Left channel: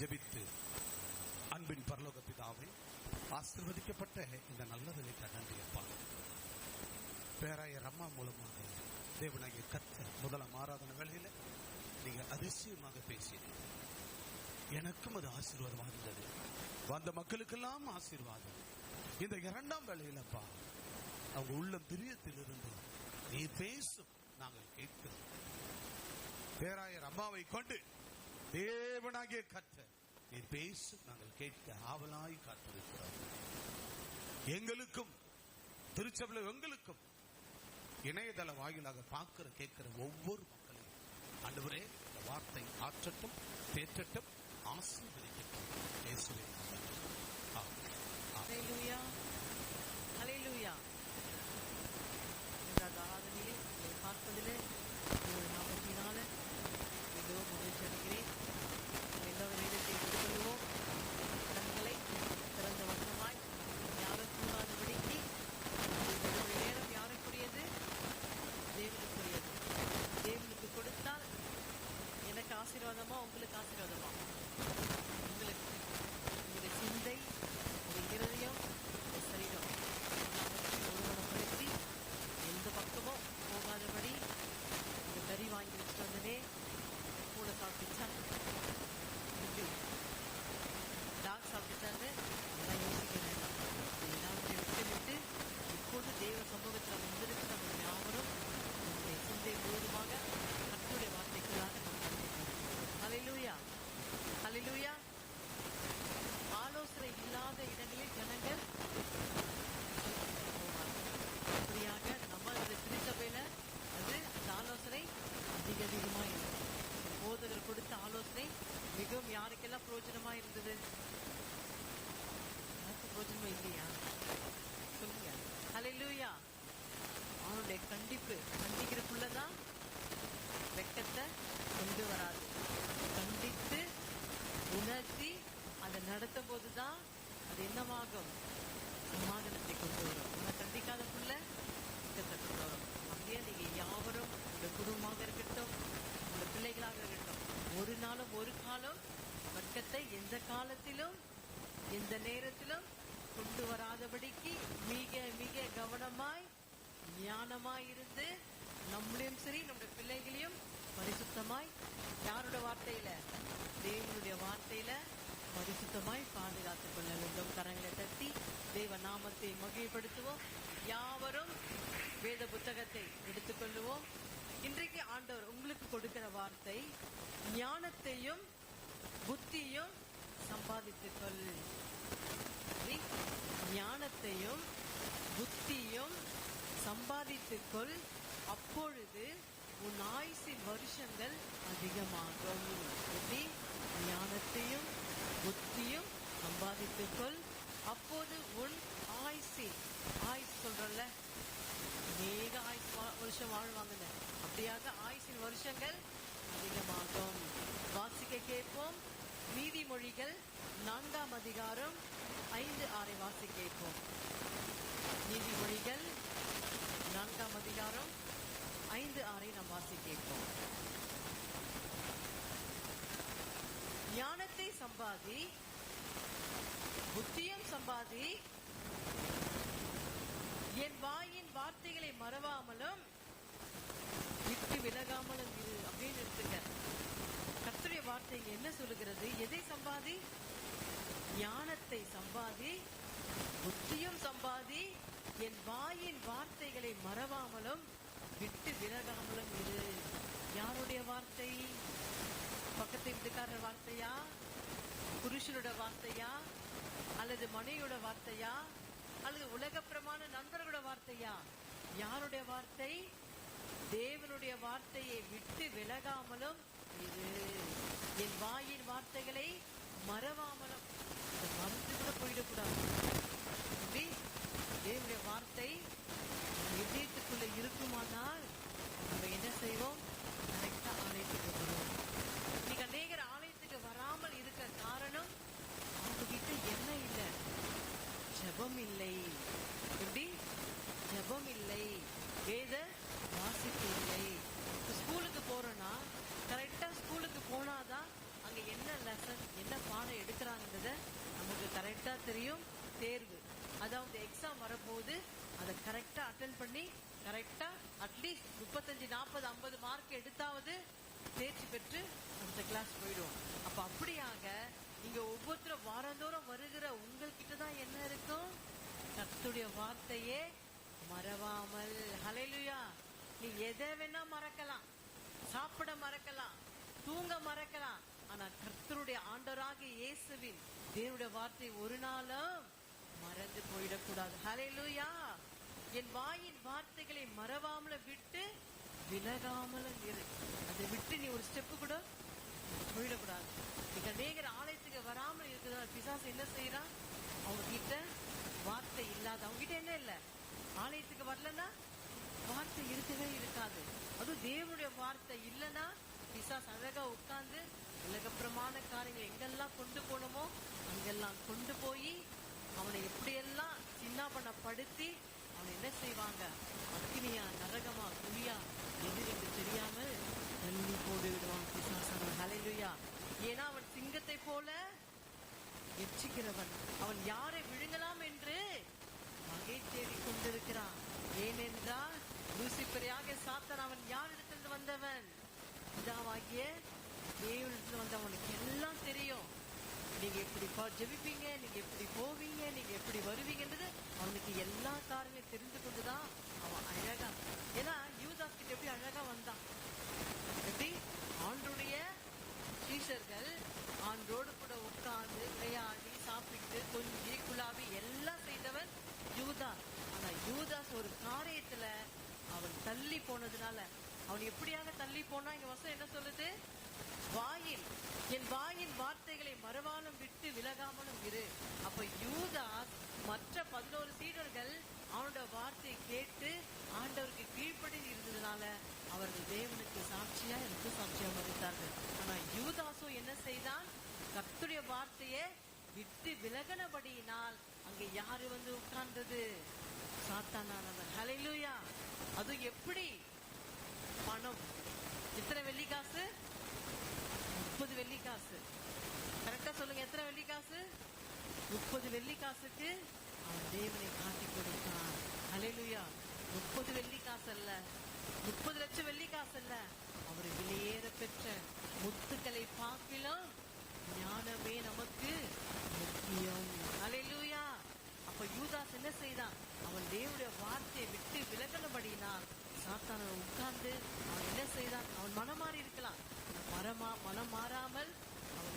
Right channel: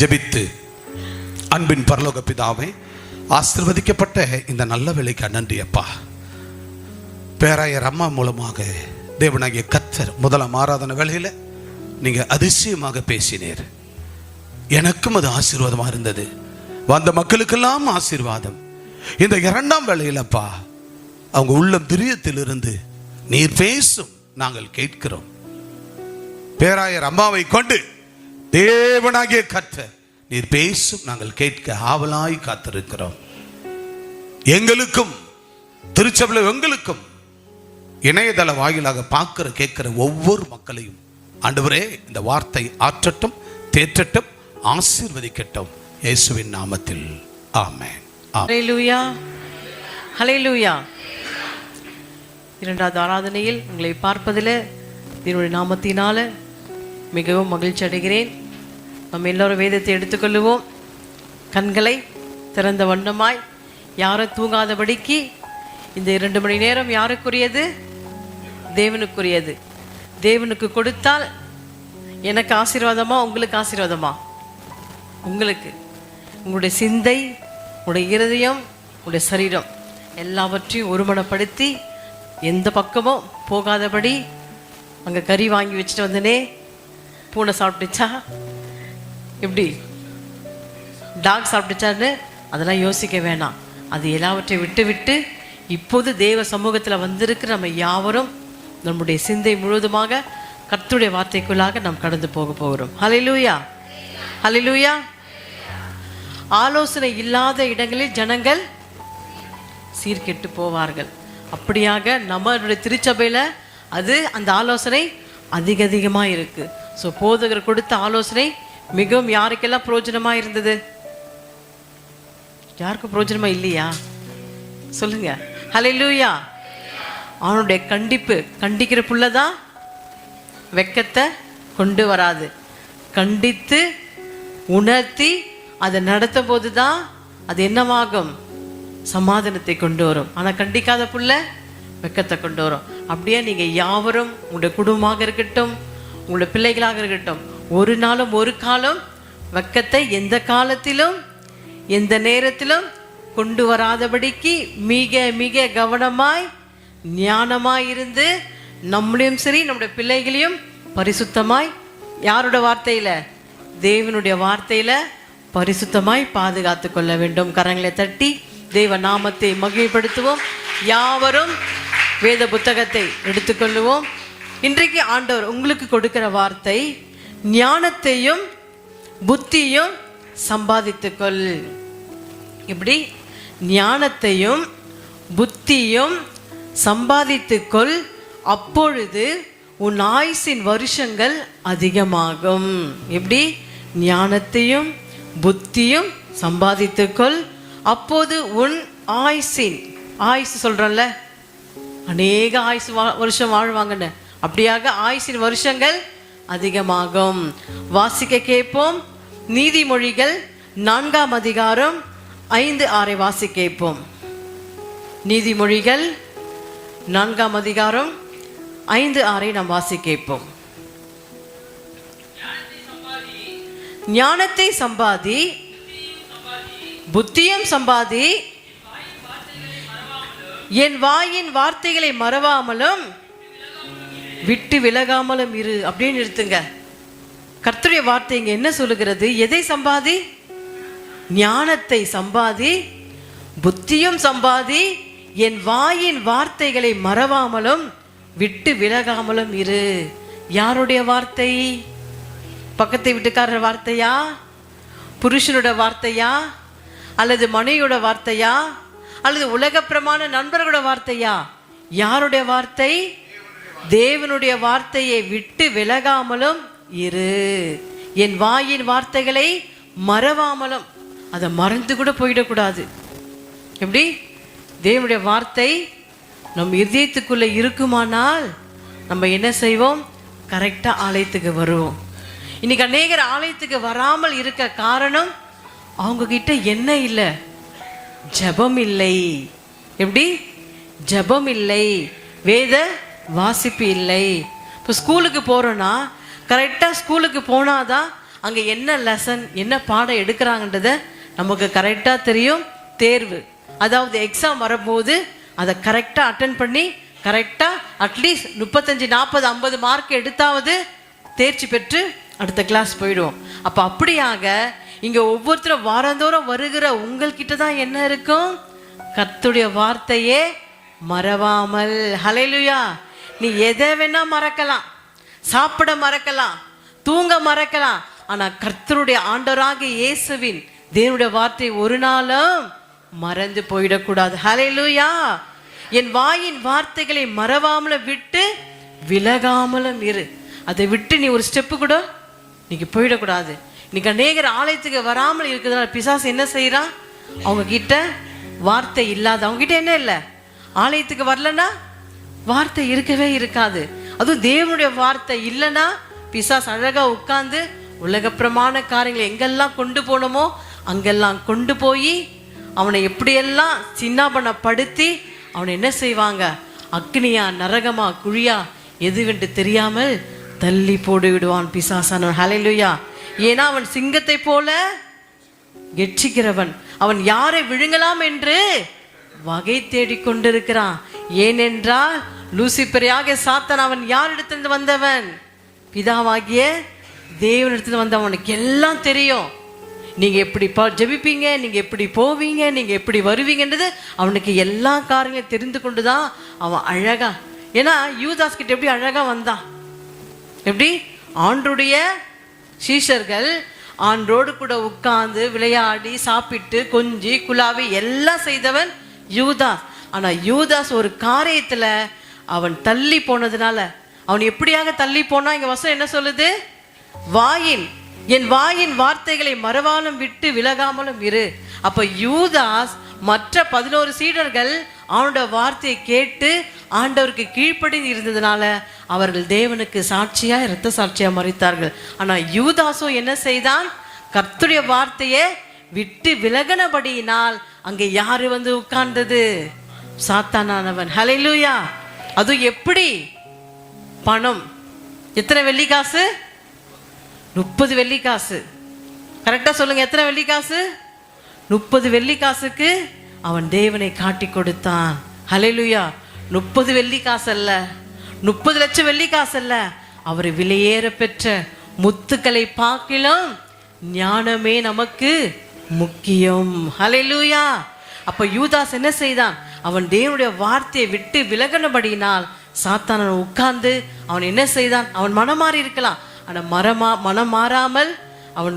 ஜெபித்து. அன்பின் பரலோக பிதாவே, ஆசீர்வதிக்கப்பட்ட இந்த நல்ல வேளைக்கு நன்றி அப்பா. பேராயர் அம்மா மூலமாக தேவனாகிய கர்த்தர் முதலாம் ஆராதனை வேளையில் நீங்க அதிசயமாக பேசினீர். எனக்கும் அது ஆசீர்வாதமாக இருந்தது. வந்த மக்களுக்கெல்லாம் ஆசீர்வாதம். இந்த இரண்டாம் வேளையிலப்பா அவங்க உள்ளம் பிரியத்திலிருந்து நீர் பேசும் நாங்கள் கேட்கிறோம். பேராயர் அம்மாவை கொண்டு தேவனாகிய கர்த்தர் நீர் பேசும் நாங்கள் கேட்க ஆவலாய் காத்திருக்கிறோம். எங்களுக்கும் திருச்சபையில் எங்களுக்கும் இணையதள வாயிலாக பார்க்கிற கேட்கிற ஒவ்வொரு மக்களையும் ஆண்டவரே இந்த வார்த்தை ஆற்றட்டும், தேற்றட்டும், ஆசீர்வதிக்கட்டும் இயேசுவின் நாமத்தில் ஆமென். ஹல்லேலூயா, ஹல்லேலூயா. இரண்டாவது ஆராதனையில் உங்களை பார்ப்பதில் என்னுடைய நாமத்தினால மிகவும் மகிழ்ச்சி அடைகிறேன். நம்ம எல்லோரும் வேதத்தை எடுத்துக்கொள்ளுவோம். கண்களை திறந்த வண்ணமாய், யாரும் தூங்காதபடிக்கு. இந்த 2 மணி நேரம் யாருக்குரியது? தேவனுக்குரியது. தேவனுக்கு கொடுத்தால் எனக்கு ஆசீர்வாதமா, உங்களுக்கு ஆசீர்வாதமா? உங்களுக்கு. உங்களுடைய சிந்தை, உங்களுடைய இருதயம், உங்களுடைய சரீரம் எல்லாவற்றையும் ஒருமனப்படுத்தி எந்த பக்கமும் போகாதபடி. அங்கே கறி வாங்கி வச்சுட்டு வந்தனே, பூனை சாப்பிட்டுச்சா, எப்படி டாக் சாப்பிட்டுச்சான்னு அதெல்லாம் யோசிக்க வேணாம். அது எல்லாவற்றையும் விட்டு விட்டு இப்போது தேவ சமூகத்தில் வந்திருக்கிற நம்ம யாவரும் நம்முடைய சிந்தை முழுவதுமாக கர்த்தருடைய வார்த்தைக்குள்ளாக நாம் கடந்து போக போகிறோம். ஹல்லேலூயா, ஹல்லேலூயா. ஆலோசனை இல்லாத இடங்களில் ஜனங்கள் சீர்கெட்டு போவார்கள். அப்படியாக நம்மளுடைய திருச்சபையில் அது அந்த ஆலோசனை அதிகமாக இருக்கு. ஸோ போதகர் கொடுத்த ஆலோசனை மிகவும் யாருக்கெல்லாம் பிரயோஜனமாக இருந்தது? யாருக்கும் பிரயோஜனமாக இல்லையா? சொல்லுங்க. ஹல்லேலூயா. அவனுடைய கண்டிப்பு, கண்டிக்கிற புள்ளதான் வெக்கத்தை கொண்டு வராது. கண்டித்து உணர்த்தி அதை நடத்தும் போது தான் அது என்னவாகும்? சமாதானத்தை கொண்டு வரும். ஆனால் கண்டிக்காத புள்ள வெக்கத்தை கொண்டு வரும். அப்படியே நீங்கள் யாவரும், உங்களுடைய குடும்பமாக இருக்கட்டும், உங்களுடைய பிள்ளைகளாக இருக்கட்டும், ஒரு நாளும் ஒரு காலம் வெக்கத்தை எந்த காலத்திலும் எந்த நேரத்திலும் கொண்டு வராதபடிக்கு மிக மிக கவனமாய் ஞானமாய் இருந்து நம்மளையும் சரி நம்முடைய பிள்ளைகளையும் பரிசுத்தமாய், யாரோட வார்த்தையில்? தேவனுடைய வார்த்தையில் பரிசுத்தமாய் பாதுகாத்து கொள்ள வேண்டும். கரங்களை தட்டி தேவ நாமத்தை மகிமைப்படுத்துவோம். யாவரும் வேத புத்தகத்தை எடுத்துக்கொள்ளுவோம். இன்றைக்கு ஆண்டவர் உங்களுக்கு கொடுக்கிற வார்த்தை, ஞானத்தையும் புத்தியும் சம்பாதித்துக்கொள். இப்படி ஞானத்தையும் புத்தியும் சம்பாதித்துக்கொள், அப்பொழுது உன் ஆயுசின் வருஷங்கள் அதிகமாகும். எப்படி? ஞானத்தையும் புத்தியும் சம்பாதித்துக்கொள், அப்போது உன் ஆயுசின், ஆயுசு சொல்றோம்ல, அநேக ஆயுசு வருஷம் வாழ்வாங்கன்னு, அப்படியாக ஆயுசின் வருஷங்கள் அதிகமாகும். வாசிக்க கேட்போம். நீதிமொழிகள் 4ஆம் அதிகாரம் 5-6 வாசி கேட்போம். நீதிமொழிகள் 4ஆம் அதிகாரம் 5-6 நாம் வாசி கேட்போம். ஞானத்தை சம்பாதி, புத்தியும் சம்பாதி, என் வாயின் வார்த்தைகளை மறவாமலும் விட்டு விலகாமலும் இரு. அப்படின்னு நிறுத்துங்க. கர்த்தருடைய வார்த்தை இங்க என்ன சொல்லுகிறது? எதை சம்பாதி? ஞானத்தை சம்பாதி, புத்தியும் சம்பாதி, என் வாயின் வார்த்தைகளை மறவாமலும் விட்டு விலகாமலும் இரு. யாருடைய வார்த்தை? பக்கத்தை வீட்டுக்காரர் வார்த்தையா? புருஷனோட வார்த்தையா? அல்லது மனைவியோட வார்த்தையா? அல்லது உலகப்பிரமான நண்பர்களோட வார்த்தையா? யாருடைய வார்த்தை? தேவனுடைய வார்த்தையை விட்டு விலகாமலும் இரு. என் வாயின் வார்த்தைகளை மறவாமலும். அதை மறந்து கூட போயிடக்கூடாது. எப்படி? தேவனுடைய வார்த்தை நம் இதயத்துக்குள்ள இருக்குமானால் நம்ம என்ன செய்வோம்? கரெக்டா ஆலயத்துக்கு வருவோம். இன்னைக்கு அநேகர் ஆலயத்துக்கு வராமல் இருக்க காரணம், அவங்க கிட்ட என்ன இல்லை? ஜெபம் இல்லை. எப்படி? ஜெபம் இல்லை, வேத வாசிப்பு இல்லை. இப்போ ஸ்கூலுக்கு போகிறோன்னா கரெக்டாக ஸ்கூலுக்கு போனாதான் அங்கே என்ன லெசன் என்ன பாடம் எடுக்கிறாங்கன்றத நமக்கு கரெக்டாக தெரியும். தேர்வு அதாவது எக்ஸாம் வரும்போது அதை கரெக்டாக அட்டன் பண்ணி கரெக்டாக அட்லீஸ்ட் 35, 40, 50 மார்க் எடுத்தாவது தேர்ச்சி பெற்று அடுத்த கிளாஸ் போயிடுவோம். அப்போ அப்படியாக இங்கே ஒவ்வொருத்தரும் வாரந்தோறும் வருகிற உங்கள்கிட்ட தான் என்ன இருக்கும்? கர்த்தருடைய வார்த்தையே மறவாமல். ஹல்லேலூயா. நீ எதை வேணா மறக்கலாம், சாப்பிட மறக்கலாம், தூங்க மறக்கலாம், ஆனால் கர்த்தருடைய ஆண்டவராக இயேசுவின் தேவனுடைய வார்த்தை ஒரு நாளும் மறந்து போயிடக்கூடாது. ஹல்லேலூயா. என் வாயின் வார்த்தைகளை மறவாமலும் விட்டு விலகாமலும் இரு. அதை விட்டு நீ ஒரு ஸ்டெப்பு கூட இன்னைக்கு போயிடக்கூடாது. இன்னைக்கு அநேகர் ஆலயத்துக்கு வராமல் இருக்கிறதுனால பிசாசு என்ன செய்யறான்? அவங்க கிட்ட வார்த்தை இல்லாத, அவங்க கிட்ட என்ன இல்லை, ஆலயத்துக்கு வரலன்னா வார்த்தை இருக்கவே இருக்காது. அதுவும் தேவனுடைய வார்த்தை இல்லைன்னா பிசாசு அழகா உட்கார்ந்து உலகப்பிரமான காரியங்களை எங்கெல்லாம் கொண்டு போனோமோ அங்கெல்லாம் கொண்டு போய் அவனை எப்படியெல்லாம் சின்னாபனப்படுத்தி அவனை என்ன செய்வாங்க? அக்னியா நரகமா குழியா எதுவென்று தெரியாமல் தள்ளி போடு விடுவான் பிசாசானவன். ஹல்லேலூயா. ஏன்னா அவன் சிங்கத்தை போல கெட்சிக்கிறவன், அவன் யாரை விழுங்கலாம் என்று வகை தேடிக்கொண்டிருக்கிறான். ஏனென்றால் லூசிபரையாக சாத்தான் அவன் யாரிடத்திலிருந்து வந்தவன்? பிதாவாகிய தேவனிடத்திலிருந்து வந்தவன். அவனுக்கு எல்லாம் தெரியும். நீங்க எப்படி ஜெபிப்பீங்க, நீங்க எப்படி போவீங்க, நீங்க எப்படி வருவீங்கன்றது அவனுக்கு எல்லா காரியங்களும் தெரிந்து கொண்டுதான் அவன் அழகா. ஏன்னா யூதாஸ் கிட்ட எப்படி அழகா வந்தான்? எப்படி? ஆண்டருடைய சீஷர்கள் ஆண்டோடு கூட உட்கார்ந்து விளையாடி சாப்பிட்டு கொஞ்சி குலாவி எல்லாம் செய்தவன் யூதாஸ். ஆனா யூதாஸ் ஒரு காரியத்துல அவன் தள்ளி போனதுனால, அவன் எப்படியாக தள்ளி போனா இங்க வசனம் என்ன சொல்லுது? என் வாயின் வார்த்தைகளை மறவாலும் விட்டு விலகாமலும் இரு. அப்ப யூதாஸ் மற்ற 11 சீடர்கள் அவனோட வார்த்தையை கேட்டு ஆண்டவருக்கு கீழ்ப்படிந்து இருந்ததுனால அவர்கள் தேவனுக்கு சாட்சியா இரத்த சாட்சியா மரித்தார்கள். ஆனா யூதாசோ என்ன செய்தான்? கர்த்தருடைய வார்த்தையை விட்டு விலகினபடியினால் அங்கே யாரு வந்து உட்கார்ந்தது? சாத்தானானவன். ஹல்லேலூயா. அது எப்படி? பணம் எத்தனை வெள்ளிக்காசு? 30 வெள்ளிக்காசு. கரெக்டா சொல்லுங்க, எத்தனை வெள்ளிக்காசு? 30 வெள்ளிக்காசுக்கு அவன் தேவனை காட்டி கொடுத்தான். ஹல்லேலூயா. 30 வெள்ளிக்காசு அல்ல, 30 லட்சம் வெள்ளிக்காசு அல்ல, அவர் விலையேற பெற்ற முத்துக்களை பார்க்கிலும் ஞானமே நமக்கு முக்கியம். ஹல்லேலூயா. அப்ப யூதாஸ் என்ன செய்தான்? அவன் தேவனுடைய வார்த்தையை விட்டு விலகினபடியினால் சாத்தான் உட்கார்ந்து அவன் என்ன செய்தான்? அவன் மனம் மாறி இருக்கலாம், ஆனா மனம் மாறாமல் அவன்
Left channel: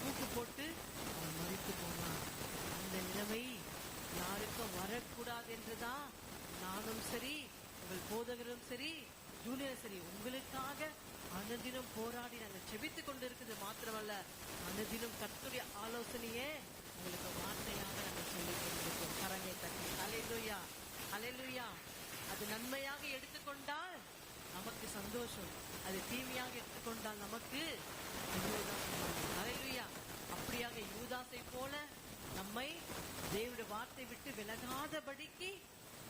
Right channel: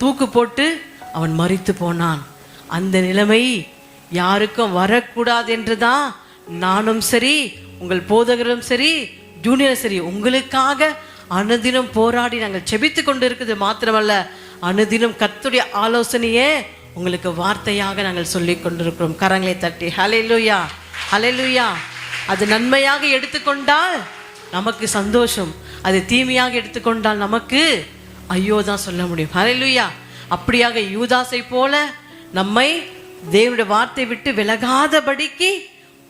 தூக்கு போட்டு அவன் மரித்து போனான். அந்த நிலைமை யாருக்கும் வரக்கூடாது என்றுதான் நானும் சரி, உங்கள் போதகரும் சரி, ஜூனியரும் சரி, உங்களுக்காக அனுதினம் போராடி நாங்கள் செபித்து கொண்டு இருக்குது. மாத்திரமல்ல, அனுதினம் கர்த்தருடைய ஆலோசனையே உங்களுக்கு வார்த்தையாக நாங்கள் சொல்லி கொண்டிருக்கிறோம். கரங்களை தட்டி ஹல்லேலூயா, ஹல்லேலூயா. அது நன்மையாக எடுத்துக்கொண்டால் நமக்கு சந்தோஷம், அது தீமையாக எடுத்துக்கொண்டால் நமக்கு ஐயோ தான் சொல்ல முடியும். ஹல்லேலூயா. அப்படியாக யூதாசை போல நம்மை தேவனுடைய வார்த்தை விட்டு விலகாதபடிக்கு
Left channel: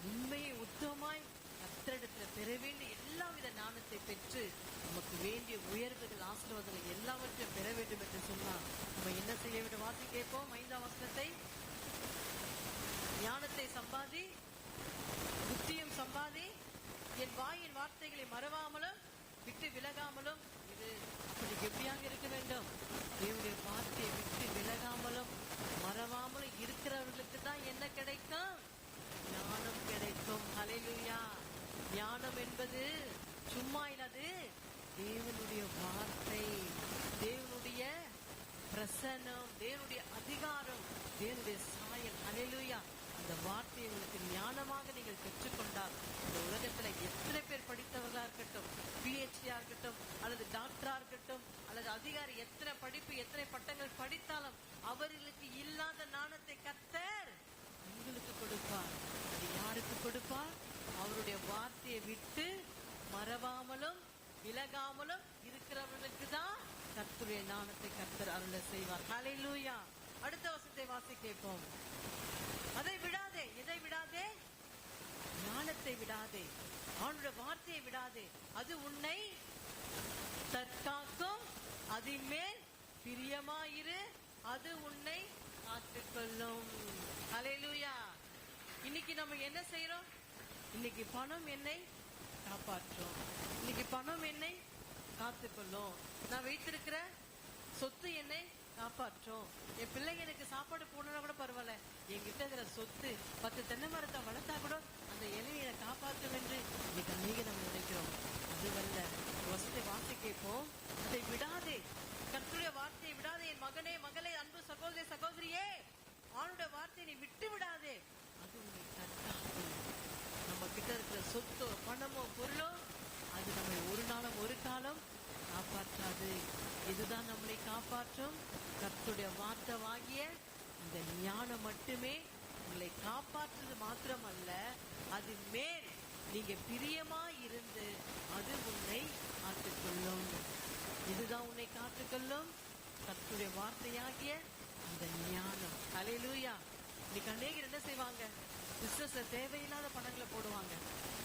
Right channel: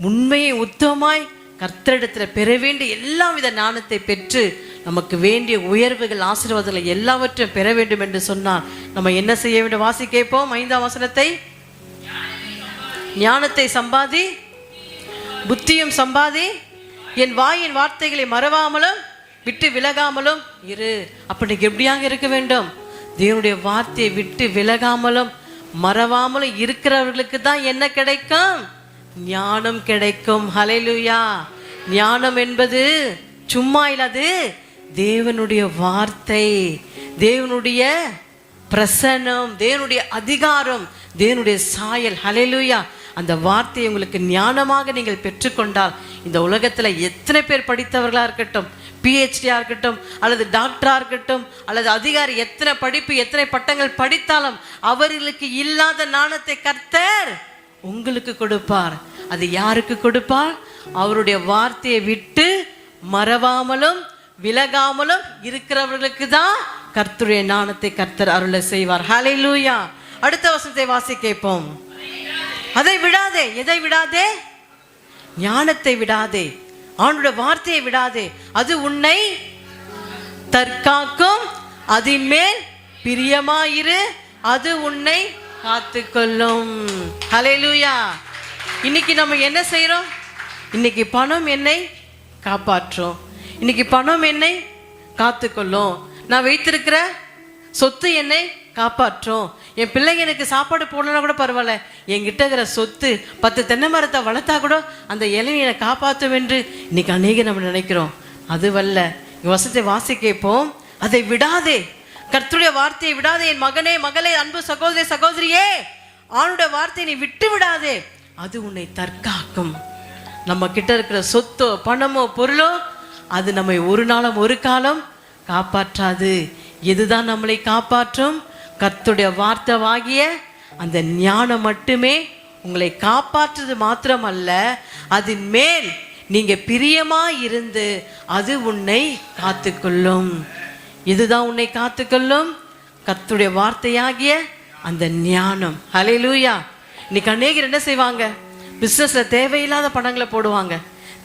உண்மையை உத்தமாய் கர்த்தரிடத்தில் பெற வேண்டிய எல்லா வித ஞானத்தை பெற்று நமக்கு வேண்டிய உயர்வுகள் ஆசீர்வாதங்களை எல்லாவற்றையும் பெற வேண்டும் என்று சொன்னார். நம்ம என்ன செய்ய வேண்டும்? வாசி கேட்போம் 5ஆம் வசனத்தை. ஞானத்தை சம்பாதி, புத்தியும் சம்பாதி, என் வாயின் வார்த்தைகளை மறவாமலும் விட்டு விலகாமலும் இரு. அப்படி எப்படியாக இருக்க வேண்டும்? தேவனுடைய வார்த்தையை விட்டு விலகாமலும் மறவாமலும் இருக்கிறவர்களுக்கு தான் என்ன கிடைக்கும்? ஞானம் கிடைக்கும். ஹல்லேலூயா. ஞானம் என்பது சும்மா இல்லாது தேவனுடைய வார்த்தை, தேவனுடைய பிரசன்னம், தேவனுடைய அதிகாரம், தேவனுடைய சாயல். ஹல்லேலூயா. அந்த வார்த்தையை உங்களுக்கு ஞானமாக நீங்கள் பெற்றுக்கொண்டால் இந்த உலகத்துல எத்தனை பேர் படித்தவர்களா இருக்கட்டும், PhD-யா இருக்கட்டும், அல்லது டாக்டரா இருக்கட்டும், அல்லது அதிகாரி, எத்தனை படிப்பு எத்தனை பட்டங்கள் படித்தாலும் அவர்களுக்கு இல்லாத ஞானத்தை கர்த்தர் உங்களுக்கு கொடுப்பார். அது யாருக்கு கொடுப்பார்? அவருடைய வார்த்தையை விட்டு மறவாமலும் விலகாமலும் இருக்கிறவர்களுக்கு தான் கர்த்தருடைய ஞானத்தை கர்த்தர் அருள செய்வார். ஹல்லேலூயா. அடுத்த வசனத்தை வாசி கேட்போம். அதை விடாதே. எதை விடாதே? ஞானத்தை விடாதே, ஆண்டவருடைய வார்த்தையை விடாதே. அது உன்னை தற்காக்கும், அதன் மேல் பிரியமாயிரு, அது உன்னை காத்துக்கொள்ளும். ஹல்லேலூயா. இன்னைக்கு நம்ம என்ன செய்யறோம்? இன்னைக்கு பணம் என்னை காப்பாற்றும், இன்னைக்கு பணம் என்னை காத்துக்கொள்ளும், நான் வைத்திருக்கிற சொத்து என்னை காப்பாற்றும், என் பிள்ளைங்க எனக்கு சாப்பாடு போடலன்னா கூட பரவாயில்ல, என்கிட்ட இருக்கிற சொத்து 10 தென்னை மரத்தை வளர்த்தா கூட அந்த இலையை என்னை காப்பாற்றும் என்று இன்னைக்கு அநேக நம்ம நினைக்கிறோம். அதுவல்ல. வசத்தை வாசி கேட்போம். அதை விடாதே, கர்த்தருடைய வார்த்தையை விடாதே. என் மகனே மகளே, அன்பு சகோதரி சகோதரியே, ஆணுடைய வார்த்தையை நீ விட்டு விடாதே, அது உன்னை தற்காக்கும். நம்ம கிட்ட இருக்கிற சொத்தோ பணமோ பொருளோ அது நம்மை ஒரு நாளும் ஒரு காலம் காப்பாற்றாது. எதுதான் நம்மளை காப்பாற்றும்? கர்த்தருடைய வார்த்தையாகிய அந்த ஞானம் மட்டுமே உங்களை காப்பாற்றுறது மாத்திரமல்ல, அதன் மேல் நீங்க பிரியமா இருந்து அது உன்னை காத்துக்கொள்ளும். இதுதான் உன்னை காத்துக்கொள்ளும், கர்த்தருடைய வார்த்தையாகிய அந்த ஞானம். ஹல்லேலூயா. இன்னைக்கு அநேகர் என்ன செய்வாங்க? பிசினஸ்ல தேவையில்லாத பணங்களை போடுவாங்க.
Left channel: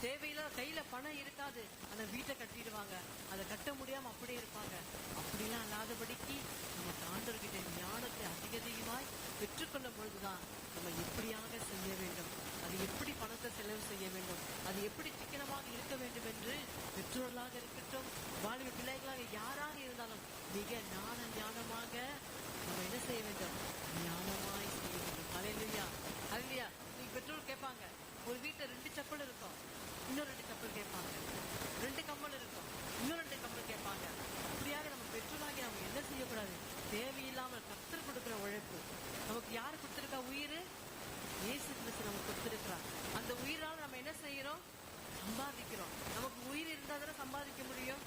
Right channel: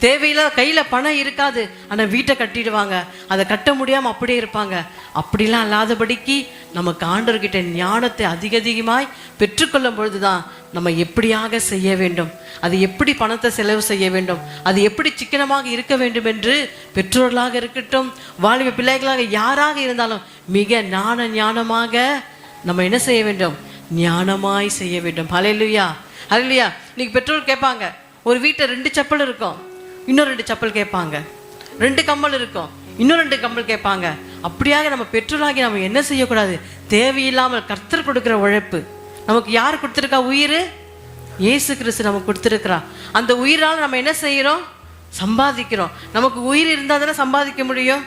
தேவையில்லாத கையில பணம் இருக்காது, ஆனா வீட்டை கட்டிடுவாங்க. அதை கட்ட முடியாம அப்படியே இருப்பாங்க. அப்படிலாம் இல்லாதபடிக்கு நமக்கு ஆண்டவர்கிட்ட ஞானத்தை அதிகமாய் பெற்றுக்கொள்ளும் பொழுதுதான் நம்ம எப்படியாக செய்ய வேண்டும், அது எப்படி பணத்தை செலவு செய்ய வேண்டும், அது எப்படி சிக்கனமாக இருக்க வேண்டும் என்று பெற்றோர்களாக இருக்கட்டும், வாலிப பிள்ளைகளாக யாராக இருந்தாலும் மிக ஞானமாக நம்ம என்ன செய்ய வேண்டும்? ஞானமாய் செய்ய வேண்டும். ஹல்லேலூயா. ஹல்லேலூயா. இன்னைக்கு பெற்றோர் கேட்பாங்க, ஒரு வீட்டில் 2 செப்பல் இருக்கும், இன்னும் 2 செப்பல் கேட்பாங்க. 2 கம்மல் இருக்கும், இன்னும் 2 கம்மல் கேட்பாங்க. அப்படியாக நம்ம பெற்றோராகி நம்ம என்ன செய்யக்கூடாது? தேவையில்லாமல் கர்த்தர் கொடுக்குற உழைப்பு, நமக்கு யார் கொடுத்துருக்கா? உயிர் இயேசு கிறிஸ்து நமக்கு கொடுத்துருக்கிறா. அந்த உயிரால் நம்ம என்ன செய்கிறோம்? சம்பாதிக்கிறோம். நமக்கு உயிர் இருந்தால் தானே சம்பாதிக்க முடியும்.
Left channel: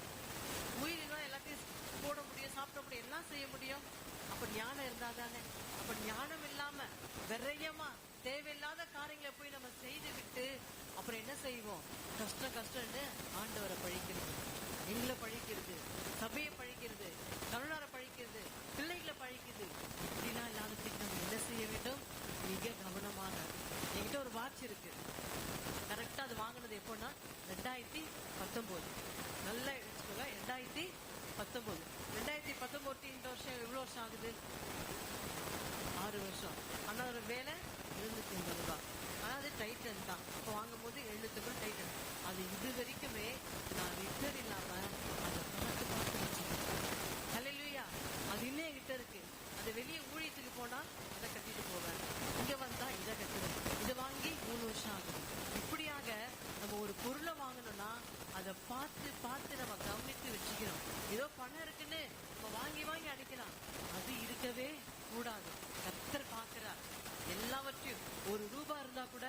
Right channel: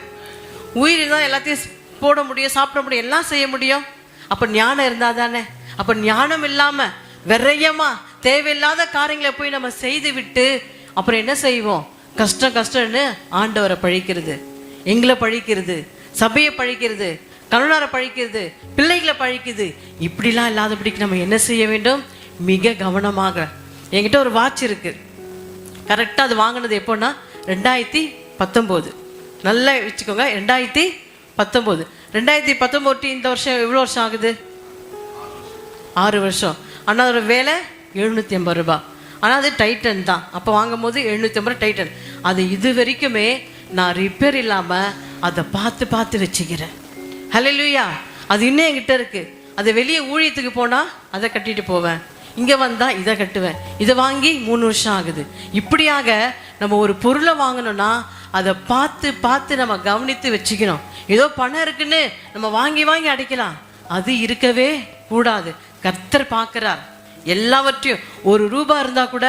உயிர் இருந்தால் எல்லாத்தையும் போட முடியும், சாப்பிட முடியும், எல்லாம் செய்ய முடியும். அப்போ ஞானம் இருந்தால் தானே. அப்போ ஞானம் இல்லாமல் விரயமா தேவையில்லாத காரியங்களை போய் நம்ம செய்து விட்டு அப்புறம் என்ன செய்வோம்? கஷ்டம்னு ஆண்டவரை பழிக்கிறது, எங்களை பழிக்கிறது, சபையை பழிக்கிறது, கணவனாரை பழிக்கிறது, பிள்ளைகளை பழிக்குது. இப்படிலாம் இல்லாதபடிக்கு நம்ம என்ன செய்ய வேண்டும்? மிக கவனமாக. என்கிட்ட ஒரு வாட்ச் இருக்கு, கரெக்டாக அது வாங்கினது எப்போன்னா 2019. நல்லா வச்சுக்கோங்க, 2019. 2019 இந்த வருஷம் எவ்வளோ வருஷம் ஆகுது? 6 வருஷம். ஆனால் அதோட வேலை 780 ரூபாய். ஆனால் அது டைட்டன் தான். அப்போ வாங்கும் போது 750 டைட்டன். அது இது வரைக்குமே நான் ரிப்பேர் இல்லாமல் அதை பார்த்து வச்சுக்கிறேன். ஹல்லேலூயா. அது இன்னும் என்கிட்ட இருக்குது. அதை வெளியே ஊழியத்துக்கு போனால் அதை கட்டிட்டு போவேன், இங்கே வந்தால் இதை கட்டுவேன். இதை வாங்கி 3 வருஷம் ஆகுது. இப்படியாக நம்ம ஒரு பொருளை வாங்கணும்னா அதை பார்த்து நம்ம கவனித்து வச்சுக்கணும். ஏதோ பணம் இருக்குன்னு நம்ம வாங்கி அடிக்கலாம், அது இருக்கவே கூடாது. கர்த்தர் பார்க்கிறார் எல்லாவற்றையும். 1 ரூபாய் இருந்தால் கூட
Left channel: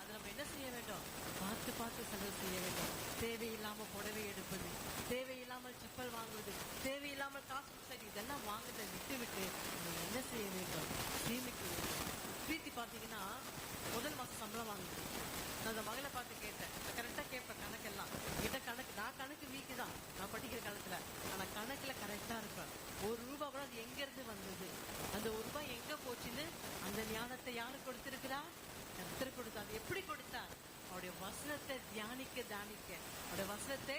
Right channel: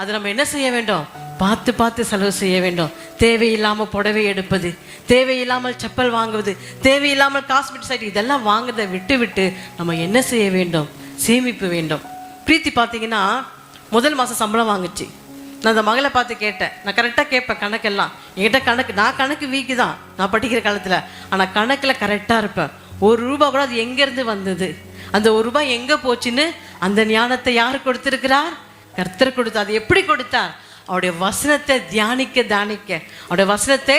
அதை நம்ம என்ன செய்ய வேண்டும்? பார்த்து செலவு செய்ய வேண்டும். தேவையில்லாமல் புடவை எடுப்பது, தேவையில்லாமல் செப்பல் வாங்குவது, தேவையில்லாமல் காஸ்மெட்டிக்ஸ் ஐட்டம் இதெல்லாம் வாங்குறதை விட்டு நம்ம என்ன செய்ய வேண்டும்? சேமிப்பு வேண்டும். பிரீத்தி பார்த்தீங்கன்னா முதல் மாதம் சம்பளம் வாங்குச்சு. நான் அந்த மகளை பார்த்து கேட்டேன். நான் கரெக்டாக கேட்பேன் கணக்கெல்லாம். என்கிட்ட நான் கணக்கு வீக்கு தான் நான் படிக்கிற காலத்தில். ஆனால் கணக்கில் கரெக்டாக இருப்பேன். 1 ரூபாய் கூட அது எங்கேருந்து வந்தது, அந்த 1 ரூபாய் எங்கே போச்சுன்னு அந்த ஞானத்தை யார் கொடுத்திருக்கிறார்? கர்த்தர் கொடுத்தார். அது எப்படி கொடுத்தார்? அவருடைய வசனத்தை தியானிக்க அவருடைய வசனத்தை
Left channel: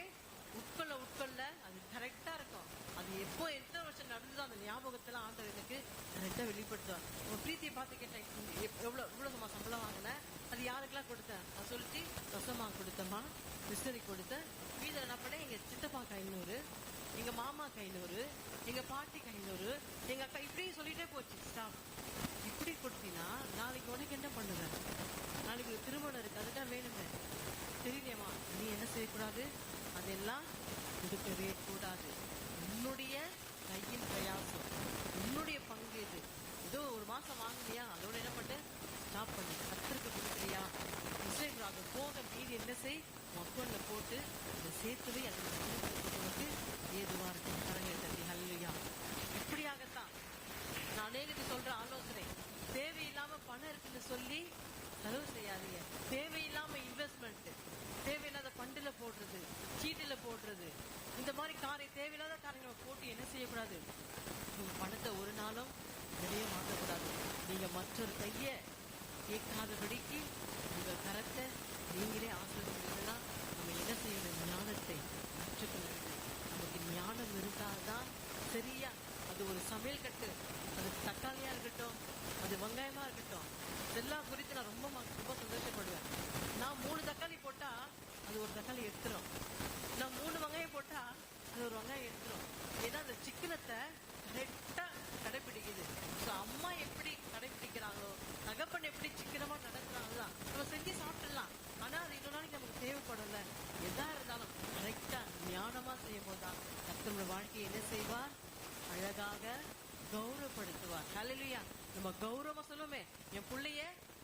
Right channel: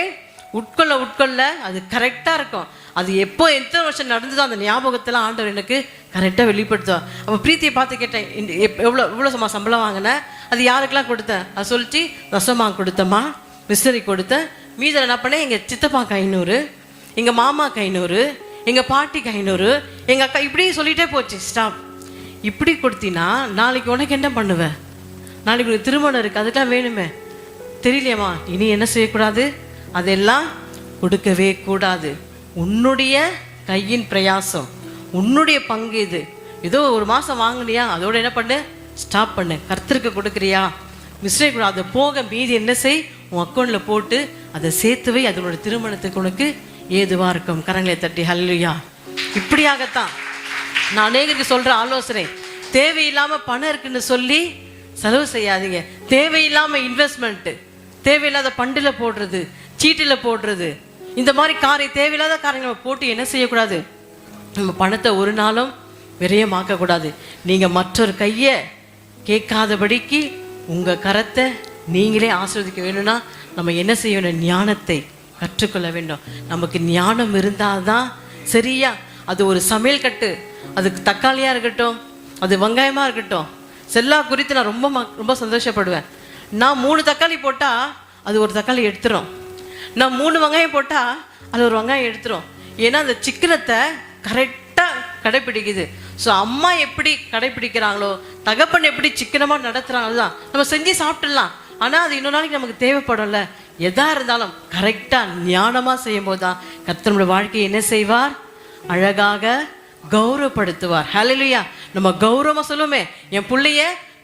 உட்கொள்ள அது கரெக்டாக இருக்கும். அது எப்போ எத்தனை வருஷம் நடந்ததோ அந்த ஞாபகத்தெல்லாம் ஆண்டவர் எனக்கு கரெக்டாக வெளிப்படுத்துவார். அப்போ பிரீத்தியை பார்த்து கேட்டேன், எவ்வளோ சம்பளம் வாங்கினேன், அது யாருக்கெல்லாம் கொடுத்தேன்? அது சொல்லிட்டு ரசமாக கொடுத்தம்மா, மிஸ்டரி கொடுத்தேன், மீதில் என்ன பண்ணேன்? எங்கள் சித்தப்பாக்கு 500, எங்கள் மாமாக்கு 500, எங்கள் பாட்டிக்கு 500, எங்கள் அக்கா, இப்படி சொல்லிகிட்டே போச்சு. ஸ்டாப். இப்படி கொடுத்தினா நாளைக்கு உனக்கு என்ன பண்ணுவேன்? நாளைக்கு உனக்கு திருமணம் இருக்குது, அதுக்கெல்லாம் வேணுமே. தெரியலையம்மா, இனி என்ன செய்யக்கூடாது? அதெல்லாம் கொடுக்கவே கூடாது. உன்னுடைய கையின் பிரயாசம், உன்னுடைய பங்கு இது. ஏதோ 1 மாதம் வாங்கினியா, அதோட என்ன பண்ணு? ஸ்டாப் பண்ணு. கர்த்தருக்கு கொடுக்குறியா? மிஸ்டேக் கூட அதை போக மீதி என்ன செய்? உன் அக்கௌண்ட்டில் போட்டு அதை சேர்த்து வை. அதனோட திருமணத்துக்கு உனக்கு ஏதுவாக இருக்கும். கரங்களை தட்டி ஹல்லேலூயா. இப்படியாகத்தான் நான் அநேகருக்கு சொல்கிற ஆலோசனை, தேவையில்லாமல் பணம் இருக்குன்னு சொல்லி செலவு செய்யாதீங்க. தேவையில்லாமல் இன்வெஸ்ட்மெண்ட்டு, தேவையில்லாத பண்டில் போடுறது, சீட்டில் போடுறது, இந்த மாதிரி தேவையில்லாத காரியங்களை போட்டு என்ன செய்யக்கூடாது? நம்ம பணத்தை ஒரு நாளும் விரயமாக்கக்கூடாது. நீங்கள் மற்றொரு கையை கேட்காதபடிக்கு உங்கள் கரத்தை நீங்களே ஆசீர்வதிக்க வேணும்னா நம்ம என்ன செய்ய வேண்டும்? ஞானத்தை கற்றுக்கொள்ள வேண்டும். நமக்கு ஞானம் இருந்தால் தான் சரியா அது ஒரு சமையல் கட்டு, அதுக்கு தக்காளியாக இருக்கட்டும், அது வெங்காயமாக இருக்கட்டும், செல்லா குறித்து நான் ரொம்ப சந்தோஷப்படுவேன். நான் 3 தக்காளி போட்டால் அது ஒரு தக்காளி எடுத்துரும், நான் 3 வெங்காயம் போட்டால் அது ஒரு வெங்காயம் எடுத்துரும். ஏன்னா அந்த சிக்கனத்தை கரெக்டாக கடைப்பிடிக்குது. ஸோ அம்மா எப்படி கடைப்பிடிக்கிறாங்களோ, தகப்பன் எப்படி சிக்கனமாக நடத்துகிறாங்களோ தான் நம்ம செஞ்சு சாப்பிட்டுடலாம். ஆனால் அது இன்னொரு நாளைக்கு நமக்கு தேவைப்படும்ல. எதா இருந்தாலும் கரெக்டாக ஞானமாக செய்யும் போது தான் கர்த்தருடைய வாழ்க்கையை என்ன செய்வார்? அழகாக கௌரவப்படுத்துவார். ஹல்லேலூயா. நம்ம கௌரவமாக சொல்லுவோமே, என் பிள்ளைய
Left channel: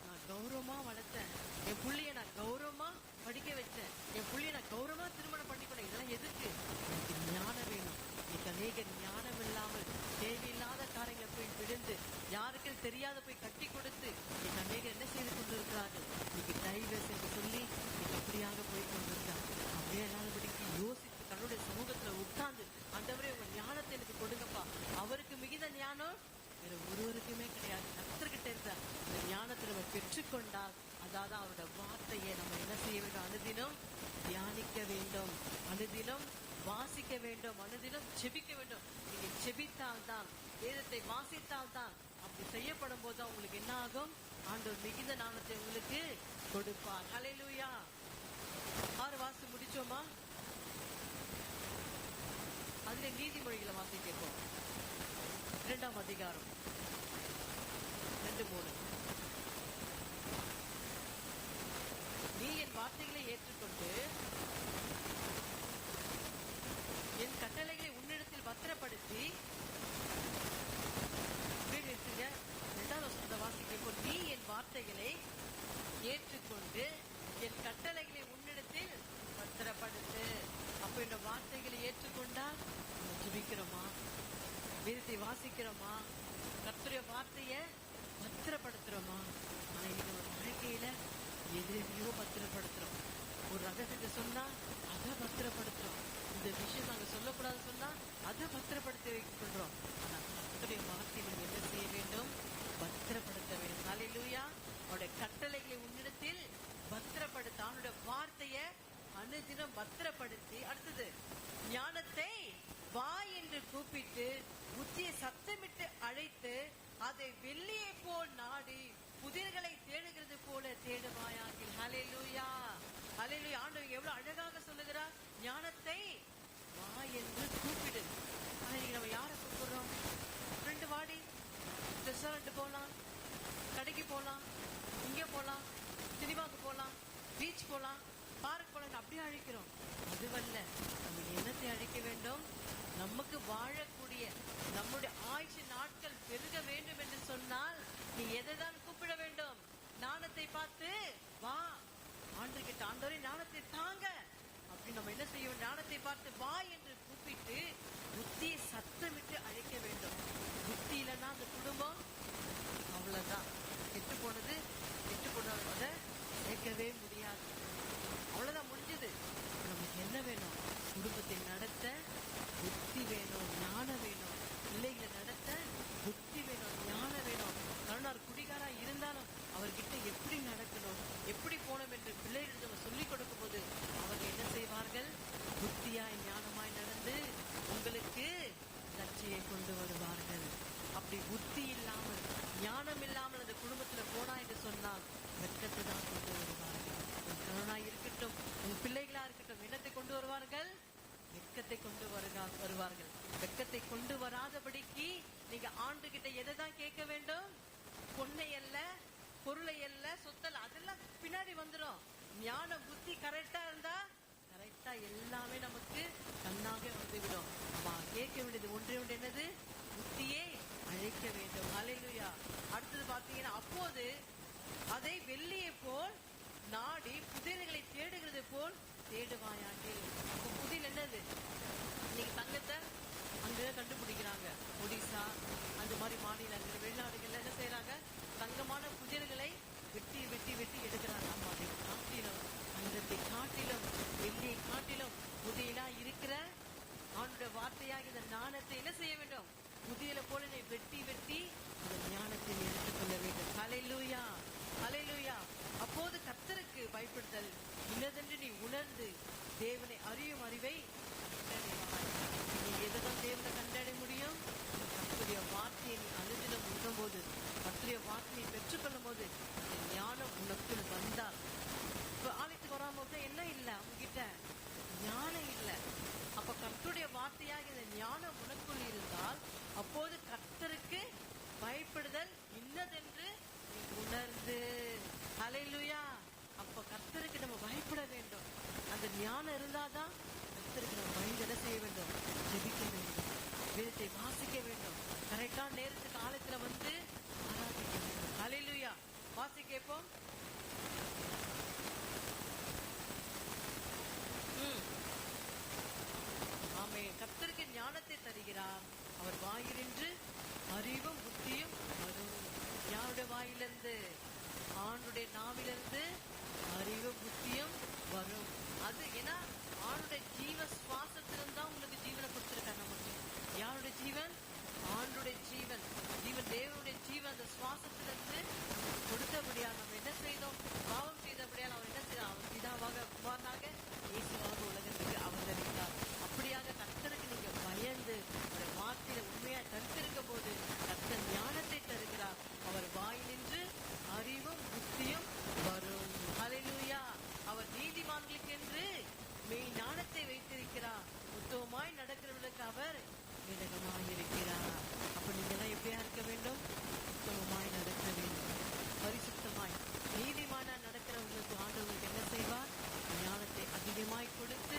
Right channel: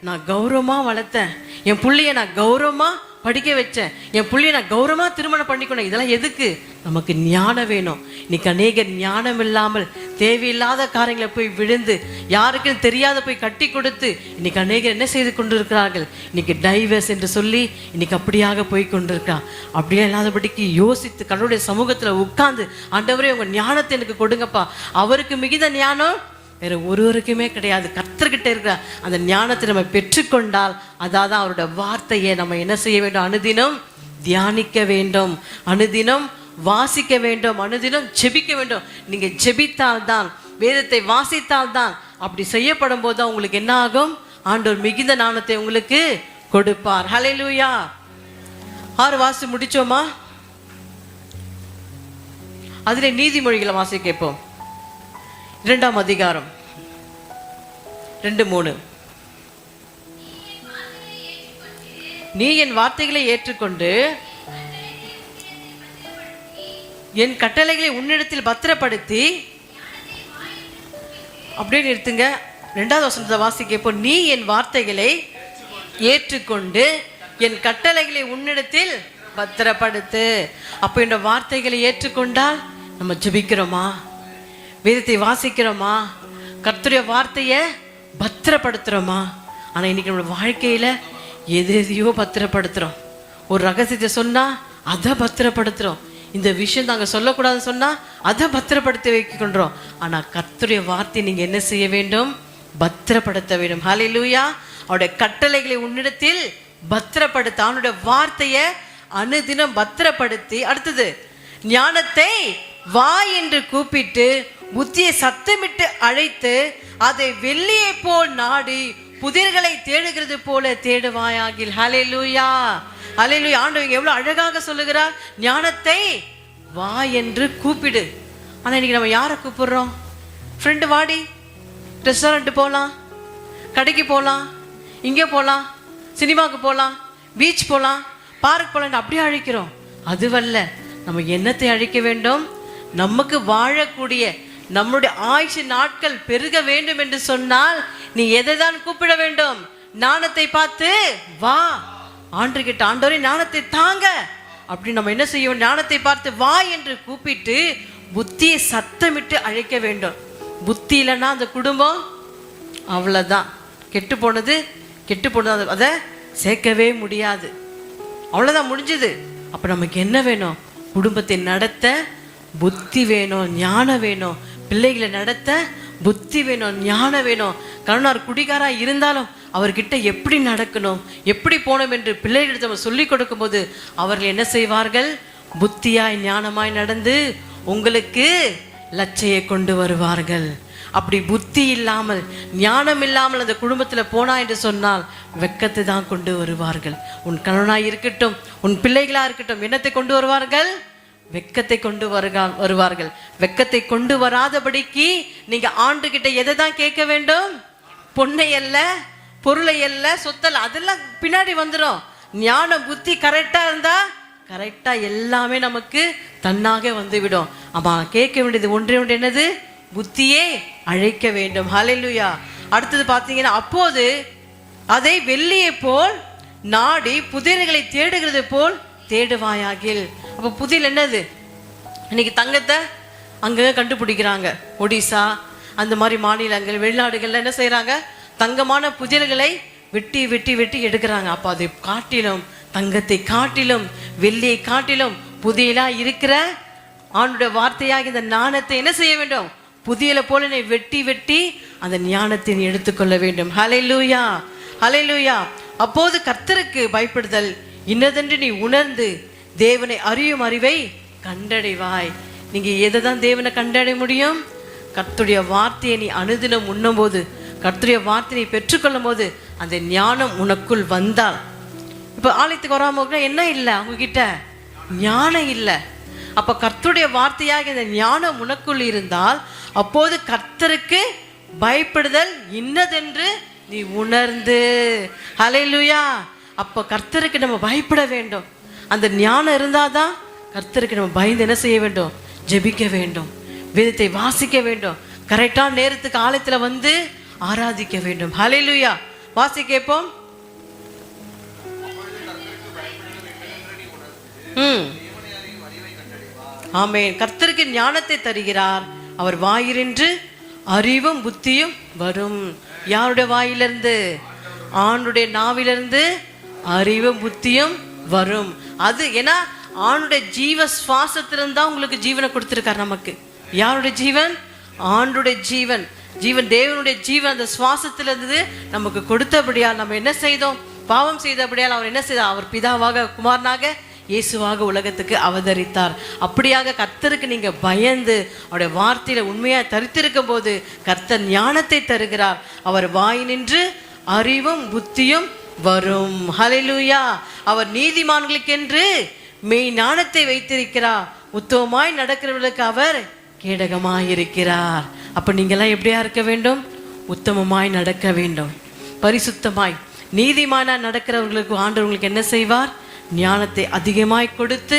நான் கௌரவமாக வளர்த்தேன், என் பிள்ளைய நான் கௌரவமாக படிக்க வச்சேன், என் பிள்ளைய நான் கௌரவமாக திருமணம் பண்ணிக்கணும். இதெல்லாம் எதுக்கு? நமக்கு ஞானம் வேணும். இன்னைக்கு அநேகர் ஞானம் இல்லாமல் தேவையில்லாத காரியங்களை போய் விழுந்து, யாருக்கும் தெரியாத போய் கட்டி கொடுத்து இன்னைக்கு அநேகர் என்ன செய்து கொண்டிருக்கிறார்கள்? இன்னைக்கு டைவர்ஸ் என்று சொல்லி இன்னைக்கு அப்படியாக போய் கொண்டிருக்கா. அப்படியே இல்லாதபடிக்கு யோசித்து கடவுளுடைய சமூகத்தில் உட்கார்ந்து, ஆண்டவரே உங்க ஞானத்தை எனக்கு கொடுங்கப்பா. அவருக்கு மிகுந்த ஞானம் வேற ஒருவருக்குமே கிடையாது. கர்த்தர்கிட்ட இருக்கிற அந்த ஞானத்தை நம்ம பெற்றுக்கொண்டால் அதாவது அவரோட வார்த்தையை நம்ம என்ன செய்ய வேண்டும்? அனுதினம் தியானிக்க வேண்டும், அனுதினம் வாசிக்க வேண்டும், அனுதினம் ஜெபிக்க வேண்டும். நீங்க ஜெபித்தால்தான், வேதத்தை வாசித்தால்தான், அப்படி செய்யப்படும் போது உங்களுக்கு என்ன ஆகும்? ஆண்டவர் மிகுந்த ஞானத்தை உங்களுக்கு கொடுப்பார். ஹல்லேலூயா. 6 வாசி முடிச்சோமா? அதிலே நீதிமொழிகளை வாசி கேட்போம். 2ஆம் அதிகாரம் 2:3. நீ என் வார்த்தைகளை ஏற்றுக்கொண்டு என் கட்டளைகளை உன்னிடத்தில் பத்திரப்படுத்தி, அப்படியே நிறுத்துங்க. 2வது வசனத்தை வாசிக்கப்போ, நீ என் வார்த்தைகளை ஏற்றுக்கொண்டு என் கட்டளைகளை உன்னிடத்தில் பத்திரப்படுத்து. அப்போ இந்த வார்த்தைகளை ஏற்றுக்கொண்டால் நம்ம ஜெபிக்கிறோமா? வேதத்தை வாசிக்கிறோமா? கர்த்தருடைய வார்த்தையை பத்திரப்படுத்துகிறோமா? ஆனால் இன்னைக்கு நம்மளோட வாழ்க்கையில் எதையோ பத்திரப்படுத்துகிறோம். ஒரு ரகசியத்தை சொன்னால் அதை பத்திரப்படுத்துகிறோம். இந்த விஷயம் நாங்கள் சொல்லக்கூடாதுன்னு சொன்னால் அதை பத்திரப்படுத்தி வைக்கின்றோம். ஆனால் கர்த்தருடைய வார்த்தையை நீங்கள் என்ன செய்ய வேண்டும்? பத்திரப்படுத்த வேண்டும். ஹல்லேலூயா. அவருடைய கட்டளைகளை உன்னிடத்தில் பத்திரப்படுத்த, அவனுடைய வார்த்தையை அனுதினம் பத்திரப்படுத்தி, அடுத்தது ஞானத்தை வா என்று கூப்பிட்டு புத்தியை சத்தமிட்டு அழைத்து அதை வெள்ளியை போல் நாடி புதிர்களை தேடுகிறது போல தேடுவாயாகில். ஹல்லேலூயா, ஹல்லேலூயா. ஆண்டவர் எவ்வளவு அழகாக சொல்லுகிறார், ஞானத்தை வா என்று கூப்பிடு. ஆனா இன்னைக்கு நம்ம யாரை கூப்பிடுறோம்? ஃப்ரெண்டு வாடி, ரெஸ்டாரண்ட் போகலாம், கடைக்கு போகலாம், இங்கே போகலாம், சினிமாவுக்கு போகலாம், பீச் போகலாம், பார்க் போகலாம், அப்படியே அழைக்கிறோம். அதுவல்ல, நம்ம என்னத்தை அழைக்க வேண்டும்? நமக்கு வாழக்கூடிய நம்முடைய ஆயுசு நாட்கள் பெருக வேண்டும் என்று சொன்னால் நீ எதை தான் கூப்பிட வேண்டும்? ஞானத்தை பார்த்து வா. ஆண்டு கிட்ட, ஆண்டவரே ஞானத்தை தாங்க அப்படி நம்ம என்ன செய்யும்? ஞானத்தை பார்த்து வா என்று கூப்பிட்டு புத்தியை சத்தமிட்டு அழைக்க வேண்டும். புத்தி இல்லைன்னா அந்த குடும்பம் அவ்வளோதான், கெட்டு போனது. அதை சேர்க்கவே முடியாது, அவ்வளோதான், முடிஞ்சது. அப்போ நமக்கு என்ன வேணும்? குடும்பத்தை நடத்த புத்தி வேணும், ஞானம் வேணும். பிள்ளைகளை நடத்த புத்தி வேணும், ஞானம் வேணும். கருணார் குடிகாரா இருந்தாலும் அவர்கிட்ட எப்படி நடக்கணும், எப்படி போகணும் என்று பிள்ளைகளிடத்தை நம்ம சொல்லிக் கொடுக்கும் போது அவர்கள் என்ன செய்வார்கள்? புத்தியாய் ஞானமாய் நடந்து உங்களுக்கு லட்சையை கொண்டு வருவார்கள். அப்படி புத்தி இல்லாமல் ஞானம் இல்லாமல் அந்த குடும்பத்தில் போனா என்று சொன்னால் வெட்கத்தை தான் கொண்டு வருவார்கள். உன் கணவனாய் இருக்கட்டும், உன் பிள்ளைகளா இருக்கட்டும், என்னத்தை கொண்டு வருவார்கள்? வெட்கத்தை கொண்டு வருவார்கள். வெட்கத்தை கொண்டு வராதபடிக்கு நீங்க ஆண்டு கிட்ட எதை தான் கேட்க வேண்டும்? பொன்னை அல்ல, பொருளை அல்ல, சொத்தல், அதெல்லாம் பின்னாடி வந்துடும். ஞானம் புத்தி கரெக்டா இருந்தா கரெக்டா எல்லாமே நமக்கு தன்னாக வந்துவிடும். ஆமா, கேட்க வேண்டியது ஒன்றே ஒன்று, என்னது? புத்தியே அழைக்க வேண்டும். ஹல்லேலூயா. அடுத்தது பார்த்தீங்கன்னா, அப்போது அதை வெள்ளியை போல் நாடி புதிர்களை தேடுகிறது போல் தேடுவாயாகில். அப்போ புதிர் என்னது? இன்னைக்கு தங்கத்தை அங்கே கண்டுபிடிக்கிறாங்க. ஒடிசா அந்த மாதிரி மாநிலங்கள், வெளிநாடுகள்ல என்ன செய்யறாங்க? தங்கமான புதிர்களை வெட்டி வெட்டி வெட்டி எடுக்கிறாங்க. அப்போ அதை காட்டிலும், தங்கத்தை காட்டிலும், வெள்ளியை காட்டிலும் புதியலா இருக்கிற ஆண்டுடைய வார்த்தையாக இந்த ஞானத்தை என்ன செய்ய வேண்டும்? புதியலை போல நீ வெட்டி வெட்டி அந்த ஞானத்தை நீ எடுத்துக்கொள்ள வேண்டும். ஹல்லேலூயா, ஹல்லேலூயா. அப்போது கர்த்தருக்கு பயப்படுதல் இன்னதென்று நீ உணர்ந்து தேவனை அறியும் அறிவை கண்டடைவாய். நீங்க எதை தான் தேவனை கண்டடைய முடியும்? கர்த்தருடைய வார்த்தையை நீ அனுதினம் உண்ணும்போது, கர்த்தருடைய வார்த்தையை பெற்றுக்கொள்ளும் போது அந்த ஞானம் உனக்குள் வந்தால், இப்போ ஆலயத்துக்கு வராமல் என்ன இல்லை, அவங்ககிட்ட ஞானம் இல்லை. அப்போ கர்த்தருடைய வார்த்தையாக இந்த ஞானம் உனக்குள் இருந்தால், அப்போது கர்த்தருக்கு பயப்படுதல் இன்னதென்று நீ உணர்ந்து. ஹல்லேலூயா. அப்போ கர்த்தருக்கு நம்ம பயப்பட வேண்டும். அந்த ஞானம் இருந்தாதான் கர்த்தருக்கு நம்ம பயந்து என்ன செய்ய வேண்டும்? ஜெபிக்க வேண்டும், வேதத்தை வாசிக்க வேண்டும், கரெக்டான நேரத்துக்கு ஆலயத்தில் வந்து ஆராதிக்க வேண்டும். ஹல்லேலூயா. வாசி கேட்போம். ஆமென். கர்த்தருக்கு ஞானத்தை தருகிறார், அவர் வாயிலிருந்து அறிவும் புத்தியும் வரும். யாருடைய வாயிலிருந்து? ஆணுடைய நாவிலிருந்து அறிவும் புத்தியும் வரும். அது ஏன்னா ஆணுடைய ஜீவ சுவாசத்திலிருந்து தான் உங்களுக்கு ஜீவனை கொடுத்திருக்கார் நமக்கு. யாருடைய ஜீவன்? ஆண்டுடைய ஜீவன். ஜீவன் தேவனுடைய ஜீவன் அந்த சுவாசத்திலிருந்து நமக்கு கொடுத்தபடியால் நம்ம என்ன செய்தோம்? பாவம் செய்தபடியால் அவர் என்ன செய்தார்? அவர் பிதாவாக குமாரனாக இயேசுவாக உலகத்துக்கு அவதரித்தார். அப்படியாக கர்த்தருக்கு நீங்க பயந்து அவருடைய வார்த்தையில உண்மையா தரித்திருக்கும் போது கர்த்தர் ஞானத்தை தருகிறார். அவர் வாயினின்று அறிவும் புத்தியும் வரும். ஹல்லேலூயா. அவர் நீதிமான்களுக்கென்று மெய் ஞானத்தை வைத்திருக்கிறார், உத்தமமாய் நடக்கிறவர்களுக்கு அவர் கேடகமாய் இருக்கிறார். அப்ப நீங்கெல்லாம் எப்படியா இருக்க வேண்டும்? உத்தமமாய் நடக்க வேண்டும், பரிசுத்தமாய் நீதிமானா நடக்கிறவர்களுக்கு ஆண்டவர்களுக்கு என்ன செய்வார்? ஞானத்தை அதிகமாய் கொடுத்து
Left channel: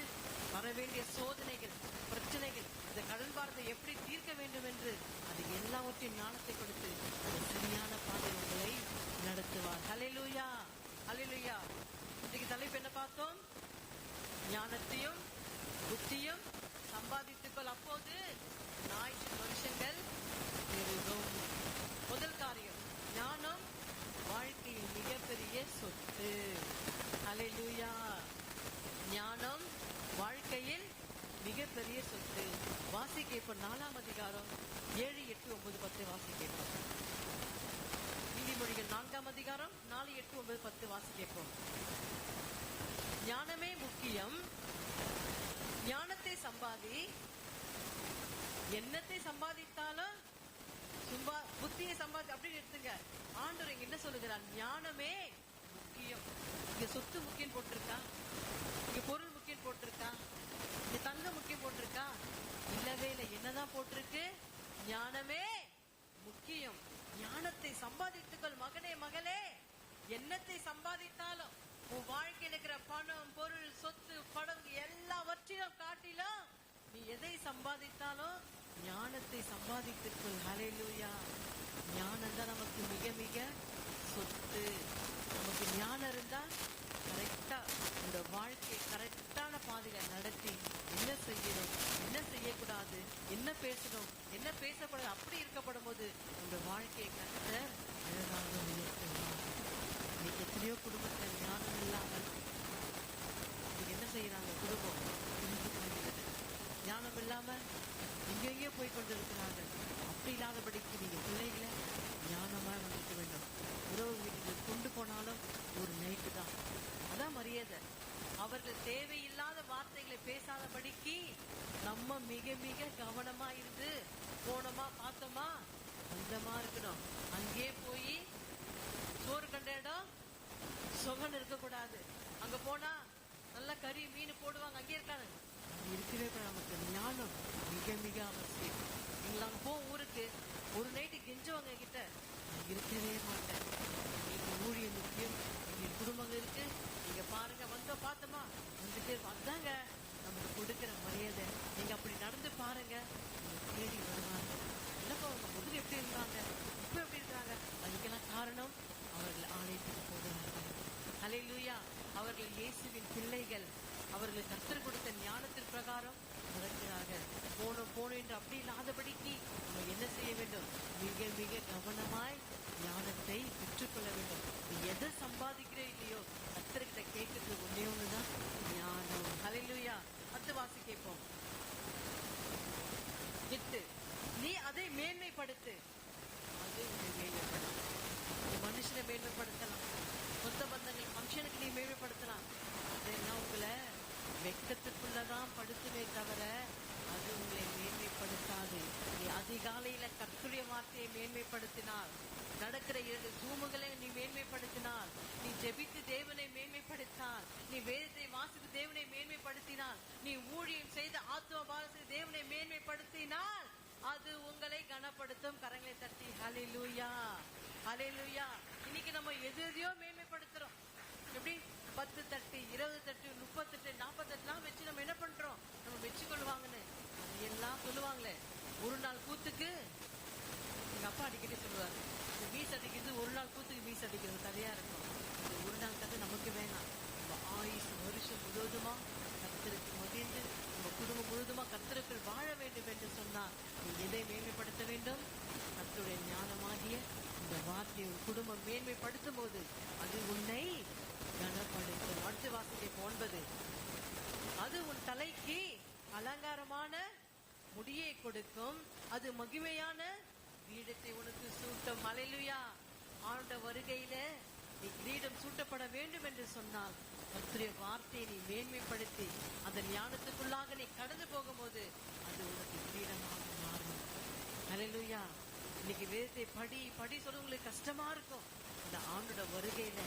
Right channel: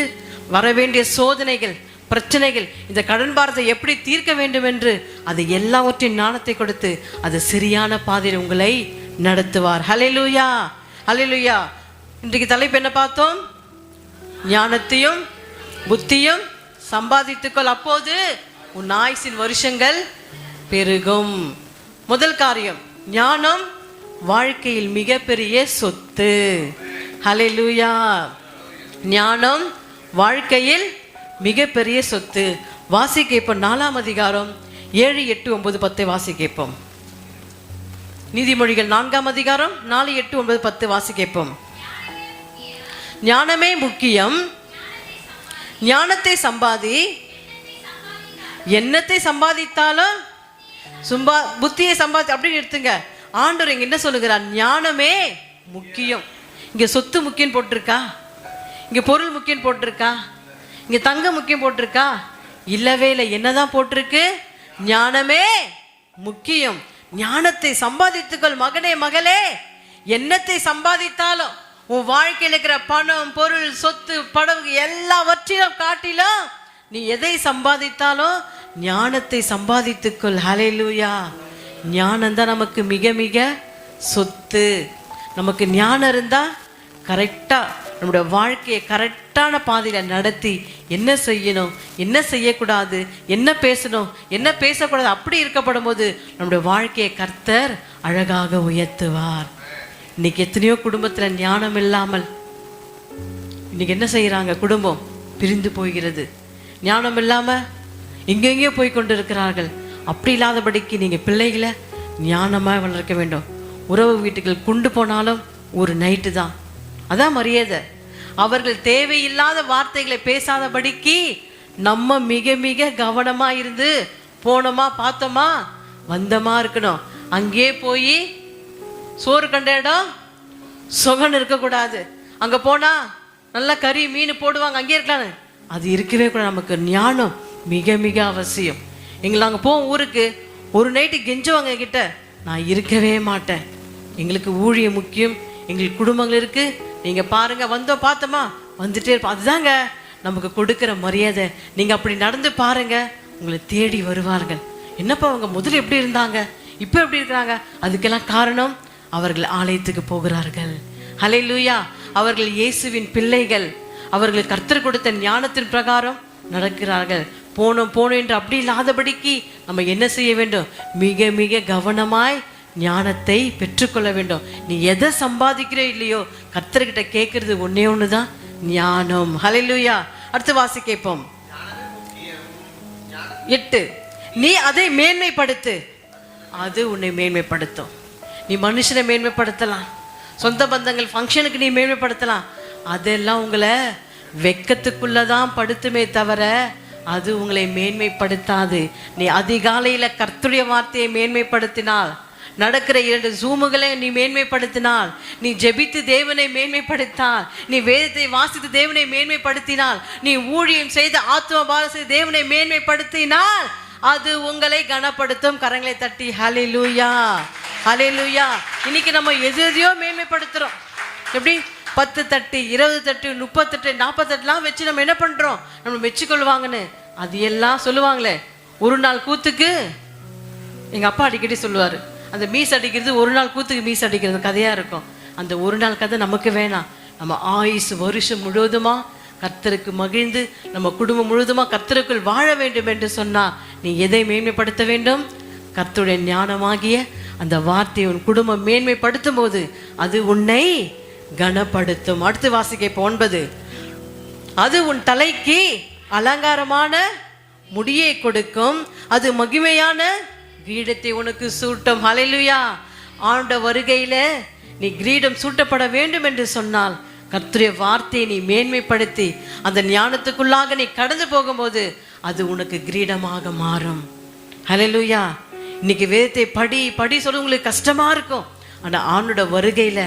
வரவேண்டிய சோதனைகள், பிரச்சனைகள், இந்த கடன் பாரத்தை எப்படி தீர்க்க வேண்டும் என்று அதை எல்லாவற்றையும் ஞானத்தை கொடுத்து அது சரியான பாதையில் உங்களை நடத்துவார். ஹல்லேலூயா. ஹல்லேலூயா. இன்றைக்கு தலைப்பு என்ன பார்த்தோம்? ஞானத்தையும் புத்தியும் சம்பாதித்துக்கொள், அப்போது உன் ஆயுசின் வருஷங்கள் பெருகும். முதல் காரியம், ஞானம் வாழ்க்கையில் மிகப்பெரிய சொத்து. ஹல்லேலூயா. ஞானம் வாழ்க்கையில் மிகப்பெரிய சொத்து. வாசிக்க இப்போ 4ஆம் அதிகாரம் 7, 8, 9, 10 வாசிக்கப்போம். நீதிமொழிகள் 4ஆம் அதிகாரம் 4, 8, 9, 10 வாசிக்கப்போம். ஞானமே முக்கியம், ஞானத்தை சம்பாதி, என்னத்தை சம்பாதித்தாலும் புத்தியை சம்பாதி அப்படின்னு எடுத்துங்க. ஆண்டவர் இங்க என்ன சொல்லுகிறார்? ஞானமே முக்கியம். இங்க சொத்து முக்கியம் போட்டிருக்கா? இங்க பொருள் முக்கியம் போட்டிருக்கா? இங்க தங்கம் முக்கியம் போட்டிருக்கா? இல்லவே இல்லை. என்னதான் போட்டிருக்கு? ஞானமே முக்கியம். ஞானத்தை சம்பாதித்துக்கள் மகனே மகளே. என்னத்தை சம்பாதித்தாலும் உன் வாழ்க்கையில் இருக்கிற பணம், பொருள், சொத்து, படகு எல்லாவற்றிலும் காட்டிலும் நீ எதை சம்பாதித்தாலும் ஞானத்தை சம்பாதித்துக்கொள். ஹல்லேலூயா. ஞானம் தான் நமக்கு மிக மிக சொத்து. நமக்கு ஞானம் இருந்தா கரெக்டா நம்முடைய வாழ்க்கையை கரெக்டான பாதையில நடத்தி என்ன செய்யணும், என்ன செய்யக்கூடாது, என்ன பேசணும், என்ன பேசக்கூடாது, அப்படி இருக்கப்படும் போது நம்முடைய வாழ்க்கையை கர்த்தர் அழகாக உயர்த்துவார். இன்னைக்கு எத்தனையோ குடும்பத்துல ஞானம் இல்லாமல் இன்னைக்கு என்ன செய்யறாங்க? குடும்பம் பிரிந்து போகிறது. ஞானம் இல்லாம எங்கெங்கேயோ போய் கொண்டு இருக்கிறார்கள். அப்படி இல்லாதபடிக்கு நீங்க பிள்ளைகளை ஞானமா வளர்க்க வேண்டும். உறவு வீட்டுகள் கொண்டு போனாலும் ஒரு நைட்டு தான், அதான் மரியாதை. அவர்கள் தேவையில்லாத வார்த்தைகளை பேசாதபடிக்கு நம்ம மிக மிக கவனமா இருந்து போனோமா, பார்த்தோமா, வந்தமா இருக்கணும். அங்கே போய் சோறு கண்ட இடம் சுகன் இருக்கக்கூடாது. அங்க போனா நல்லா கறி மீன் போடுவாங்க, அங்கே இருக்கலாம், அது இருக்கவே கூடாது. நமக்கு ஞானம் மிக மிக அவசியம். எங்களை அங்கே போவோம் ஊருக்கு, ஒரு நைட்டு கெஞ்சுவாங்க கிட்ட, நான் இருக்கவே மாட்டேன், எங்களுக்கு ஊழியம் முக்கியம், எங்களுக்கு குடும்பங்கள் இருக்கு, நீங்க பாருங்க, வந்தோம் பார்த்தோமா வந்துட்டே இருப்போம். அதுதாங்க நமக்கு கொடுக்குற மரியாதை. நீங்க அப்படி நடந்து பாருங்க, உங்களை தேடி வருவார்கள். என்னப்பா அவங்க முதல்ல எப்படி இருந்தாங்க, இப்போ எப்படி இருக்கிறாங்க? அதுக்கெல்லாம் காரணம் அவர்கள் ஆலயத்துக்கு போகிறார்கள். ஹல்லேலூயா. அவர்கள் இயேசுவின் பிள்ளைகள். அவர்கள் கர்த்தர் கொடுத்த ஞானத்தின் பிரகாரம் நடக்கிறார்கள். போனோம் என்று அப்படி இல்லாதபடிக்கு நம்ம என்ன செய்ய வேண்டும்? மிக மிக கவனமாய் ஞானத்தை பெற்றுக்கொள்ள வேண்டும். நீ எதை சம்பாதிக்கிறோ இல்லையோ, கர்த்தர்கிட்ட கேட்கறது ஒன்னே ஒண்ணுதான், ஞானம். ஹல்லேலூயா. அடுத்து வாசி கேட்போம். 8, நீ அதை மேன்மைப்படுத்து, அது உன்னை மேன்மைப்படுத்தும். நீ மனுஷனை மேன்மைப்படுத்தலாம், சொந்த பந்தங்கள் ஃபங்க்ஷனுக்கு நீ மேன்மைப்படுத்தலாம், அதெல்லாம் உங்களை வெக்கத்துக்குள்ளதான் படுத்துமே தவிர அது உங்களை மேன்மைப்படுத்தாது. நீ அதிகாலையில கர்த்தருடைய வார்த்தையை மேன்மைப்படுத்தினால், நடக்கிற 2 ஜூமுகளை நீ மேன்மைப்படுத்தினால், நீ ஜெபித்து தேவனை மேன்மைப்படுத்தினால், நீ வேதத்தை வாசித்து தேவனை மேன்மைப்படுத்தினால், நீ ஊழியம் செய்து ஆத்தும பாரம் செய்து தேவனை மேன்மைப்படுத்தினால், அது உங்களை கனப்படுத்தும். கரங்களை தட்டி ஹல்லேலூயா, ஹல்லேலூயா. இன்னைக்கு நம்ம எதையோ மேன்மைப்படுத்துறோம். எப்படி 10 தட்டு, 20 தட்டு, 30 தட்டு, 40 தட்டுலாம் வச்சு நம்ம என்ன பண்றோம்? நம்ம மெச்சிக்கொள்வாங்கன்னு. அது எல்லாம் சொல்லுவாங்களே, ஒரு நாள் கூத்துக்கு எங்க அப்பா அடிக்கடி சொல்லுவாரு, அந்த மீஸ் அடிக்கிறது ஒரு நாள் கூத்துக்கு மீஸ் அடிக்கிறது கதையா இருக்கும். அந்த ஒரு நாள் கதை நமக்கு வேணாம். நம்ம ஆயுசு வருஷம் முழுவதுமா கர்த்தருக்கு மகிழ்ந்து, நம்ம குடும்பம் முழுவதுமா கர்த்தருக்குள் வாழ வேண்டும் என்று சொன்னா, நீ எதை மேன்மைப்படுத்த வேண்டும்? கர்த்தருடைய ஞானமாகிய அந்த வார்த்தையை உன் குடும்பம் மேன்மைப்படுத்தும் போது அது உன்னை கனப்படுத்தும். அடுத்து வாசிக்க 9. அது உன் தலைக்கு அலங்காரமான முடியை கொடுக்கும், அது மகிமையான கிரீடத்தை உனக்கு சூட்டும். ஹல்லேலூயா. ஆண்டவர் வருகையில நீ கிரீடம் சூட்டப்பட வேண்டும் என்று சொன்னால், கர்த்தருடைய வார்த்தையை நீ மேன்மைப்படுத்தி அந்த ஞானத்துக்குள்ளாக நீ கடந்து போகும்போது அது உனக்கு கிரீடமாக மாறும். ஹல்லேலூயா. இன்னைக்கு வேதத்தை படி படி சொல்ல உங்களுக்கு கஷ்டமா இருக்கும். ஆனால் ஆண்டோட வருகையில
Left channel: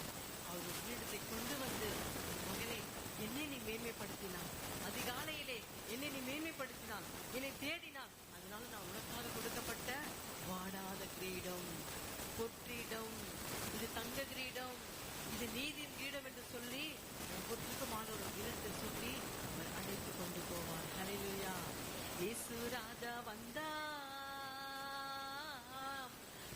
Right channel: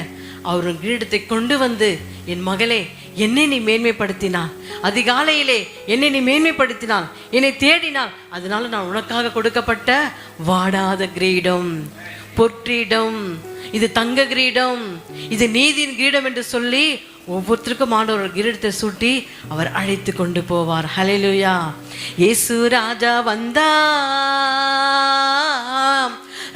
அவர் கிரீடத்தை கொண்டு வந்து, என் மகளே என்னை நீ மேன்மைப்படுத்தினாள், அதிகாலையிலே என்னை நீ மேன்மைப்படுத்தினாள், என்னை தேடினாள், அதனால நான் உனக்காக கொடுக்கப்பட்ட வாடாத கிரீடம், பொற்கிரீடம், இது தங்க கிரீடம், இது நீதியின் கிரீடம் என்று சொல்லி ஒவ்வொருத்தருக்கும் ஆண்டவர் கிரீடத்தை சூட்டி அவர் அழைத்து கொண்டு போவார். ஹல்லேலூயா. இயேசு ராஜா வந்தாம்,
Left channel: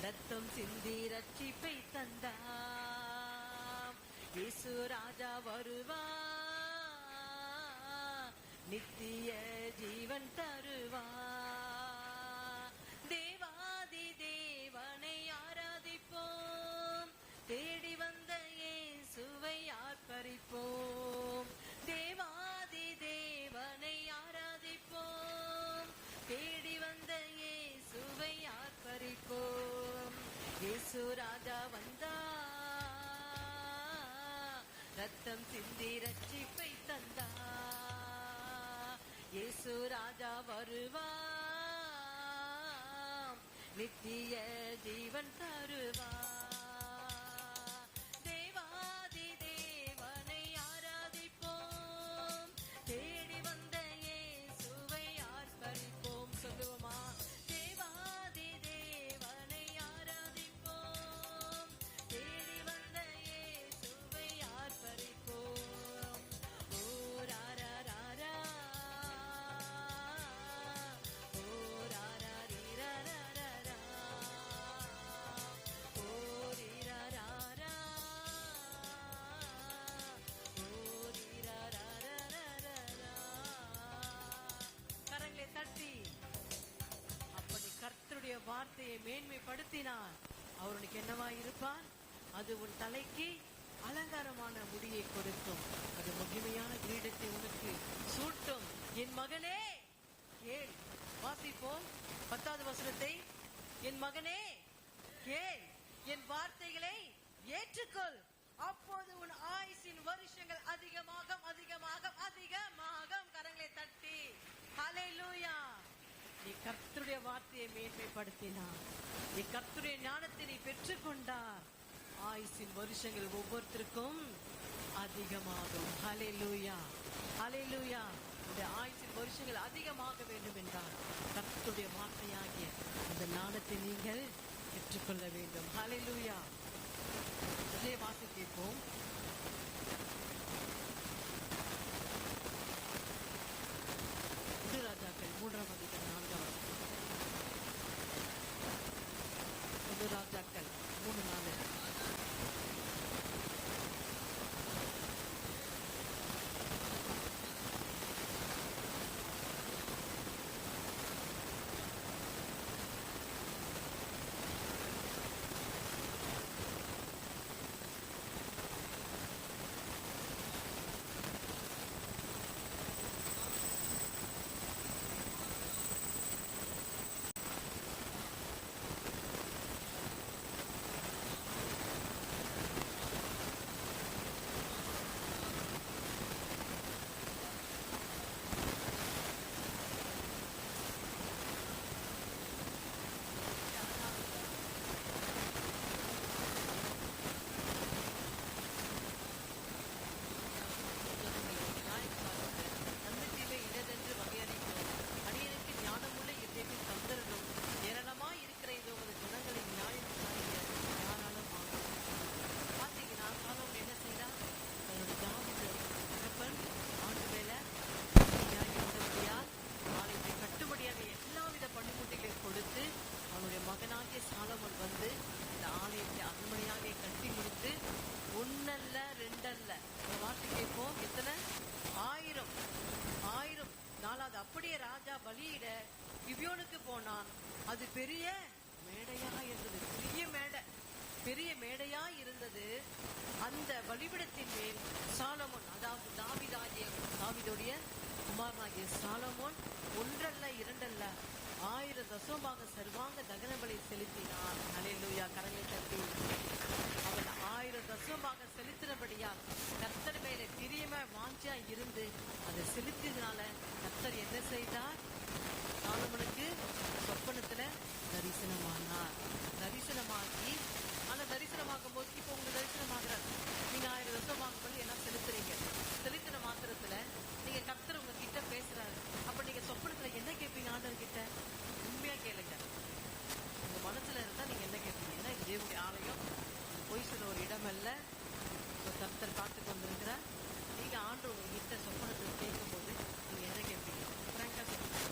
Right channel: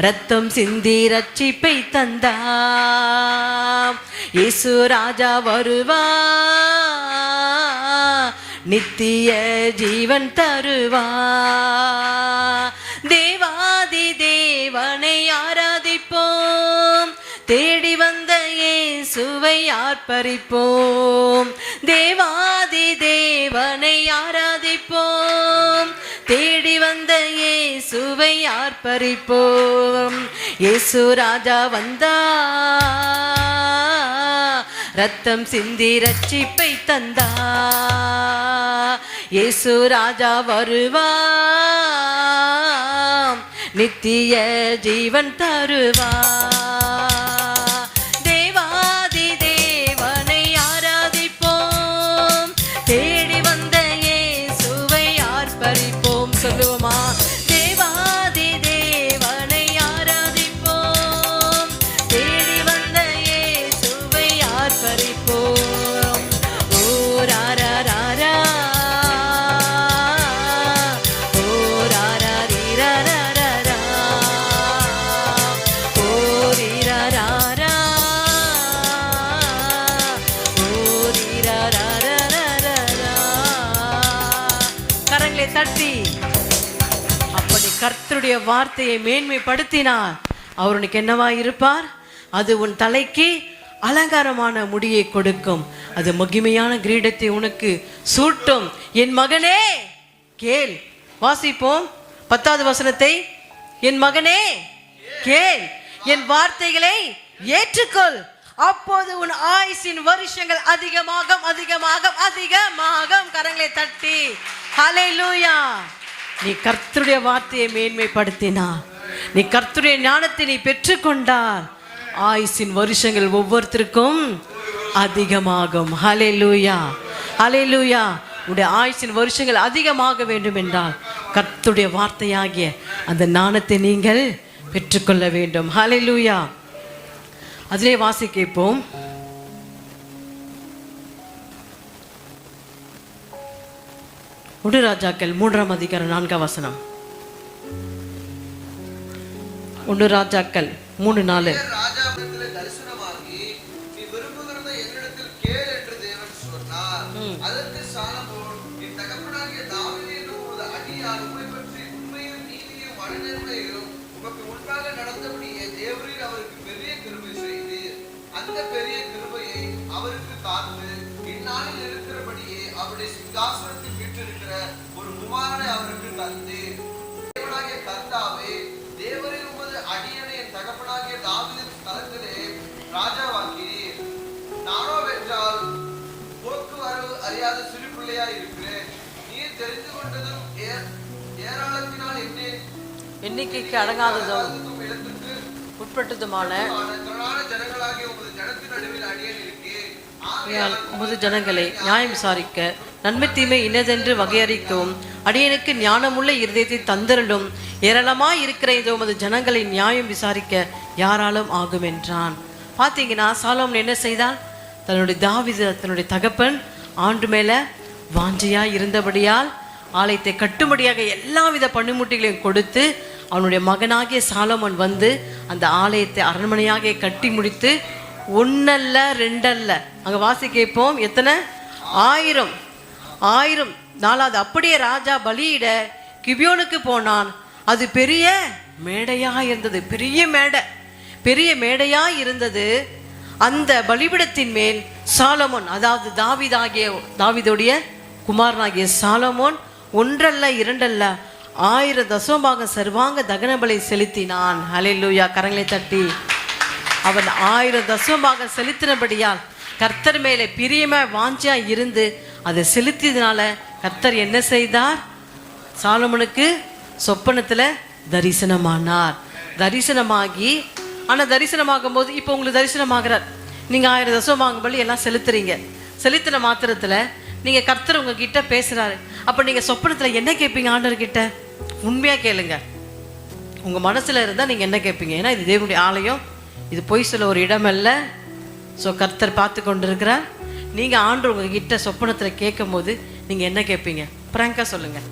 ரத்தம் சிந்தி ரட்சிப்பை தந்தாம். இயேசு ராஜா வருவா, நித்திய ஜீவன் தருவா. தேவாதி தேவனை ஆராதிப்போம், தேடி வந்த இயேசுவை ஆர்ப்பரிப்போம். தேவாதி தேவனை ஆராதிப்போம், தேடி வந்த இயேசுவை ஆர்ப்பரிப்போம். இயேசு ராஜா வந்தா, ரத்தம் சிந்தி ரட்சிப்பை தந்தா. இயேசு ராஜா வருவா, நித்திய ஜீவன் தருவா. தேவாதி தேவனை ஆராதிப்போம், தேடி வந்த இயேசுவை ஆர்ப்பரிப்போம். சொல்லுவோமா? தேவாதி தேவனை ஆராதிப்போம், தேடி வந்த இயேசுவை ஆர்ப்பரிப்போம். ஓ ராரா ராரா, ஓ ராரா ரீரா ராரா, ஓ ரீரா ராரா, ஓ ரீரா ராரா ராரா. கரங்களை தட்டி அப்படி கர்த்தருடைய வார்த்தையை மேன்மைப்படுத்தினார், அவர் உனக்கு என்னவா இருப்பார்? அது உன் தலைக்கு அலங்காரமான முடியை கொடுக்கும், அது மகிமையான கிரீடத்தை உனக்கு சூட்டும். என் மகனே கேள். வாசிப்போம் 10வது வசனத்தை. என் மகனே கேள், என் வார்த்தைகளை ஏற்றுக்கொள், அப்போது உன் ஆயுசின் வருஷங்கள் அதிகமாக அதிகமாக அதிகமாக. கரங்களை தட்டி ஹல்லேலூயா. நீ கர்த்தருடைய வார்த்தையை மேன்மைப்படுத்தினா, நீ கர்த்தருடைய ஞானத்தை நீ பெற்றுக்கொண்டால், ஆயுசின் வருஷங்கள் ஒவ்வொருத்தருக்கும் அதிகமாகும். ஹல்லேலூயா, ஹல்லேலூயா. உடைய ஆயுசின் வருஷங்கள் அதிகமாக வேண்டும் என்றால் கர்த்தருடைய வார்த்தையாகிய அந்த ஞானத்தை நீங்கள் பெற்றுக்கொள்ள வேண்டும். ஹல்லேலூயா. அதிலே வாசிக்கப்போம். ராஜாக்கள் 3ஆம் அதிகாரம் 4ஆம் வசனம். 1 ராஜாக்கள் 3:4. வார்த்தைக்கு அடங்காததும் உட்பட்டதுமான உமது ஜனங்களை நியாயம் விசாரிக்க நன்மை தீமை இன்னதென்று வகையறிக்கவும் அடியனுக்கு ஞானமுள்ள இருதயத்தை தந்தரலும் ஏராளமாய் இருக்கிற இந்த உமது ஜனங்களை நியாயம் விசாரிக்க யாராலும் ஆகும் என்றான். பார்த்தீங்கன்னா சாலோமன் என்ன செய்தான்? தன்னுடைய தாவீது தன்னுடைய தகப்பன் ஆண்டு மேல வாஞ்சையா இருந்தபடியால் ஆலயத்தை கட்டும்படியாக எல்லா வித பணிமுட்டிகளையும் கொடுத்து அவனுடைய மகனாகிய சாலோமன் வந்து அந்த ஆலயத்தை அரண்மனையாக கட்டி முடித்து 1 அல்ல 2 அல்ல, அங்க வாசி கேட்போம் எத்தனை 1000 நாளாவது அப்படியே ராஜா பலியிட கிபியோனுக்கு போனான். அது பெரிய மேடையா இருந்தது, பெரிய மேடையா இருந்தது. அந்த பலிபிடத்தின் மேல் சாலமோன், அதாவது தாவீதுடைய குமாரனாகிய சாலமோன் 1 அல்ல 2 அல்ல 1000 தசமபாகம் சர்வாங்க தகன பலி செலுத்தினான். ஹல்லேலூயா. கரங்களை தட்டி அவன் 1000 தசமபாகம் செலுத்தினபடியால் கர்த்தர் மேலே பிரியமா வாஞ்சியா இருந்து அதை செலுத்தியதுனால கர்த்தர் என்ன செய்தார்? சாலமோனுக்கு சொப்பனத்துல தரிசனமாகி ஆனால் தரிசனமாகும் போது இப்போ உங்களுக்கு தரிசனமாகிறார். நீங்கள் 1000 தசமபாகம் பலி எல்லாம் செலுத்தின மாத்திரத்தில் நீங்கள் கர்த்தர் உங்ககிட்ட பேசுகிறாரு. அப்போ நீங்கள் சொப்பனத்தில் என்ன கேட்பீங்க? ஆண்டவர்கிட்ட உண்மையாக கேளுங்க. உங்கள் மனசில் இருந்தால் நீங்கள் என்ன கேட்பீங்க? ஏன்னா இது தேவனுடைய ஆலயம், இது பொய் சொல்ல ஒரு இடம் அல்ல. ஸோ கர்த்தர் பார்த்து கொண்டு இருக்கிறார். நீங்கள் ஆண்டவர் உங்ககிட்ட சொப்பனத்தில் கேட்கும் போது நீங்கள் என்ன கேட்பீங்க? பிராங்காக சொல்லுங்கள்.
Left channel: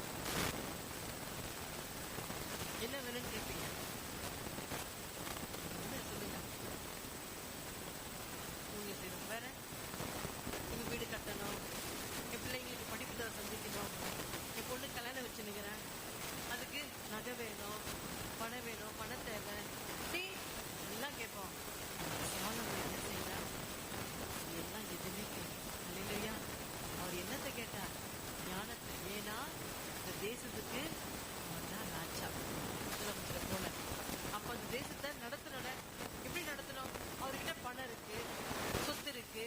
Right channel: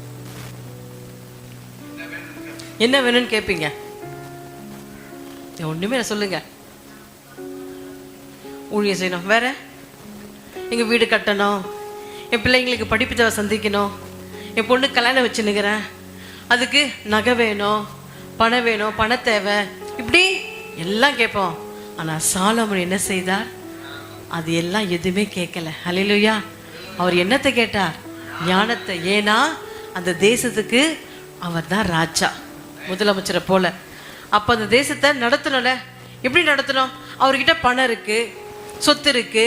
என்ன வேணும்னு கேட்பீங்க? ஒன்றுமே சொல்லுங்க. ஊழியம் செய்யணும், வேற எங்கள் வீடு கட்டணும், என் பிள்ளைங்களுக்கு படிப்பு தேவை சந்திக்கணும், என் பொண்ணு கல்யாணம் வச்சுன்னுக்கிறேன், அதுக்கு நகை வேணும், பணம் வேணும், பண தேவை, இப்படி எல்லாம் கேட்போம். ஆனால் சாலமோன் என்ன செய்தார்? அது எல்லாம் எதுவுமே கேட்கல. ஹல்லேலூயா. அவர் என்னத்தை கேட்டார்? ஞானத்தை. ஏன்னா அந்த தேசத்துக்கு அவர் தான் ராஜா, முதலமைச்சரை போல. அப்போ அந்த தேசத்தை நடத்தணும்ல. எப்படி நடத்தணும்? அவர்கிட்ட பணம் இருக்கு, சொத்து இருக்கு,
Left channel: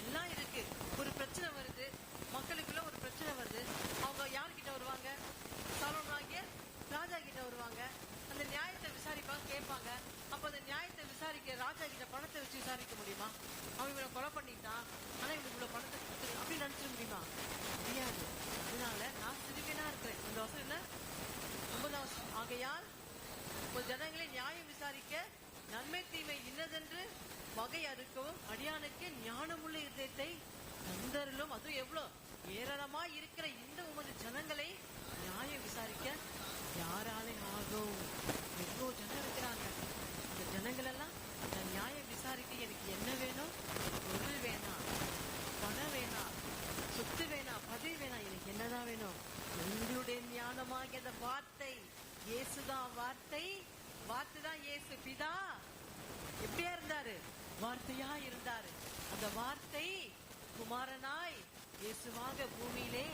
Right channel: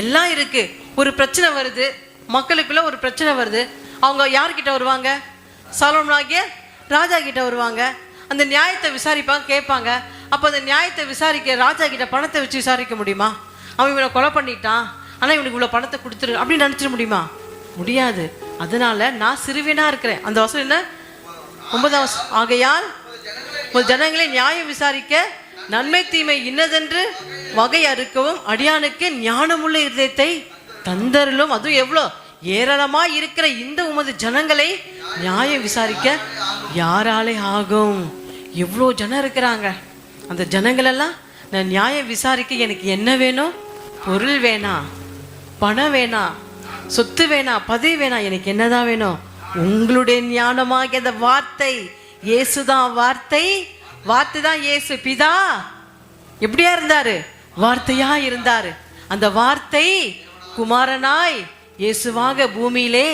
எல்லாம் இருக்கு. ஒரு பிரச்சனை வருது, மக்களுக்குள்ள ஒரு பிரச்சனை வருது, அவங்க யார்கிட்ட வருவாங்க? சாலமோனாகிய ராஜா கிட்ட வருவாங்க. அந்த நியாயத்தை விசாரிப்பாங்க, கேட்பாங்க. அப்போ அந்த நியாயத்தை விசாரிக்க ராஜா கிட்ட பணத்தை வச்சு விசாரிக்க முடியுமா? அவன் இவனை கொலை பண்ணிட்டான், ஆனால் இவனுக்கு இவ்வளோ பணத்தை கொடுத்துரு அப்படின்னு நினச்சிட முடியுமா? முடியாது. அதனால நான் சிறுவனா இருக்கிறேன். அந்த வசனம் என்ன? 9ஆம் வசனம். ஆகையால் ஜனங்களை நியாயம் விசாரிக்க நன்மை தீமை இன்னதென்று வகை அறுக்கவும் அடியானுக்கு ஞானமுள்ள இருதயத்தை தந்தருளும். அதுவும் எவ்வளோ ஏராளமாய் இருக்கிற இந்த உமது ஜனங்களை நியாயம் விசாரிக்க யாராலே ஆகும்? எவ்வளோ ஜனம் இருக்கிறாங்க. அந்த ஜனங்களெல்லாம் நான் நியாயம் விசாரிக்க எனக்கு என்ன வேணும்? பொருள் வேணாம், பணம் வேணாம், சொத்து வேணாம், பதவி வேணாம். எனக்கு என்னதான் வேணும்? உங்களுடைய ஞானமாகிய அந்த வார்த்தை. இயேசுதான் வார்த்தை, வார்த்தை தான் இயேசு. பிதா எப்படியா இருந்தாரு? வார்த்தையா இருந்தாரு. அந்த வார்த்தை குமாரனாய் இயேசுவாக பூமியிலே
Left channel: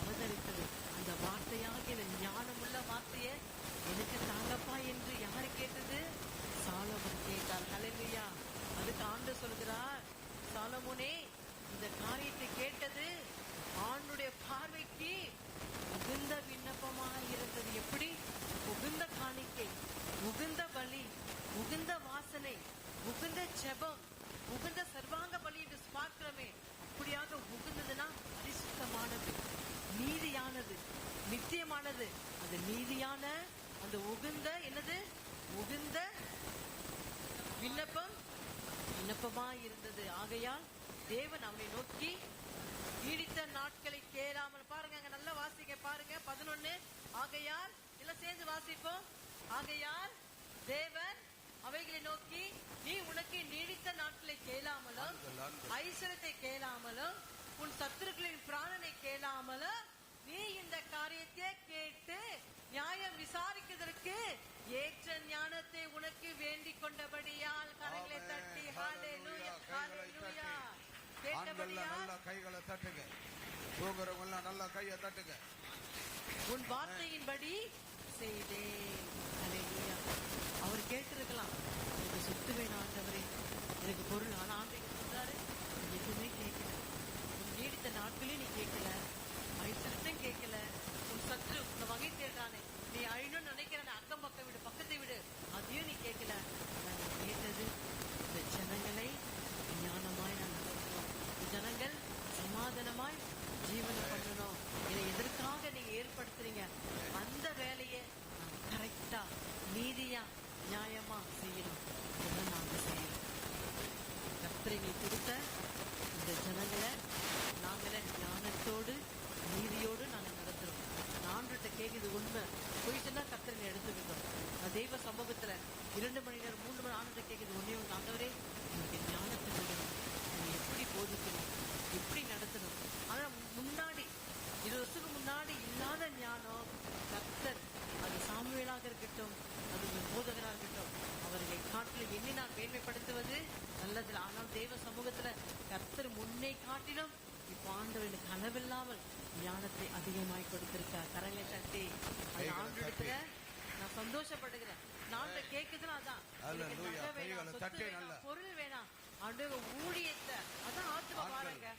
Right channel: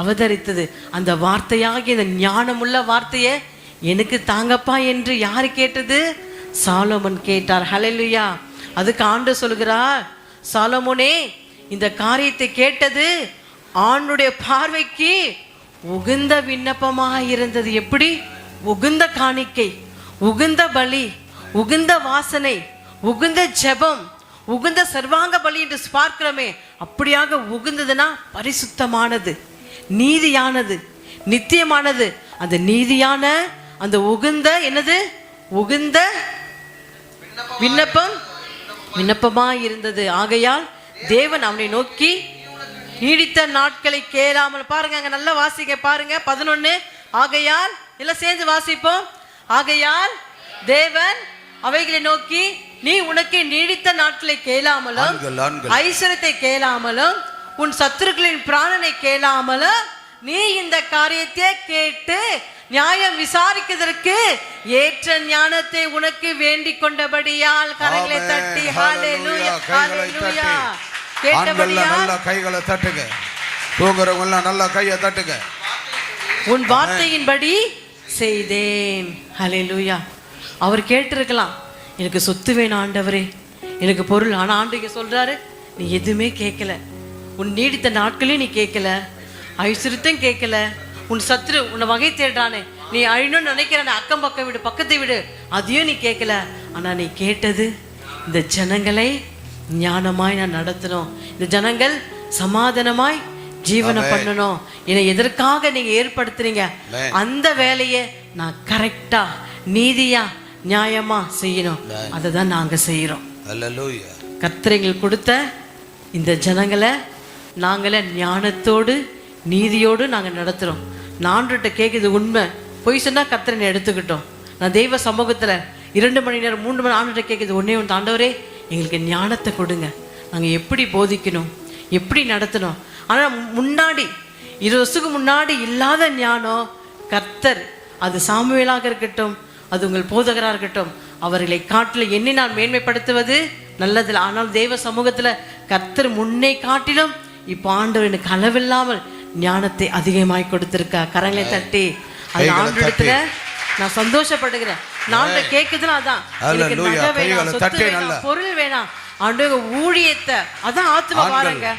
அவதரித்தது. அந்த வார்த்தையாகிய இந்த ஞானமுள்ள வார்த்தையை எனக்கு தாங்கப்பா என்று யாரு கேட்டது? சாலமோன் கேட்டார். ஹல்லேலூயா. அதுக்கு ஆண்டவர் சொல்கிறார், சாலமோனே, இந்த காரியத்தை கேட்டது ஆண்டுடைய பார்வைக்கு உகுந்த விண்ணப்பமாக இருந்தது. எப்படி? உகுந்த காணிக்கை, உகுந்த பலி, உகுந்த வாசனை, உகுந்த ஜெபம், உகுந்த சர்வாங்க பலி என்று பார்க்கிறோமே, அப்படியாக உகுந்ததுன்னா பரிசுத்தமானது, நீதியானது, நித்தியமானது. அந்த நீதியான அந்த உகுந்த என்னது? உகுந்த விண்ணப்பமாய் இருந்தது. ஆகையால் தேவன் அவனை நோக்கி நீடித்த நாட்களை கேளாமல். பாருங்க, அங்க நல்லா வாசிக்க பாருங்க. 11. ஆகையால் எல்லாம் சேர்ந்து வாசிப்போம். ஆகையால் தேவன் அவைகளை நோக்கி, நீ உனக்கு நீடித்த நாட்களை கேளாமலும் ஐஸ்வரத்தை கேளாமலும் உன் சத்துருக்களின் பிராணனை கேளாமலும் நீ இந்த காரியத்தை கேட்டு நியாயம் விசாரிக்கிறதற்கு ஏற்ற ஞானத்தை உனக்கு வேண்டிக் கொண்டபடியால் கரங்களை தட்டி ஹல்லேலூயா ஹல்லேலூயா. கேட்டபடியால் கைகளை தட்டுங்க. தூங்குறவங்க எல்லாம் நல்லா கையை தட்டுங்க. உன் வார்த்தையின்படி செய்தேன். ஹல்லேலூயா. அவர் கேட்டிருக்கலாம், எனக்கு சொத்து வேணும் ஆண்டவரே, எனக்கு பொருள். ஆனா ஆண்டவர் சொல்றாரு, நீ எதுவுமே கேட்கல. உன் நீடித்த நாட்களையும் நீ கேட்கல, ஐஸ்வர்யத்தையும் கேட்கல. உன் சத்துரு உன்னை வகை தேடுறானே, நீ அழிணும்னு நினைக்கிற அக்கம் பக்கம் விடு, பக்கத்தை விடு, அதையும் நீ கேட்கல. ஆனா நீ கேட்டது, இந்த ஜனங்களை ஞானமாய் நான் நடத்தணும், இந்த ஜனங்கள் சமாதானமாய் ஜீவனை பண்ணணும், என்னை எதற்காக நீங்க ஏற்படுத்துறீங்க, அந்த வேலையை நான் கரெக்டா நீதியா நியாயமா செய்யணும். அதை தான் நாங்க செய்யறோம். கர்த்தர் கொடுத்த இந்த ஜனங்களை நாங்களே ஞானத்தோடு நீதியோடு நாங்க நடத்துறோம். நான்கிட்ட கேட்குது உண்மை, பொய் சொன்னா கர்த்தரை எடுத்துக்கிட்டோம். நான் தெய்வ சமூகத்துல 2 மணி நேரம் 3 மணி ஆண்டுகிட்ட கேட்குது ஒன்னே ஒன்று, ஆண்டவரே எங்களுக்கு ஞானத்தை கொடுங்க, நாங்கள் எப்படி போதிக்கணும், எப்படி நடத்தணும். ஆனால் முன்னாடி 20 வருஷத்துக்கு முன்னாடி இல்லாத ஞானம் கர்த்தர், அது சாமுவேலாக இருக்கட்டும், அது உங்கள் போதகராக இருக்கட்டும், அவர்களை காட்டில் எண்ணி நான் மேன்மைப்படுத்துவது நல்லதில்லை. ஆனால் தெய்வ சமூகத்தில் கர்த்தர் முன்னே காட்டிலும் இப்போ ஆண்டவர் எனக்கு அளவில்லாமல் ஞானத்தை அதிகமாய் கொடுத்திருக்கா. கரங்களை தட்டி அது ஆண்டவரிடத்துல நான் சந்தோஷப்படுகிறேன். நான் கேட்குதுன்னா அதான், எனக்கு நகை வேணாம், சொத்து வேணாம், பொருள் வேணாம், ஆண்டவர் ஊழியத்தை, அதான் ஆத்மா வாருங்க.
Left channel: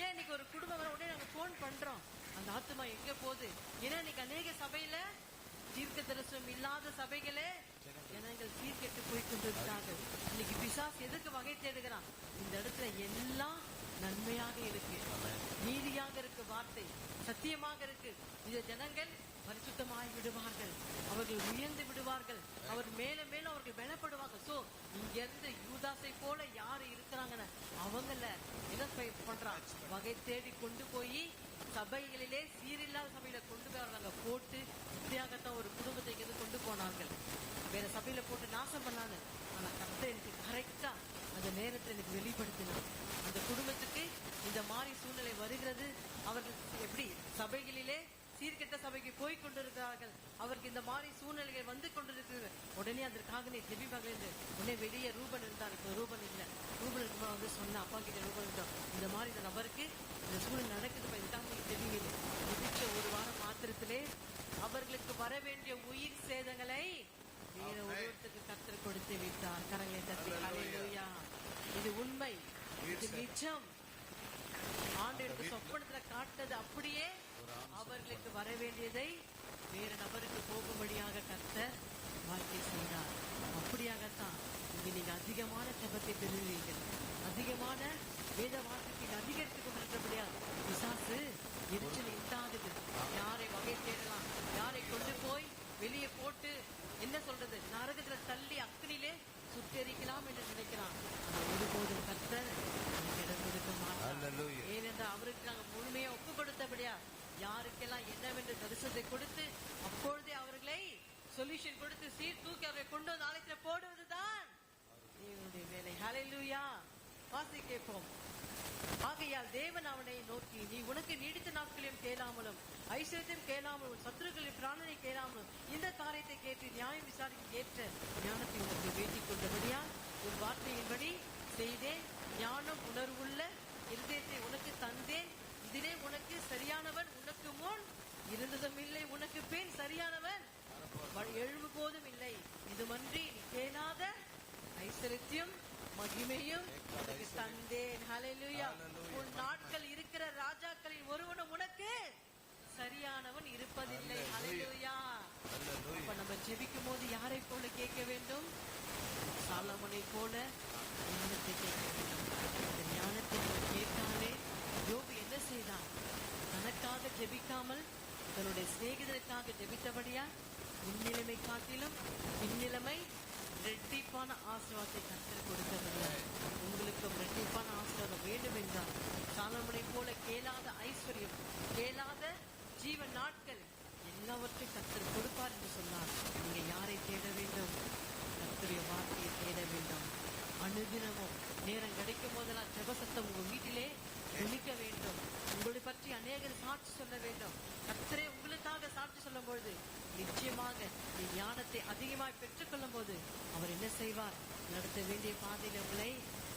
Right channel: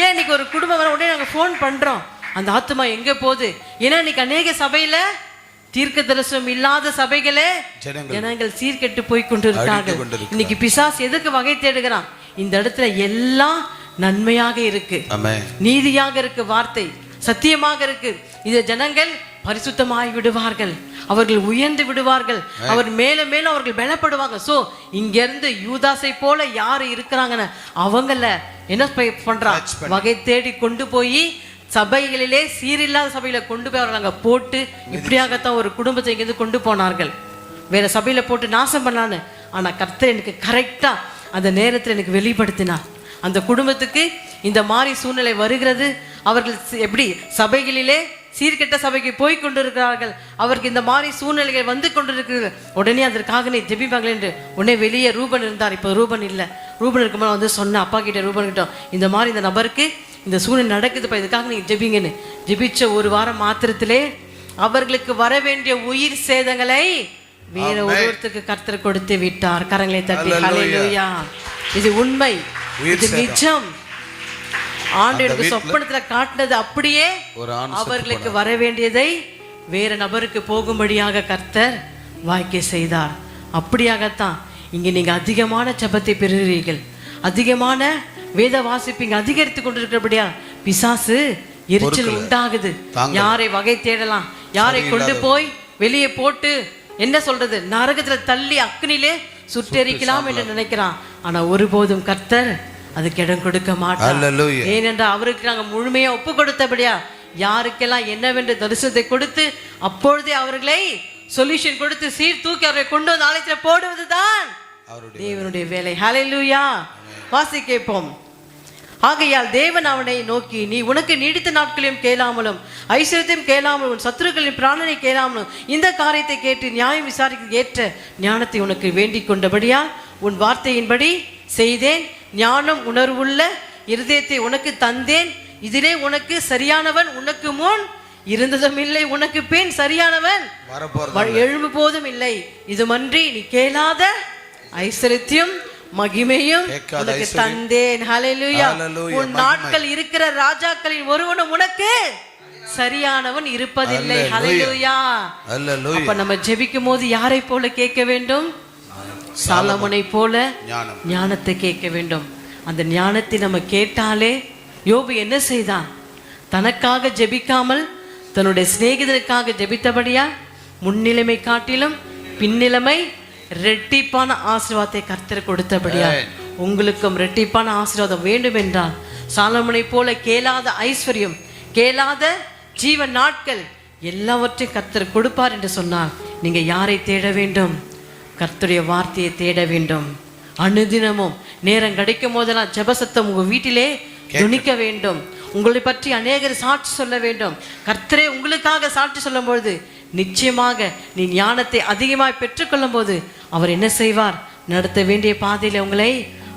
ஏன் இன்னைக்கு ஒரு குடும்பம் வர உடனே நாங்கள் ஃபோன் பண்றோம், அந்த ஆத்மா எங்க போகுது? ஏன்னா இன்னைக்கு அநேக சபையில தீர்க்க தரிசனம் இல்லாத சபைகளே ஜனங்கள் சீர்கெட்டு போய் கொண்டிருக்கார்கள். இன்னைக்கு பிசாசு எதுக்கு வகை தேடுகிறான்? இந்த இடத்துல எல்லாம் நன்மையாக இருக்கு, நீதியாக இருக்கு, வார்த்தை சத்தியமாக இருக்கு. இந்த ஜனங்கள் பரிசுத்தமாய் விடுவார்கள், அவர்கள் உயர்ந்து விடுவார்கள், அவர் மேல மேல அவர்கள் பலப்படுவாங்க. சோ இங்க இருந்து யூதாசை போல யாரு இருக்கிறாங்கன்னு அவங்கள என்ன பண்றா, வகை தேடி கொண்டு போய் சபைகளிலே சீரில்லாத சபையில கொண்டு போய் அவர்கள் அங்க போட்டு, இப்படியாகத்தான் ஒரு குடும்பத்தை இங்கிருந்து கொண்டு போனார்கள், வேற சபையில போட்டு நாசம் பண்ணான்னு. ஆனா கர்த்தர் எனக்கு கரெக்டா அந்த நேரத்தில் எனக்கு வெளிப்படுத்தினார். அந்த குடும்பத்துக்கு இந்த மாதிரி சூழ்நிலை வருகிறது, அவர்கள் எப்படி சபைகளிலே சீர்கெட்ட சபைக்கு போய் கொண்டிருக்கிறார்கள், அவருக்கு இந்த மாதிரி சூழ்நிலைகள் வந்து கொண்டிருக்கிறது. உடனே அதற்காக நீ ஜெபிப்பாங்களே என்று உடனே வெளியே ரூபன் இருந்தார். இப்போ ரூபன் இல்லை. ரூபன் இருக்கும்போது வந்து சொன்ன அப்பா கிட்ட, ரூபன் கிட்ட இந்த மாதிரி இந்த நபருக்கு இந்த சூழ்நிலை நடக்குதுப்பா, இதுக்காக நீங்க ஜெபிங்கன்னு. ஜெபிச்ச ஒரு வாரம் மாத்திரத்திலே அவர்களுக்கு வர வேண்டிய உயிர் சேதங்களை வேற ஒருவருக்கு கர்த்தர் கொடுத்து விட்டார். கரங்களை தட்டி ஹல்லேலூயா. இது உண்மை, இது நிஜம். ஆண்டவருக்கு சொப்பனத்துல காட்டினது அப்படியே அவர்களுக்கு வர வேண்டியதை வேற நபருக்கு போகும்படியாக கர்த்தர் வாய்க்க செய்தார். அப்படியாகத்தான் இங்க நீங்க அதிகமான ஜெபத்தை பெறுகிறீர்கள், அதிகமான வேத வாசிப்பீங்க, அதிகரித்து கொண்டிருக்கிறபடியா பிசாசு எரிச்சல் உண்டாகுது. யாரை வகை தேடலாம், யாரை கொண்டு போய் வெளியே போட்டு என்ன சொல்றது, நரகத்துல தள்ளி அக்னிலே சுட்டெரிக்கலாம் என்று நினைக்கிறான். ஆனா ஒருபோதும் கர்த்தர் அதுக்கு இடம் கொடுக்க மாட்டார். ஏனென்றால் அவருக்கு நாங்கள் முழுமையா ஒப்பு கொடுத்தபடியா யாருக்கெல்லாம் என்னவென்று தரிசனத்தை கொடுத்து அப்பொழுதே அவர்களை சொல்யூஷன் கொடுத்து சீர் தூக்கி அவரை கொண்டு வந்து ஆலயத்துல போடுவதுதான் தேவனுடைய வேலை. ஹல்லேலூயா. வாசி கேட்போம். ஆகையால் தேவன் அவனை நோக்கி, நீ உனக்கு நீடித்த நாட்களையும் கேளாமலும் ஐஸ்வர்யத்தையும் கேளாமலும் உன் சத்துருக்களின் பிராணனை கேளாமலும் இந்த காரியத்தை கேட்டு நியாயம் விசாரிக்க ஏற்ற ஞானத்தை உனக்கு வேண்டிக் கொண்டபடியா உன் வார்த்தையின்படி செய்தேன். ஞானம் உணர்வுள்ள இருதயத்தை உனக்கு தந்தேன். இதிலே உனக்கு சரியானவன் உனக்கு முன் இருந்ததும் இல்லை, உனக்கு பின் சரியானவன் எழும்பு போதும் இல்லை. இதுமன்றி நீ கேளாத ஐஸ்வர்யத்தையும் மகிமையும் உனக்கு தந்தேன். ஹல்லேலூயா. உன் நாட்கள் இருக்கிற ராஜாக்களின் ஒருவனும் உனக்கு சரியானவன் இருப்பதில்லை. ஹல்லேலூயா. அப்ப நம்ம ஜெபிக்கும் போது யாரை போல கேட்க வேண்டும்? சாலமோனை போல ஞானத்தை கேட்க வேண்டும். அந்த ஞானத்தை நம்ம கேட்டாலே, யோபு என்ன செய்தான்? தனக்காக ஜெபிக்காமல் தன்னுடைய சிநேகிதனுக்காக ஜெபித்தபடியா முன்னிலைமை காட்டிலும் பின்னிலைமை ரெட்டிப்பான ஆசீர்வாதத்தை கர்த்தர் கொடுத்தபடியா உங்களுக்கும் ரெட்டிப்பான ஆசீர்வாதம் வேண்டும் என்றால் சாலமோனை போல கேளாத ஐஸ்வர்யம், கேளாத ஜீவன் நாட்கள் எல்லாவற்றையும் கர்த்தர் கொடுப்பார் என்று சொன்னார். நீங்க யாரை தேட வேண்டும்? கர்த்தருடைய வார்த்தையை தேட வேண்டும். அனுதினமும் நேரம் கிடைக்கும் போதெல்லாம் ஜெபசத்தம் உங்க வீட்டிலே துணிக்க வேண்டும். உங்களை பற்றி அநேகர் சாட்சி சொல்ல வேண்டும். கர்த்தரே உங்களுக்காக சாட்சி சொல்லும் பொழுது நிச்சயமாக நீ ஞானத்தை அதிகமாய் பெற்றுக்கொள்ளும் போது அவர் என்ன செய்வார்? நடத்த வேண்டிய பாதையில உங்களை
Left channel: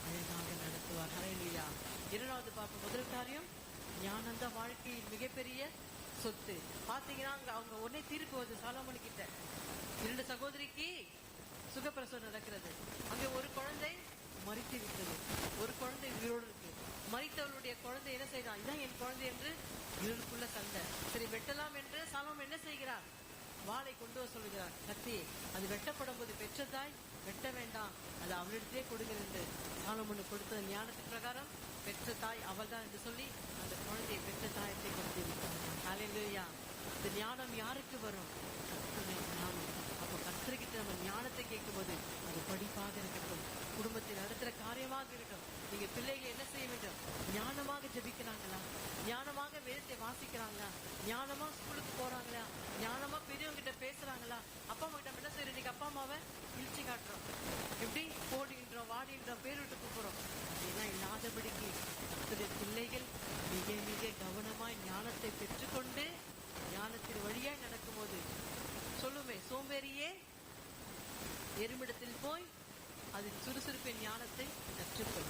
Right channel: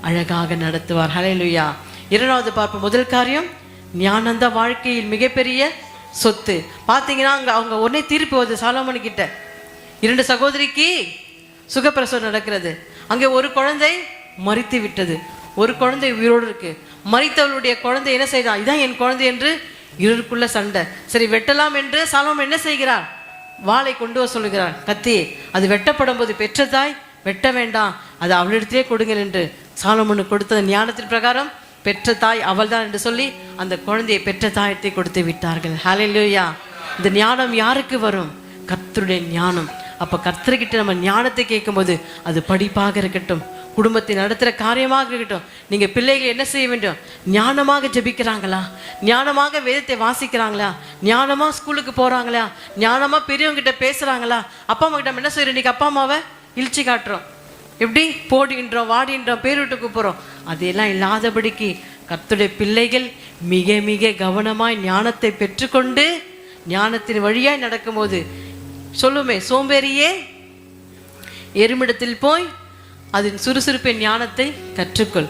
அழகாக நடத்துவார். ஹல்லேலூயா. இரண்டாவது பார்ப்போம். முதல் காரியம், ஞானந்த வாழ்க்கையில் மிகப்பெரிய சொத்து. பார்த்தீங்கன்னா அவங்க உடனே திருப்பி வருது சாலமோன் கிட்ட. 2 சகோதரிக்கு சுகப்பிரசவம் நடக்கிறது. அங்கே ஒரு குழந்தை மரித்து விட்டது, ஒரு குழந்தை உயிரோடு இருக்கு. மரித்தவளுடைய குழந்தை என்ன செய்யறான்? இதான் என் குழந்தை என்று இருளுக்குள்ள சண்டை. சரி வெட்டலாம் என்று சாலமோன் என்ன செய்கிறார்? வாளை கொண்டு வர சொல்லுகிறார். கத்தி அது வெட்டப்படும் போது பெற்ற தாய் வெட்ட வேண்டாம், அது அவளிடத்திலே கொடுங்கள் என்று சாலமோனுக்கு கொடுத்த ஞானத்தின் பிரகாரம் பெற்ற தாய் அவள் தான் என்று சொல்லி அந்த குழந்தையை பெற்ற தாயத்தை கொடுத்து விட்டார்கள். ஹல்லேலூயா. இந்த ஞானம் யாருக்கு வரும்? கர்த்தருடைய ஞானம். அப்போ கர்த்தர்கிட்ட நம்ம ஞானத்தை கேட்கும்போது அது படிப்பாக இருக்கட்டும், குடும்பத்தை நடத்துகிற காரியமாக இருக்கட்டும், நீங்கள் பிள்ளைகள் என்ன செய்ய வேண்டும்? ஞானமாக ஜெபிக்கிறாங்களா? ஞானமாக வேதத்தை வாசிக்கிறாங்களா? ஞானமாக ஸ்கூலுக்கு போகிறாங்களா? ஞானமாக பெரியவங்ககிட்ட பேசுகிறாங்களா? அப்பா அம்மா கிட்ட நம்ம என்ன செய்கிறோம்? இன்றைக்கி அப்பா அம்மாவை இழிச்சு காட்டுறோம், எப்படி போடுகின்றோம், வாடின்றோம், பேர் விட்டு கூப்பிட்றோம். அதெல்லாம் இல்லாதபடிக்கு கர்த்தருடைய பிள்ளைகள் மிக மிக கவனமாய் ஞானத்தை பெற்றுக்கொண்டு ஞானத்தின் வழியாய் நடக்கும்போது சொல்லுமே, சோம்பேறியே எருமிடத்தில் போய் அதன் சுறுசுறுப்பின் ஞானத்தை கற்றுக்கொள்.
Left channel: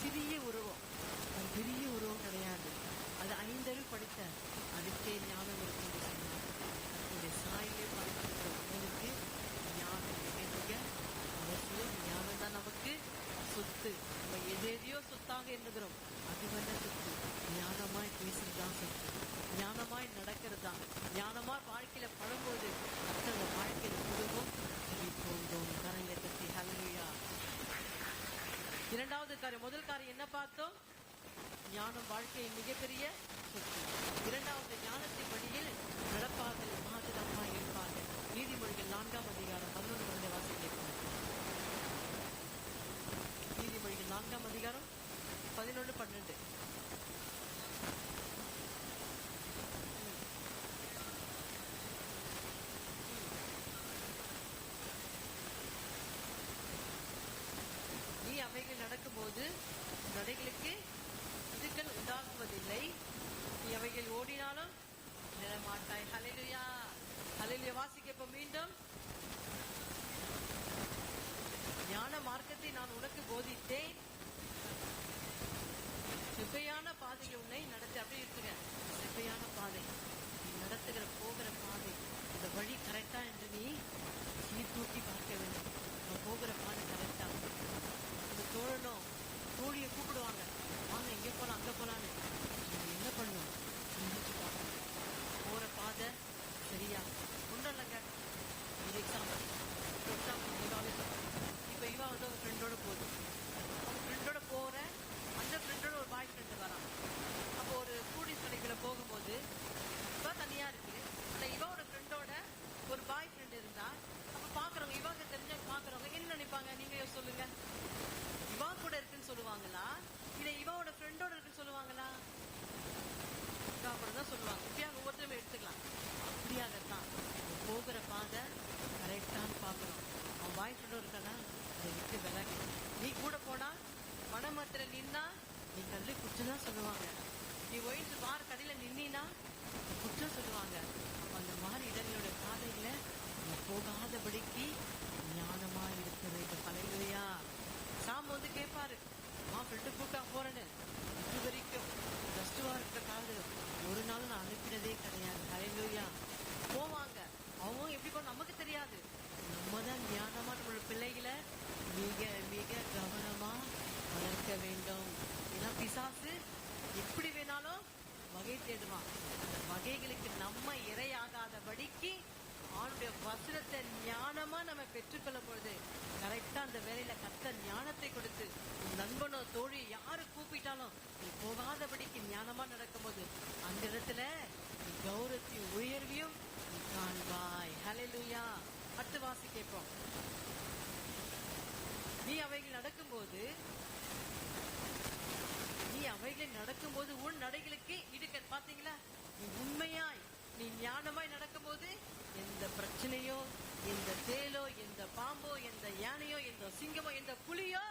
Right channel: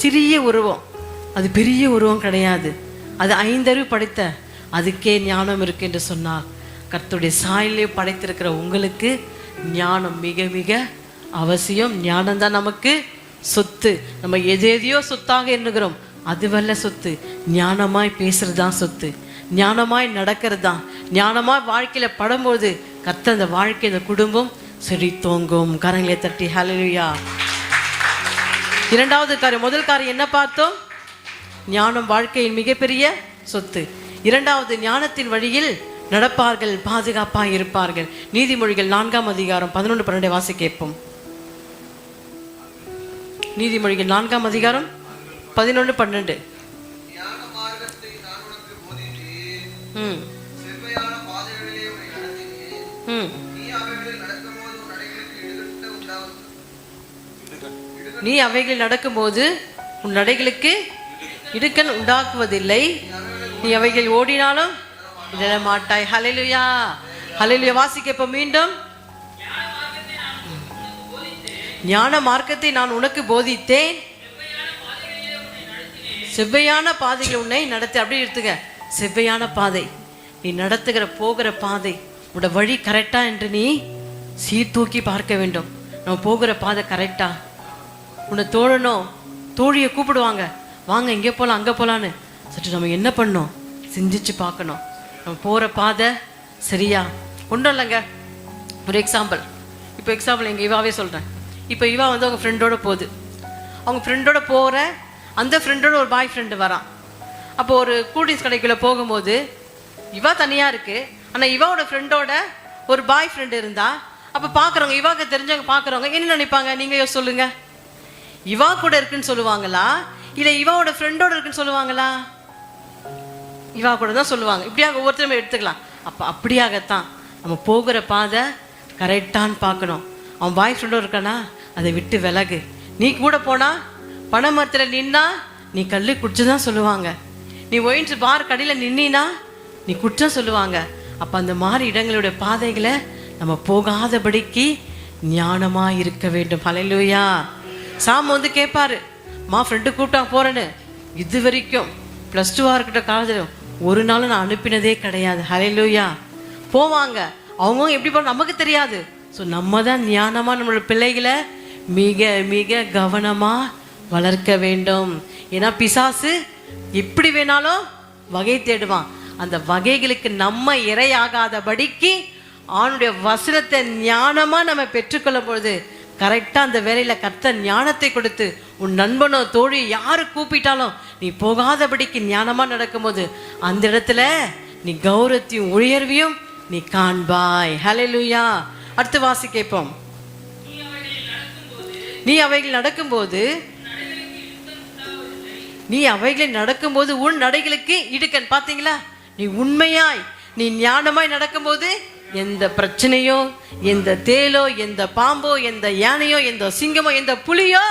சிறிய உருவம், அது பெரிய உருவம் கிடையாது, அது 5 அறிவு படைத்த அதுக்கே ஞானம் இருக்கு என்று சொன்னார். கர்த்தருடைய சாயலே படைத்திருக்கிற உங்களுக்கு ஞானம் மிக மிக அவசியம். ஞானம்தான் நமக்கு சொத்து. நம்ம எதையோ சொத்தாக எண்ணுகிறோம், அதுவல்ல சொத்து. ஞானமாய் பேசுறது தான் சொத்து, ஞானமாய் நடக்கிறது தான். ஞானமாய் வாழ்க்கையில் படும்போது கர்த்தர் அந்த வாழ்க்கை, இந்த குடும்பம் செழித்தோங்கும். கரங்களை தட்டி ஹல்லேலூயா. இரண்டாவது காரியம், முதல் காரியம் என்ன பார்த்தோம்? ஞானம் வாழ்க்கையின் மிகப்பெரிய சொத்து. இரண்டாவது, ஞானத்தின் வழியில் நடப்பார்கள், பாதுகாப்பாக இருப்பார்கள். நீதிமொழிகள் 4ஆம் அதிகாரம் 11-12 வாசி கேட்போம். நீதிமொழிகள் 4ஆம் அதிகாரம் 11-12. நீ அவைகளில் நடக்கும்போது உன் நடைகளுக்கு இடுக்கண் உண்டாக்குவதில்லை, நீ அவைகள் ஓடினாலும் இடர மாட்டாய். ஹல்லேலூயா, ஹல்லேலூயா. வாசிக்க இப்ப மீண்டும். ஞான மார்க்கத்தை நான் உனக்கு போதித்தேன், செவ்வையான பாதைகள் உன்னை நடத்து. அப்படி எடுத்துக்க, செவ்வையான பாதை, நீ நடத்துகிற போகிற பாதை, உன்னோட வழி கரெக்டா என்று நீ சீர்தூக்கி பார்க்க வேண்டும். நம்ம போகிற பாதை கரெக்டா? உன்னை தோழனும் தோழியை கூப்பிடுவாங்க, வாங்க இங்கே போகலாம் அங்கே போகலான்னு. சற்று நம்ம என்ன பண்ணோம்? சிந்திச்சு பார்க்கணும், நம்ம போகிற பாதை சரியா? ஒன்றும் இல்லைங்க, ஒரு எக்ஸாம்பிள். இப்போ எக்ஸாம்பிள் எங்கள் இவாவே சொல்கிறேன். இப்போ இவா வந்து அவங்க ஃப்ரெண்டோட போகுது. அவங்க ஃப்ரெண்டோட போகிற அந்த ஃப்ரெண்டோட ஒரு பாய் ஃப்ரெண்டு வரான். அப்போ ஒரு கூல்ட்ரிங்க்ஸ் கடைக்குள்ளே போகும்போது இவா தனியாக இருக்குது, ஆனால் இவாவோட ஃப்ரெண்டோட ஒரு பாய் ஃப்ரெண்டு இருந்தா அப்போ பார்க்குறவங்க, இவாக்கு தெரிஞ்சவங்க பார்க்குறவங்க என்ன நினைப்பாங்க? நீங்கள் சொல்லுங்கள். இவா கூட இருக்குன்னு சொல்லுவாங்களா, இல்லை இவாவோட ஃப்ரெண்டோட இருக்குன்னு சொல்லுவாங்களா? இவா கூட தான் சொல்லுவாங்க. இப்படியாக ஒவ்வொருத்தரும் எடுத்துக்கலாம். அப்போ அப்படியாகத்தான் நம்ம போகிற பாதை கரெக்டான்னு பார்க்கணும். அவன் பாய் ஃப்ரெண்டோட இருக்கானா, அதை விட்டு விலகு. நீ கூட போனால் பனை மரத்தில் நின்னா நீ கல் குடிச்சு தான் சொல்லுவாங்க. நீ ஒயின்ஸ் பார் கடையில் நின்னா நீ குற்றம் சொல்லுவாங்க. அப்போ அந்த மாதிரி இடங்களுடைய பாதைகளை நம்ம போகாதபடிக்கு ஞானமாக இருக்க வேண்டும். ஹல்லேலூயா. சாம் வந்து கேட்பாரு, மா ஃப்ரெண்டு கூப்பிட்டா போகிறேன்னு. இது வரைக்கும் +2 இருக்கட்டும் காலேஜில் ஒரு நாளும் நான் அனுப்பினதே கிடையாது. ஹல்லேலூயா. போவாங்க, அவங்க எப்படி போன நமக்கு தெரியாது. ஸோ நம்ம தான் ஞானமாக நம்மளோட பிள்ளைகளை மிக மிக கவனமாக வளர்க்க வேண்டும். ஏன்னா பிசாசு எப்படி வேணாலும் வகை தேடுவான். அந்த வகைகளுக்கு நம்ம இரையாகாதபடிக்கு அவனுடைய வசனத்தை ஞானமாக நம்ம பெற்றுக்கொள்ளும் பொழுது கரெக்டாக அந்த வேலையில் கர்த்தர் ஞானத்தை கொடுத்து உன் நண்பனோ தோழி யாரு கூப்பிட்டாலும் நீ போகாதபடிக்கு ஞானமாக நடக்கும்போது அந்த இடத்துல நீ கௌரவத்தையும் உயர்வையும் நீ காண்பாய். ஹல்லேலூயா. அடுத்து வாசி கேட்போம். நீ அவைகள் நடக்கும்போது உன் நடைகளுக்கு இடுக்கண். பார்த்தீங்களா? நீ உண்மையாய் நீ ஞானமாய் நடக்கும்போது எந்த பிரச்சனையோ, எந்த தேலோ, எந்த பாம்போ, எந்த யானையோ, எந்த சிங்கமோ, எந்த புலியோ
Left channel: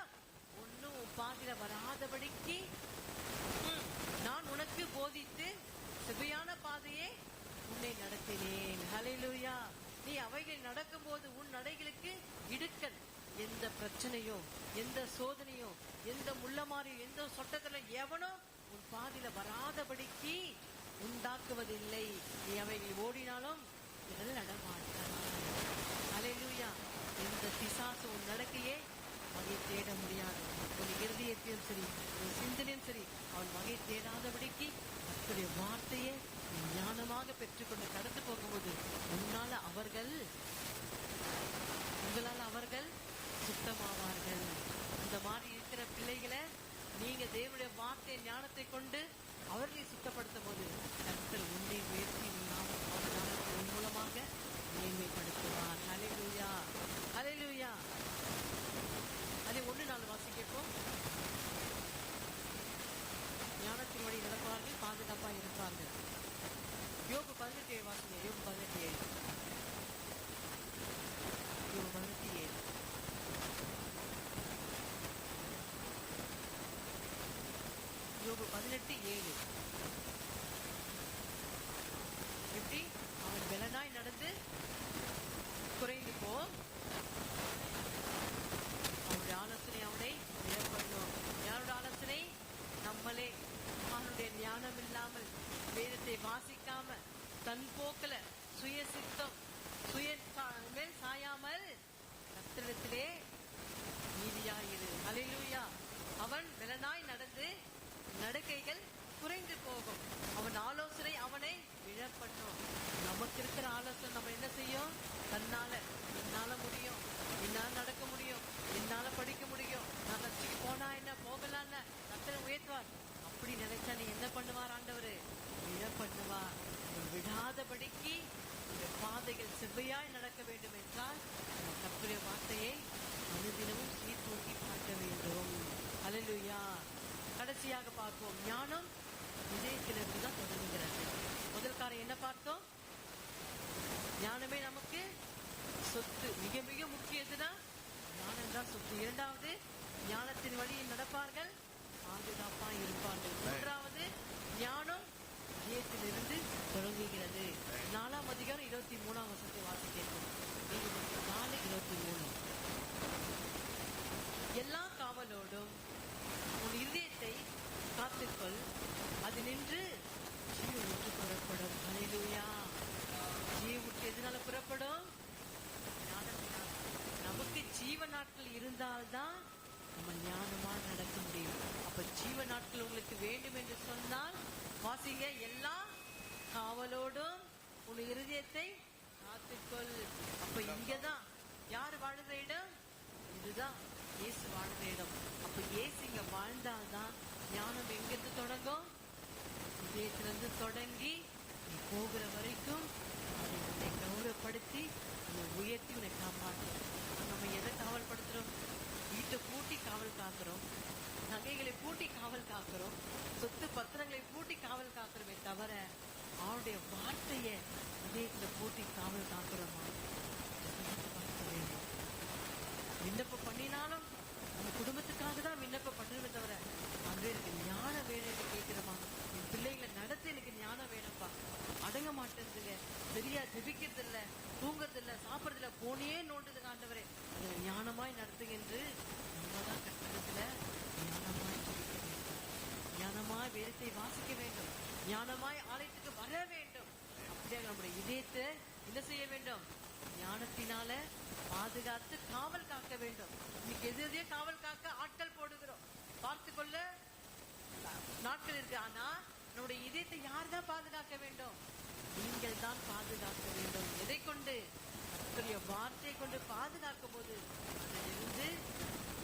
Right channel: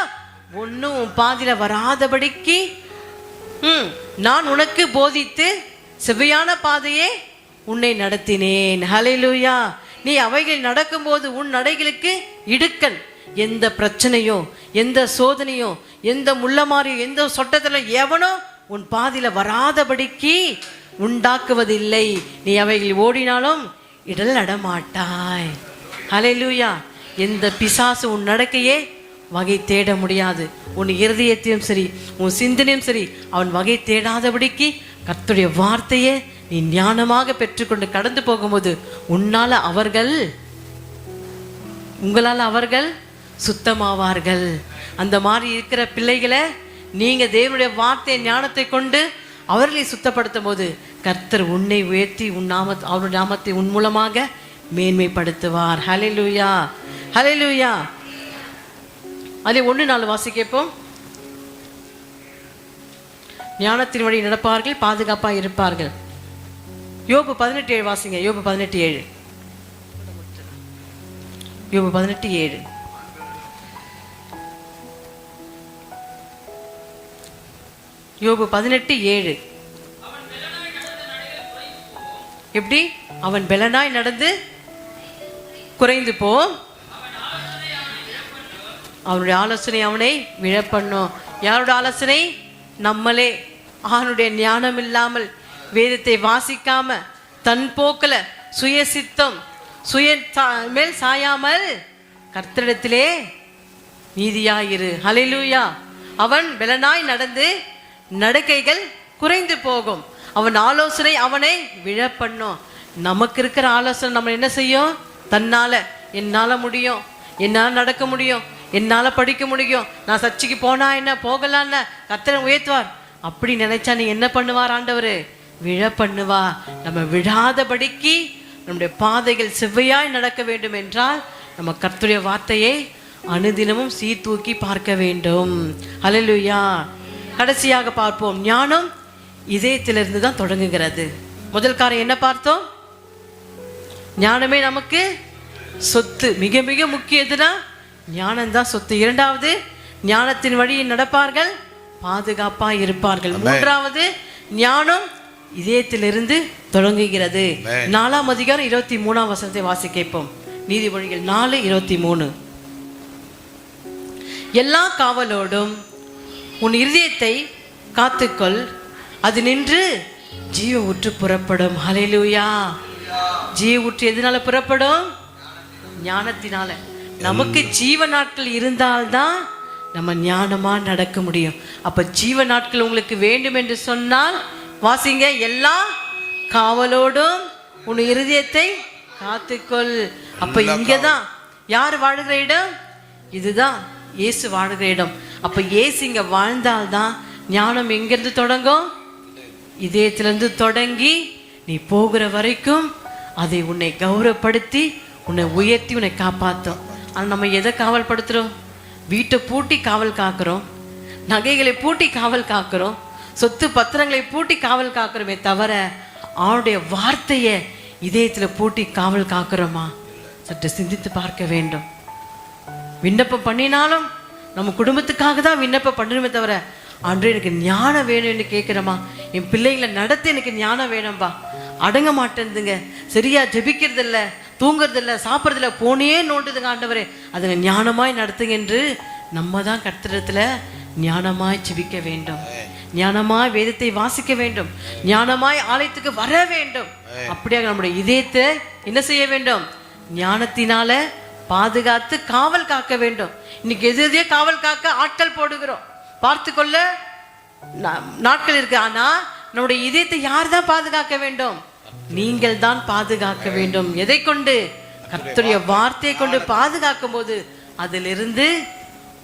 ஒன்றும் உன் பாதியில் வராதபடிக்கு நான் உனக்கு போதித்து செவ்வையான பாதையே உன்னை நடத்தினேன். ஹல்லேலூயா. நீ அவைகள் நடக்கும்போது உன் நடைகளுக்கு இடுக்கண். எந்த பிரச்சனையோ, எந்த சோதனையோ, எந்த முள்ளமாரியோ, எந்த சொட்டத்தில் எவனோ உன் பாதியில் வராதபடிக்கு உண்டாக்குவதில்லை. நீ அவைகள் ஓடினாலும் இடல் நடமாட்டாய். ஹல்லேலூயா. எந்த பிசாசு உன் நடக்கையே வகை தேட முடியாது. உன் இருதயத்தையும் சரி, உன் சிந்தனையும் சரி, அவன் வகை தேடாதபடிக்கு கர்த்தருடைய வார்த்தையை நீ ஞானமாக பெற்றுக்கொண்டு கடந்து போகும்போது உங்களால் அவர்கள் சுத்தமாவார்கள். அந்த மாதிரி இருக்கிற பிள்ளைகளை நீங்க தேவனுடைய வார்த்தை ஞானத்தை கொண்டு அவர்களை சுத்தப்படுத்தும் போது கர்த்தர் உன்னை உயர்த்தி அவருடைய நாமத்தை உன் மூலமாக மேன்மைப்படுத்துவார். ஹல்லேலூயா, ஹல்லேலூயா. அதில் 1:4 வாசிக்கப்போம். ஞானத்தின் வழி நடப்பார்கள், பாதுகாப்பாக இருப்பார்கள். யோபு 18:7 வாசிங்க. யோபு 18:7. யோபு 18:7. யோபு 18:7. எப்படி? அவன் பெலனாய் நடந்து குறைந்து போ, அவனுடைய ஆலோசனை அவனை விழப்பண்ணும். யாருடைய ஆலோசனை? நம்மளே அவனுடைய ஞானம் இல்லாமல் வேதத்தை வாசிக்காம தன் போக்கில் சுயசித்தம் மேல் சாயாமல் கர்த்தரிடத்திலே நீதியாயிரு. ஹல்லேலூயா. அவன் பெலனாய் நடந்து நடக்கைகள் குறைந்து போகும், அவன் ஆலோசனை அவனை விழப்பண்ணும். நமக்கு இருக்கிற ஆலோசனை நம்ம என்ன செய்யும்? தன்னால என்னால முடியும், என்னால் நடக்க முடியும், என்னால் படிக்க முடியும், நான் சர்ச்சைக்கு போனா என்ன, போகலான்னு கர்த்தரை உயர்த்துவார். அப்படி நினைச்சா நீ என்ன பண்ணுவார் ஆண்டவர்? விழ பண்ணுவா. நம்ம விழாதபடிக்கு நம்முடைய பாதைகள் செவ்வையாய் நடக்க வேண்டும் என்றால் நம்ம கர்த்தருடைய வார்த்தையை அனுதினமும் சீர்தூக்கி பார்க்க வேண்டும். ஹல்லேலூயா. கடைசியாக பார்ப்போம். ஞானம் இதயத்திலிருந்து தான் தொடங்குகிறது. முதல் காரியம் என்ன பார்த்தோம்? ஞானமே நமக்கு சொத்து. மிக மிக முக்கியதுன்னா ஞானம்தான் சொத்து. இரண்டாவது, ஞானத்தின் வழியில் நடப்பார்கள், பாதுகாப்பாக இருப்பார்கள். மூன்றாவது, ஞானம் இதயத்திலிருந்து தொடங்குகிறது. 4ஆம் அதிகாரம் 23ஆம் வசனத்தை வாசிக்கப்போம். நீதிமொழிகள் 4:23. எல்லா காவலோடும் உன் இருதயத்தை காத்துக்கொள், அது நின்று ஜீவ ஊற்று புறப்படும். ஹல்லேலூயா. ஜீவ ஊற்று எதனால புறப்படும்? ஞானத்தினால. நமக்கு ஜீவ நாட்கள் இருந்தால்தான் நம்ம ஞானமா நடக்க முடியும். அப்ப ஜீவ நாட்கள் உங்களுக்கு வேண்டும் என்று சொன்னால் வாசிங்க. எல்லா காவலோடும் உன் இருதயத்தை காத்துக்கொள். அப்ப இங்கதான் யார் வாழுகிற இடம்? இதுதான் இயேசு வாழுகிற இடம். அப்ப இயேசு இங்க வாழ்ந்தால்தான் ஞானம் எங்கிருந்து தொடங்கும்? இதயத்திலிருந்து தொடங்கி நீ போகிற வரைக்கும் அதை உன்னை கௌரவப்படுத்தி உன்னை உயர்த்தி உன்னை காப்பாற்றும். ஆனால் நம்ம எதை காவல் படுத்துகிறோம்? வீட்டை பூட்டி காவல் காக்கிறோம், நகைகளை பூட்டி காவல் காக்கிறோம், சொத்து பத்திரங்களை பூட்டி காவல் காக்கிறோமே தவிர அவனுடைய வார்த்தையை இதயத்தில் பூட்டி காவல் காக்கிறோமா? சற்று சிந்தித்து பார்க்க வேண்டும். விண்ணப்பம் பண்ணினாலும் நம்ம குடும்பத்துக்காக தான் விண்ணப்பம் பண்ணணுமே தவிர அன்று எனக்கு ஞானம் வேணும் என்று கேட்குறோமா? என் பிள்ளைகளை நடத்த எனக்கு ஞானம் வேணும்பா, அடங்க மாட்டேன்துங்க, சரியா ஜெபிக்கிறது இல்லை, தூங்குறதில்ல, சாப்பிட்றதில்ல, போனே நோண்டுதுங்க ஆண்டவரே, அதுங்க ஞானமாய் நடத்துங்க என்று நம்ம தான் கர்த்தரிடத்தில் ஞானமாய் ஜெபிக்க வேண்டும், ஞானமாய் வேதத்தை வாசிக்க வேண்டும், ஞானமாய் ஆலயத்துக்கு வர வேண்டும். அப்படியாக நம்முடைய இதயத்தை என்ன செய்ய வேண்டும்? ஞானத்தினால பாதுகாத்து காவல் காக்க வேண்டும். இன்னைக்கு எதையோ காவல் காக்க ஆட்கள் போடுகிறோம், பார்த்து கொள்ள நாட்கள் இருக்கு. ஆனா நம்முடைய இதயத்தை யார் தான் பாதுகாக்க வேண்டும்? நீங்கள் தான் பாதுகாக்க வேண்டும். எதை கொண்டு? கர்த்தருடைய வார்த்தையை கொண்டு பாதுகாக்கும் போது அதிலிருந்து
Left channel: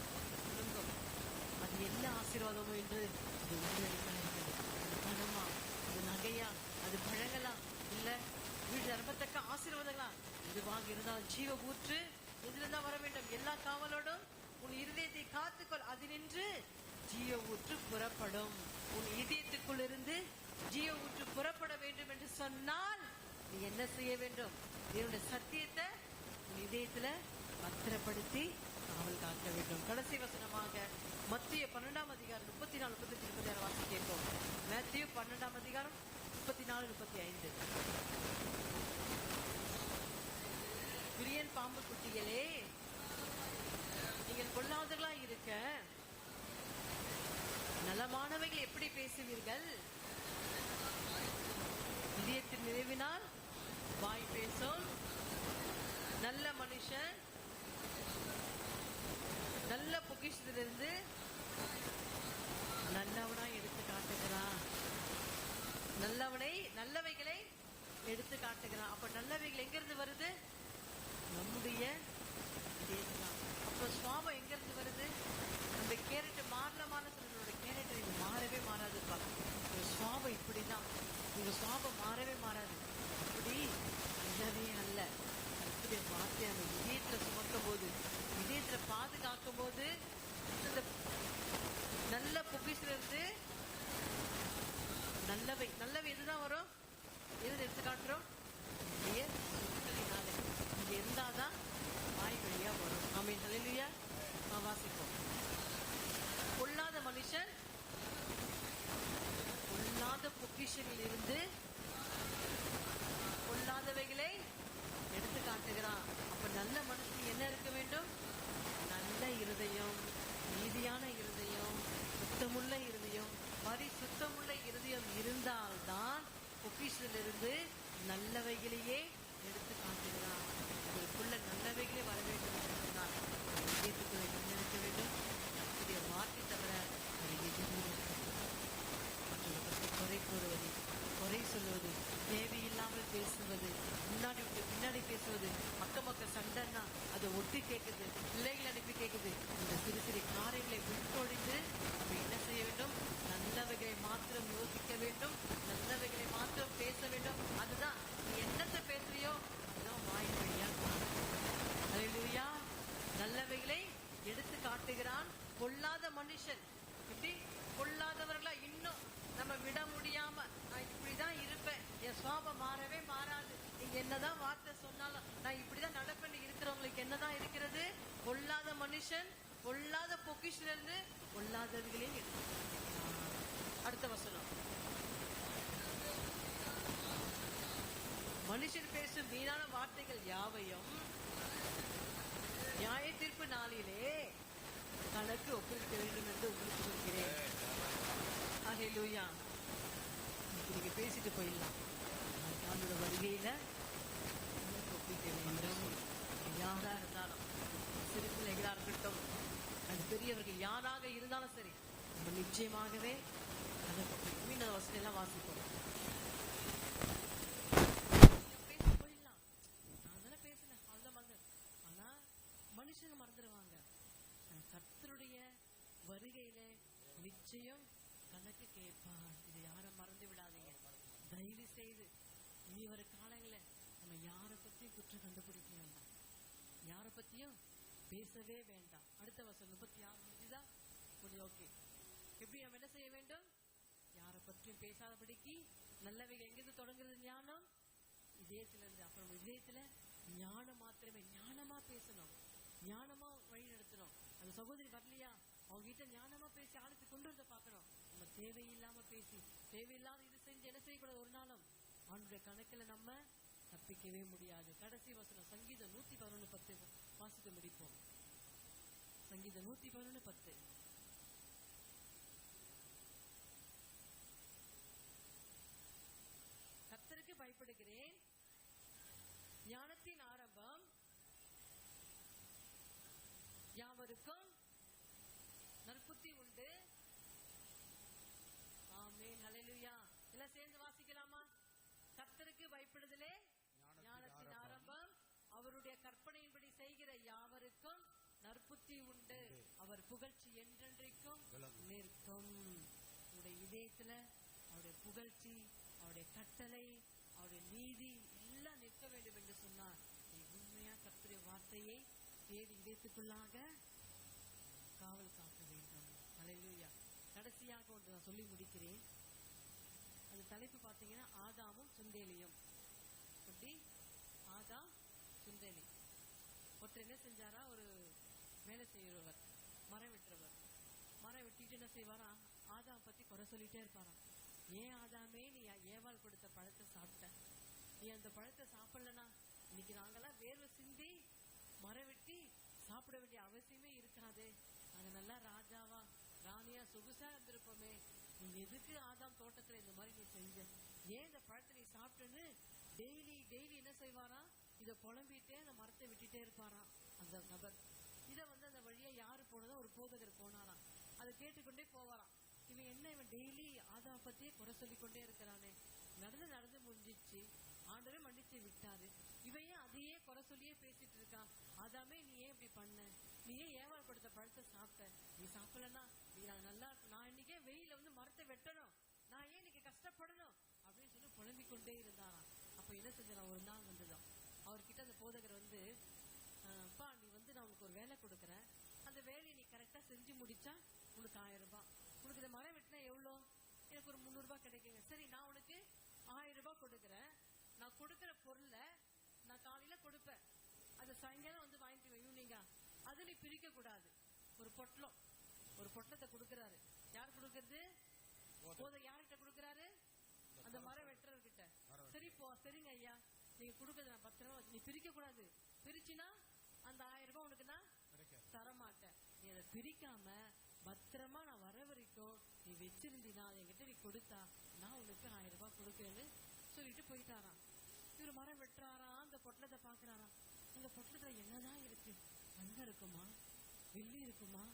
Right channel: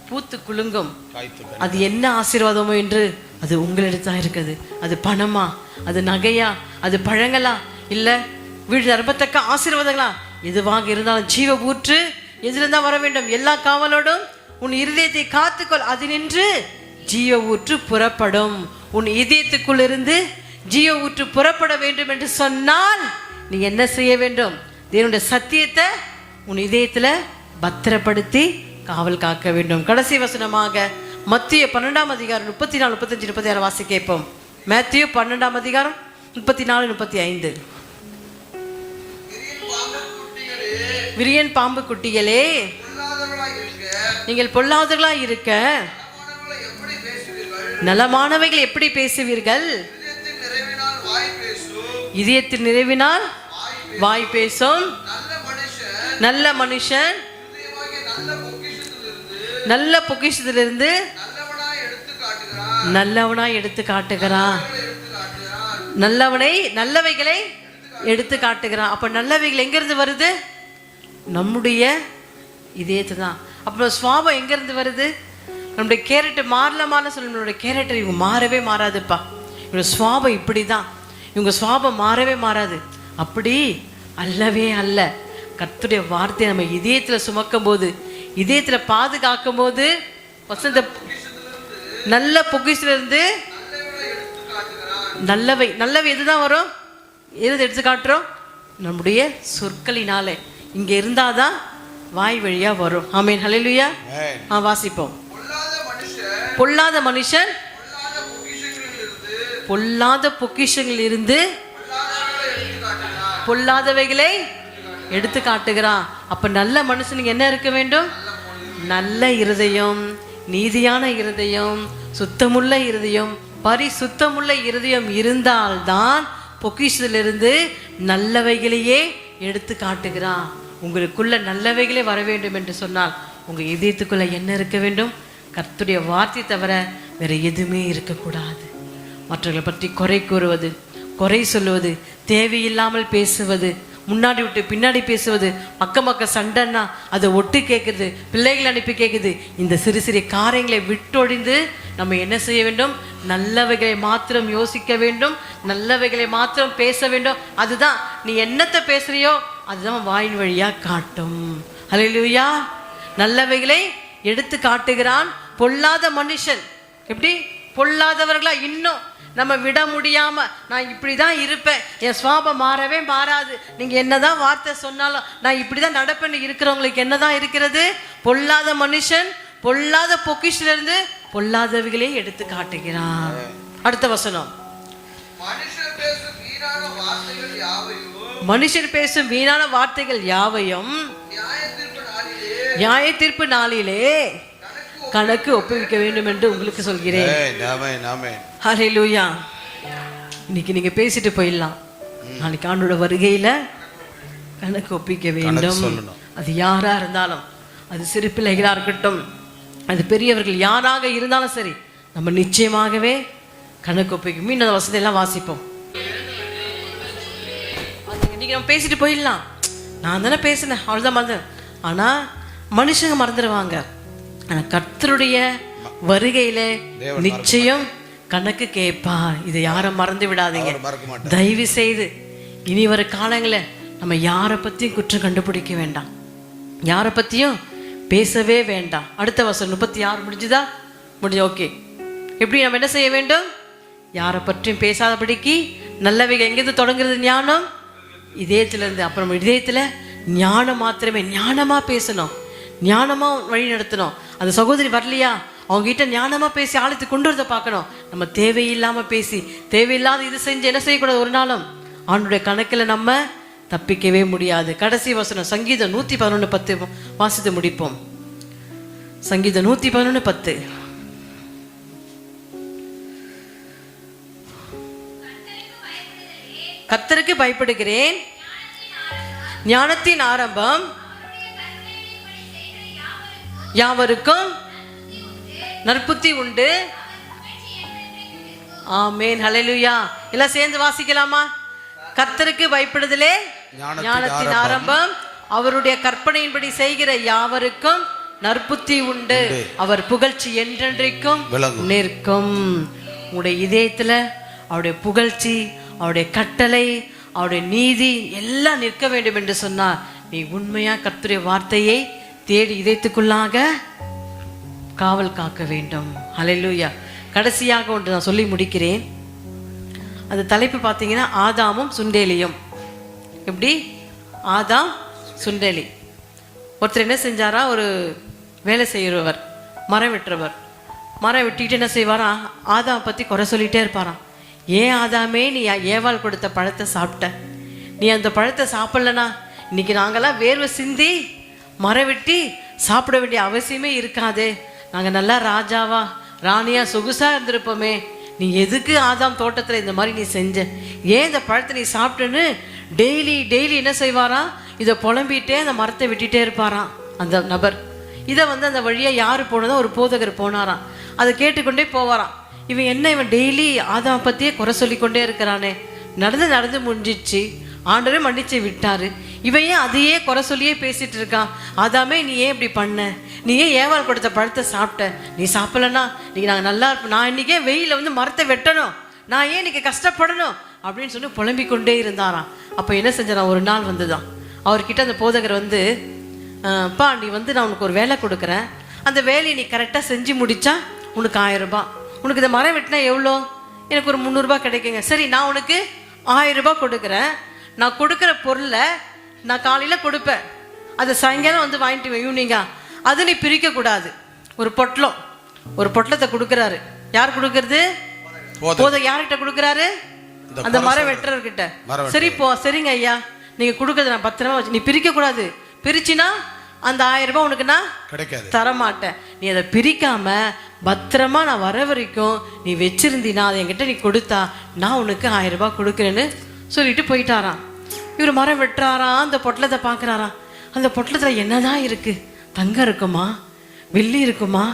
பூத்து குலுங்கும். அது என்ன ஆசீர்வாதமோ என்று அது உங்களிடத்தான் இருக்குது. அது பணமா, அது நகையா, அது பழங்களா, இல்ல வீடு நிரம்பத்தக்க ஆசீர்வாதங்களா, எதுவாக இருந்தாலும் ஜீவ ஊற்று எதிலிருந்தா வர வேண்டும்? எல்லா காவலோடும் உன் இருதயத்தை காத்துக்கொள், அது நின்று ஜீவ ஊற்று புறப்படும். உன் இதயத்துக்குள் இருந்து ஜீவ ஊற்று புறப்பட வேண்டும் என்று சொன்னால் நீ என்ன செய்ய வேண்டும்? தேவனுடைய சத்தியத்தை உன் இதயத்துல பத்திரப்படுத்தி காவல் காக்க வேண்டும். கடைசி வசனமாக மத்திய 12ஆம் அதிகாரம் 34, 35, 36 வாசி கேட்போம். மேத்யூ 12ஆம் அதிகாரம் 34, 35. விரியன் பாம்பு குட்டிகளே, நீங்கள் பொல்லாதவர்களாய் இருக்க நலமானவைகள் எப்படி பேசுவீர்கள்? இதயத்தின் நிறைவினால் வாய் பேசும். நல்ல மனுஷன் நல்ல பொக்கிஷத்திலிருந்து நல்லவனாய் எடுத்து காட்டுகிறான். நல்லவைகளை எடுத்து காட்டுகிறான். அப்ப நல்லவைகள் எங்கிருந்து வருது? நம்முடைய இதயத்து தான். அப்புறம் சுவாபம் எங்கிருந்து வருது? நம்முடைய கேரக்டர் மாறலமான சொல்லி, நம்மளுடைய கேரக்டர் இவங்க மாறவே மாறாதுப்பா, இவங்க சுவாபம் இப்படி தான், இவங்க சுவாபம் மாறவே மாறாது. அப்படி அல்லவே அல்ல. கர்த்தருடைய வார்த்தையை நம்ம இதயத்தில் சுமக்கும் போது, இதயத்தில் பாதுகாக்கும் போது, வசந்த நல்ல பொக்கிஷத்திலிருந்து நல்லவை எதுதான் வரும்? எது எடுத்து காட்டுறோம்? நம்முடைய சொற்களினாலே. இங்க இருந்தாதான் வாய் வழியா வரும். ஆமென், ஹல்லேலூயா. வாசிப்போம். பொல்லாத மனுஷன் பொல்லாத பொக்கிஷங்களில் இருந்து பொல்லாதவைகளை எடுத்து காட்டுகிறான். அப்ப நல்ல மனுஷனுக்கு என்ன இருக்க வேண்டும்? நல்ல இருதயம், நீதியான இருதயம், சுத்தமுள்ள இருதயம், பரிசுத்தமுள்ள இருதயம் இருந்தால்தான் பொக்கிஷத்திலிருந்து நல்லவைகளையே எடுத்து காட்டுகிறான். உங்களுக்குள்ள நல்லவைகளே வர வேண்டும் என்று சொன்னால் உங்க இதயத்துக்குள்ள என்ன இருக்க வேண்டும்? கர்த்தருடைய வார்த்தை தவிர வேற எதுவுமே இருக்கக்கூடாது. மற்றவர்களை பற்றி குறை கூறுவது, குறை சொல்லுவது, தேவையில்லாமல் பேசுவது, முன்னாடி விட்டு பின்னாடி பேசுவது, அக்கம் சண்டைன்னா அதை ஒட்டு கேட்குது, பிள்ளைகளை அனுப்பி கேட்குது, இந்த சிறு சிறிய காரியங்களை விட்டொழிந்து நம்ம என்ன செய்ய வேண்டும்? நல்லவைகளை மாத்திரம் யோசிக்க வேண்டும், நல்லவைகளை மாத்திரம் பேச வேண்டும். அதுதான் நீ என்னத்தை பேசுறியோ அதுதான் வாயின் வழியா காட்டும். ஹல்லேலூயா. நல்லவைகளை எடுத்து காட்டுகிறான். பொல்லாத மனுஷன் எப்படி? பொல்லாதவர்களா இன்னும் நம்ம விட முடியாம, நான் இப்படிதான் இருப்பேன், என் சுவாபம் மாறவே மாறாது, நீங்க என்னதான் வார்த்தை சொன்னாலும் நான் இப்படிதான் நடப்பேன்னு இருக்கிறவங்களுக்கு என்னதான் இருக்கிறது? பொல்லாத மனுஷன் பொல்லாத பொக்கிஷிலிருந்து பொல்லாதவைகளே எடுத்து காட்டுகிறான். அடுத்த வசனம். மனுஷர் பேசும் வீணான வார்த்தைகள் யாவையும் நியாய தீர்ப்பு நாளிலே கணக்கு ஒப்புவிக்க வேண்டும் என்று உங்களுக்கு சொல்கிறேன். ஹல்லேலூயா. இன்னைக்கு நீங்க பேசிட்டு போயிடலாம், நாளைக்கு ஆண்டோட வருகையில கணக்கு ஒப்பிக்க வேண்டும். அது யாரா இருந்தாலும், அது சிறு பிள்ளைகளா இருக்கட்டும், அது பெரியவர்கள் யாராக இருந்தாலும் சரி, நம்ம நிச்சயமாகவே கணக்கு ஒப்பிக்கும். மீண்டும் அந்த வசதியெல்லாம் வாசிப்போம். இன்னைக்கு நம்ம பேசிட்டு போயிடலாம், நான் தானே பேசினேன் அவ்வளோதான் மறந்து. ஆனா மனுஷங்க மறந்துடுவாங்க. ஆனா கர்த்தருடைய வருகையில நிச்சயம் கணக்கு கேட்பார். இதை யாரும் மறந்து விடாதீங்க தயவு செய்து. இனி வர காலங்களில் நம்ம யாரை பத்தியும் குற்றம் கண்டுபிடிக்க வேண்டாம், யாரை பத்தியும் பேசவே வேண்டாம். அடுத்த வசனம் 36 முடிஞ்சுதா? முடிஞ்சு. ஓகே. எப்படி நம்ம என்ன செய்ய வேண்டும்? யாரை பற்றியும் பேசாதபடிக்கு நல்லவைகள் எங்கேருந்து தொடங்குறது? ஞானம் இதயத்திலிருந்து. அப்புறம் இதயத்துல ஞானம் மாத்திரமே, ஞானமா பேசணும், ஞானமா வழி நடத்தணும். அந்த சகோதரி வரலையா, அவங்க கிட்ட ஞானமா பேசி ஆழத்தை கொண்டு வரத பார்க்கணும். நம்ம தேவையில்லாம பேசி தேவையில்லாத இது செஞ்சு என்ன செய்யக்கூடாது? ஒரு நாளும் ஆண்டுடைய கணக்கில் நம்ம தப்பிக்கவே முடியாது. கடைசி வசனம் சங்கீதம் 111:10 வாசித்து முடிப்போம். சங்கீதம் 111:10. கர்த்தருக்கு பயப்படுகிறேன், ஞானத்தின் ஆரம்பம் யாவருக்கும் நற்புத்தி உண்டு. ஆமென், ஹல்லேலூயா. எல்லாம் சேர்ந்து வாசிக்கலாமா? கர்த்தருக்கு பயப்படுதலே ஞானத்தின் ஆரம்பம், அவருடைய கற்பனையின்படி செய்கிற யாவருக்கும் நற்புத்தி உண்டு, அவர் புகழ்ச்சி என்றென்றைக்கும் நிற்கும். உங்களுடைய இதயத்துல அவருடைய புகழ்ச்சி, அவருடைய கட்டளை, அவருடைய நீதி எல்லாம் நிற்க வேண்டும் என்று சொன்னார். நீ உண்மையா கர்த்தருடைய வார்த்தையை தேடி இதயத்துக்குள்ளாக காவல் காக்க வேண்டும். ஹல்லேலூயா. கடைசியாக ஒன்று நான் சொல்லி முடிக்கிறேன். அந்த தலைப்பு பார்த்தீங்கன்னா ஆதாமும் சுண்டேலியும். எப்படி? ஆதாம் சுண்டேலி. ஒருத்தர் என்ன செஞ்சாரா, ஒரு வேலை செய்கிறவர், மரம் வெட்டுறவர். மரம் வெட்டிட்டு என்ன செய்வாரா, ஆதாம் பற்றி குறை சொல்லிகிட்டே இருப்பாராம். ஏன் ஆதாமே நீ ஏவாள் கொடுத்த பழத்தை சாப்பிட்ட, நீ அந்த பழத்தை சாப்பிட்லனா இன்னைக்கு நாங்கள்லாம் வேர்வை சிந்தி மரம் வெட்டி சாப்பிட வேண்டிய அவசியமே இருக்காதே, நாங்கள் நல்லா ராஜாவா ராணியா சொகுசா இருந்திருப்போமே, நீ எதுக்கு ஆதாம் தோட்டத்தில் இந்த மாதிரி நீ செஞ்ச, ஏன் இந்த பழத்தை நீ சாப்பிட்டுன்னு டெய்லி என்ன செய்வாராம், இதை புலம்பிகிட்டே அந்த மரத்தை வெட்டிகிட்டே இருப்பாராம் அந்த நபர். இதை அந்த வழியாக யார் போனதோ ஒரு போதகர் போனாராம். அதை கேட்டுக்கொண்டே போவாராம். இவன் டெய்லி ஆதாம் பற்றியே குறை சொல்லிக்கொண்டே இருக்கிறானே, நடந்து முடிஞ்சிச்சு. ஆண்டவரே மன்னிச்சு விட்டாரு. இவன் ஏன் அதையே குறை சொல்லியே பேசிட்டு இருக்கான்? ஆதாமே நீ ஏன் இப்படி பண்ண? நீ ஏன் ஏவாள் கொடுத்த பழத்தை சாப்பிட்ட? நீ சாப்பிடலன்னா நீங்க நாங்கள் நல்லா இருப்போம். நான் இன்னைக்கே வெயில வந்து மரத்தை வெட்டணும், நான் ஏன் இன்னைக்கு கஷ்டப்படணும் அப்படின்னு சொல்லி புலம்பிக் கொண்டே இருந்தாராம். அப்போ என்ன செஞ்சாராம், ஒரு நாள் வந்துதான் அவர்கிட்ட அந்த போதகர் வந்து, பா நீ வந்து நான் உனக்கு ஒரு வேலை கொடுக்குறேன், அந்த வேலையை நீ கரெக்டாக செஞ்சு முடிச்சா உனக்கு 1000 ரூபாய். உனக்கு இந்த மரம் வெட்டினா எவ்வளோ? எனக்கு ஒரு 300 ரூபாய் கிடைக்குங்க. சரி நான் உனக்கு 1000 ரூபாய் கொடுக்குறேன். நான் கொடுக்குற பொருளை நான் காலையில் கொடுப்பேன், அதை சாயங்காலம் வந்து வாங்கிட்டு ஈவினிங்கா. அதை நீ பிரிக்கக்கூடாது. ஒரு பொட்டலத்தை கொடுக்குறாரு. யார் கொடுக்கறது? போதகர். யார்கிட்ட கொடுக்குறாரு? அந்த மரம் வெட்டுறவர்கிட்ட. சரிங்க ஐயா, நீங்க கொடுக்கறது நான் பத்திரமா வச்சு, நீ பிரிக்க கூடாது. பிரிச்சினா அந்த 1000 ரூபாய் உனக்கு நான் கிடைக்காது, தரமாட்டேன். நீ அதை பிரிக்காம பத்திரமா நான் வர வரைக்கும் நீ வச்சிருந்தீனா அதை என்கிட்ட நீ கொடுத்தா நான் உனக்கு 1000 ரூபாய் கொடுக்குறேன்னு சொல்லிட்டு போயிட்டாராம். இவர் மரம் வெட்டுறாராம், அந்த பொட்டலத்தை பார்க்குறாராம். அந்த பொட்டலத்தில் என்னதான் இருக்கு? தங்கம் இருக்குமா, வெள்ளி இருக்குமா,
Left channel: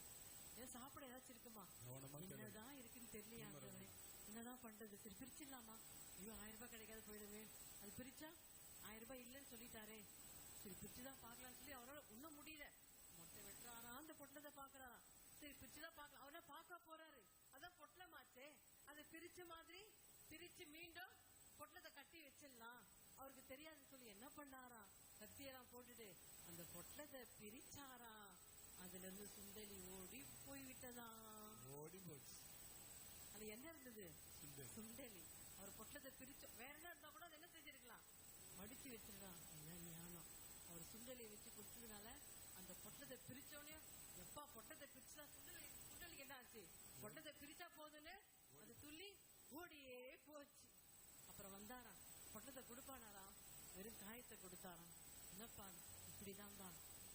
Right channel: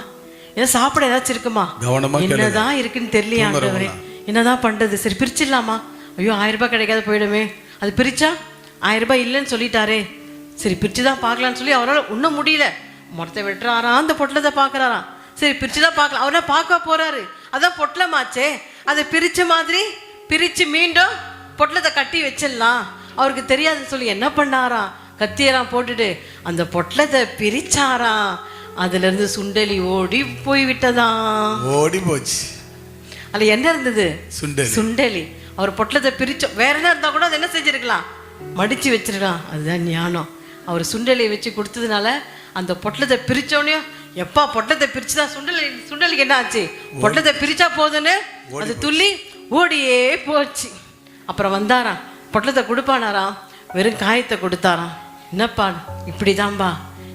ஏதோ சாப்பிட ஏதாச்சும் இருக்குமா? என்னதான் இருக்குன்னு தெரியலையா ஆண்டவரே, என்னதான் பண்றது? சரி பிரிச்சிடலாமா? ஐயோ 1000 ரூபாய் கிடைக்காது போயிடுமே. அது பிரிச்சா 1000 ரூபாய் இல்லைன்னு சொல்லிட்டாரே, சரி பிரிச்சுதான் பார்க்கலான்னு சொல்லி அவரால் ஒன்றும் முடியல. மரத்தை வெட்டுறாராம், அந்த பொட்டலத்தை பார்க்குறாராம். சரி பிரிச்சுதான் பார்க்கலாம். அவரால் பார்க்க போறாரு, அதான் பொட்டலமாச்சே, அதை பிரிச்ச மாதிரி பிரிச்சு மீண்டும் பொட்டலத்தை கட்டி வச்சிடலாம். அவருக்கு தெரியாதுன்னு சொல்லி என்ன பண்ணாராம், கத்தியெல்லாம் போட்டுட்டு அந்த பொட்டலத்தை பிரிச்சாராம். அதுல இருந்து சுண்டலி ஓடி போய் விட்டதாம். ஓடி போச்சு. அதுல என்ன இருந்தது? சுண்டலி. அவர் பொட்டலத்தை பிரிச்சோம். வேற என்ன இருந்தா கூட அதை என்ன செஞ்சிருக்கலாம், மடிச்சு வச்சிருக்கலாம். அதுதான் ஞானம். அவர் சுண்டலியை வச்சு கொடுத்ததுனால அந்த பொட்டலத்தை பிரிச்சோடனே, எப்பா பொட்டலத்தை பிரிச்சுதான் சுண்டலிக்கு என்ன ஆச்சு? பொட்டலத்தை பிரிச்சா போதுன்னு அது துள்ளி ஓடியே போச்சு. அப்புறம் வந்தாராம், பொட்டலத்தை கொடுப்பானாராம், வெறும் காயத்தை கொடுத்தாராம். என்னப்பா இப்படிதான்பா,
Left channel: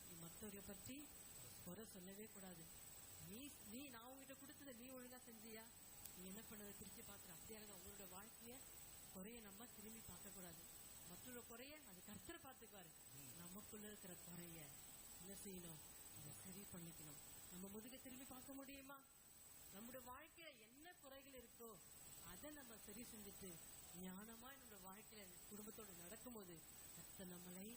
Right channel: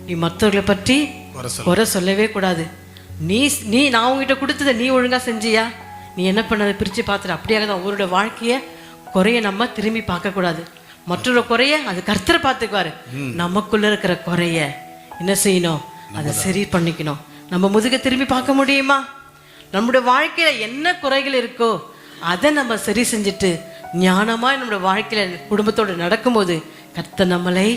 நீ மற்றவர்களை பற்றி குறை சொல்லவே கூடாது. நீ நான் உங்ககிட்ட கொடுத்ததை நீ ஒழுங்கா செஞ்சியா? நீ என்ன பண்ணதை பிரித்து பார்த்துட்டு அப்படியாக தான் அவரோட வாழ்க்கையை குறைய நம்ம திரும்பி பார்க்கக்கூடாது. மற்றொரு குறைய அது கர்த்தரை பார்த்துக்குவாரு. நமக்குள்ள இருக்கிற குறைய என்ன செய்யணும், அதை சரி பண்ணிக்கணும். நம்ம முதுக திரும்பி பார்க்க முடியுமா? நம்முடைய வாழ்க்கையில என்ன குறைகள் இருக்கோ அதை நம்ம சரி செஞ்சுட்டு ஞானமா நம்முடைய வாழ்க்கையில குடும்பத்தோடு நடக்கும்போது கர்த்தர் நம்மளை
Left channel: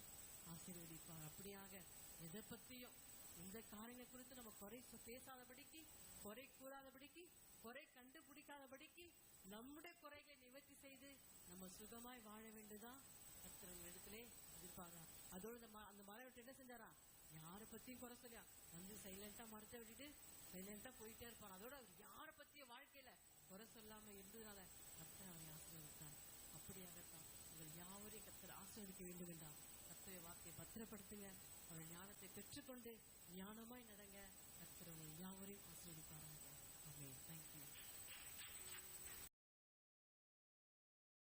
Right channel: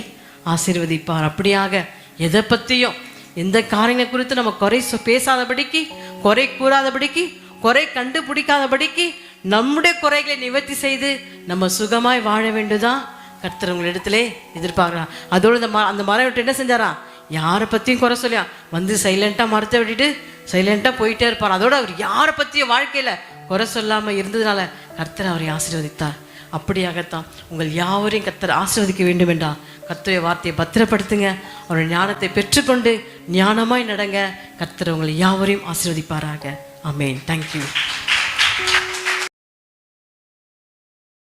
ஆசீர்வதிப்பார். அப்படியாக எதை பற்றியும் எந்த காரியங்களை குறித்து நம்ம குறை பேசாதபடிக்கு, குறை கூறாதபடிக்கு, குறை கண்டுபிடிக்காதபடிக்கு நம்முடைய குறைகளை நிவர்த்தி செய்து நம்ம சுகமாய் வாழ வேண்டுதான் கர்த்தர் உங்களிடத்திலே எதிர்பார்க்கிறான். அதோடு அந்த மரம் விட்டு என்ன செஞ்சாரா, யாரை பற்றியும் குறை சொல்லியா வந்து சைலண்டாக மரத்தை விட்டுட்டு சைலண்டாக போயிட்டே இருப்பார். அதோடு அவர் யாரை பற்றியும் வாழ்க்கையில் குறை சொல்லாமல் இருந்ததுனால கர்த்தர் அவரை ஆசீர்வதித்தார். அப்படியாகத்தான் உங்கள் யாவரையும் கர்த்தர் ஆசீர்வதிக்க வேண்டும் என்றால் கர்த்தருடைய வார்த்தையை பத்திரப்படுத்துங்க. அவருடைய ஞானத்தை பெற்றுக்கொண்டு ஞானமாய் நடங்க. கர்த்தர் உங்களை யாவரையும் ஆசீர்வதிப்பாராக. ஆமென். தேங்க்யூ.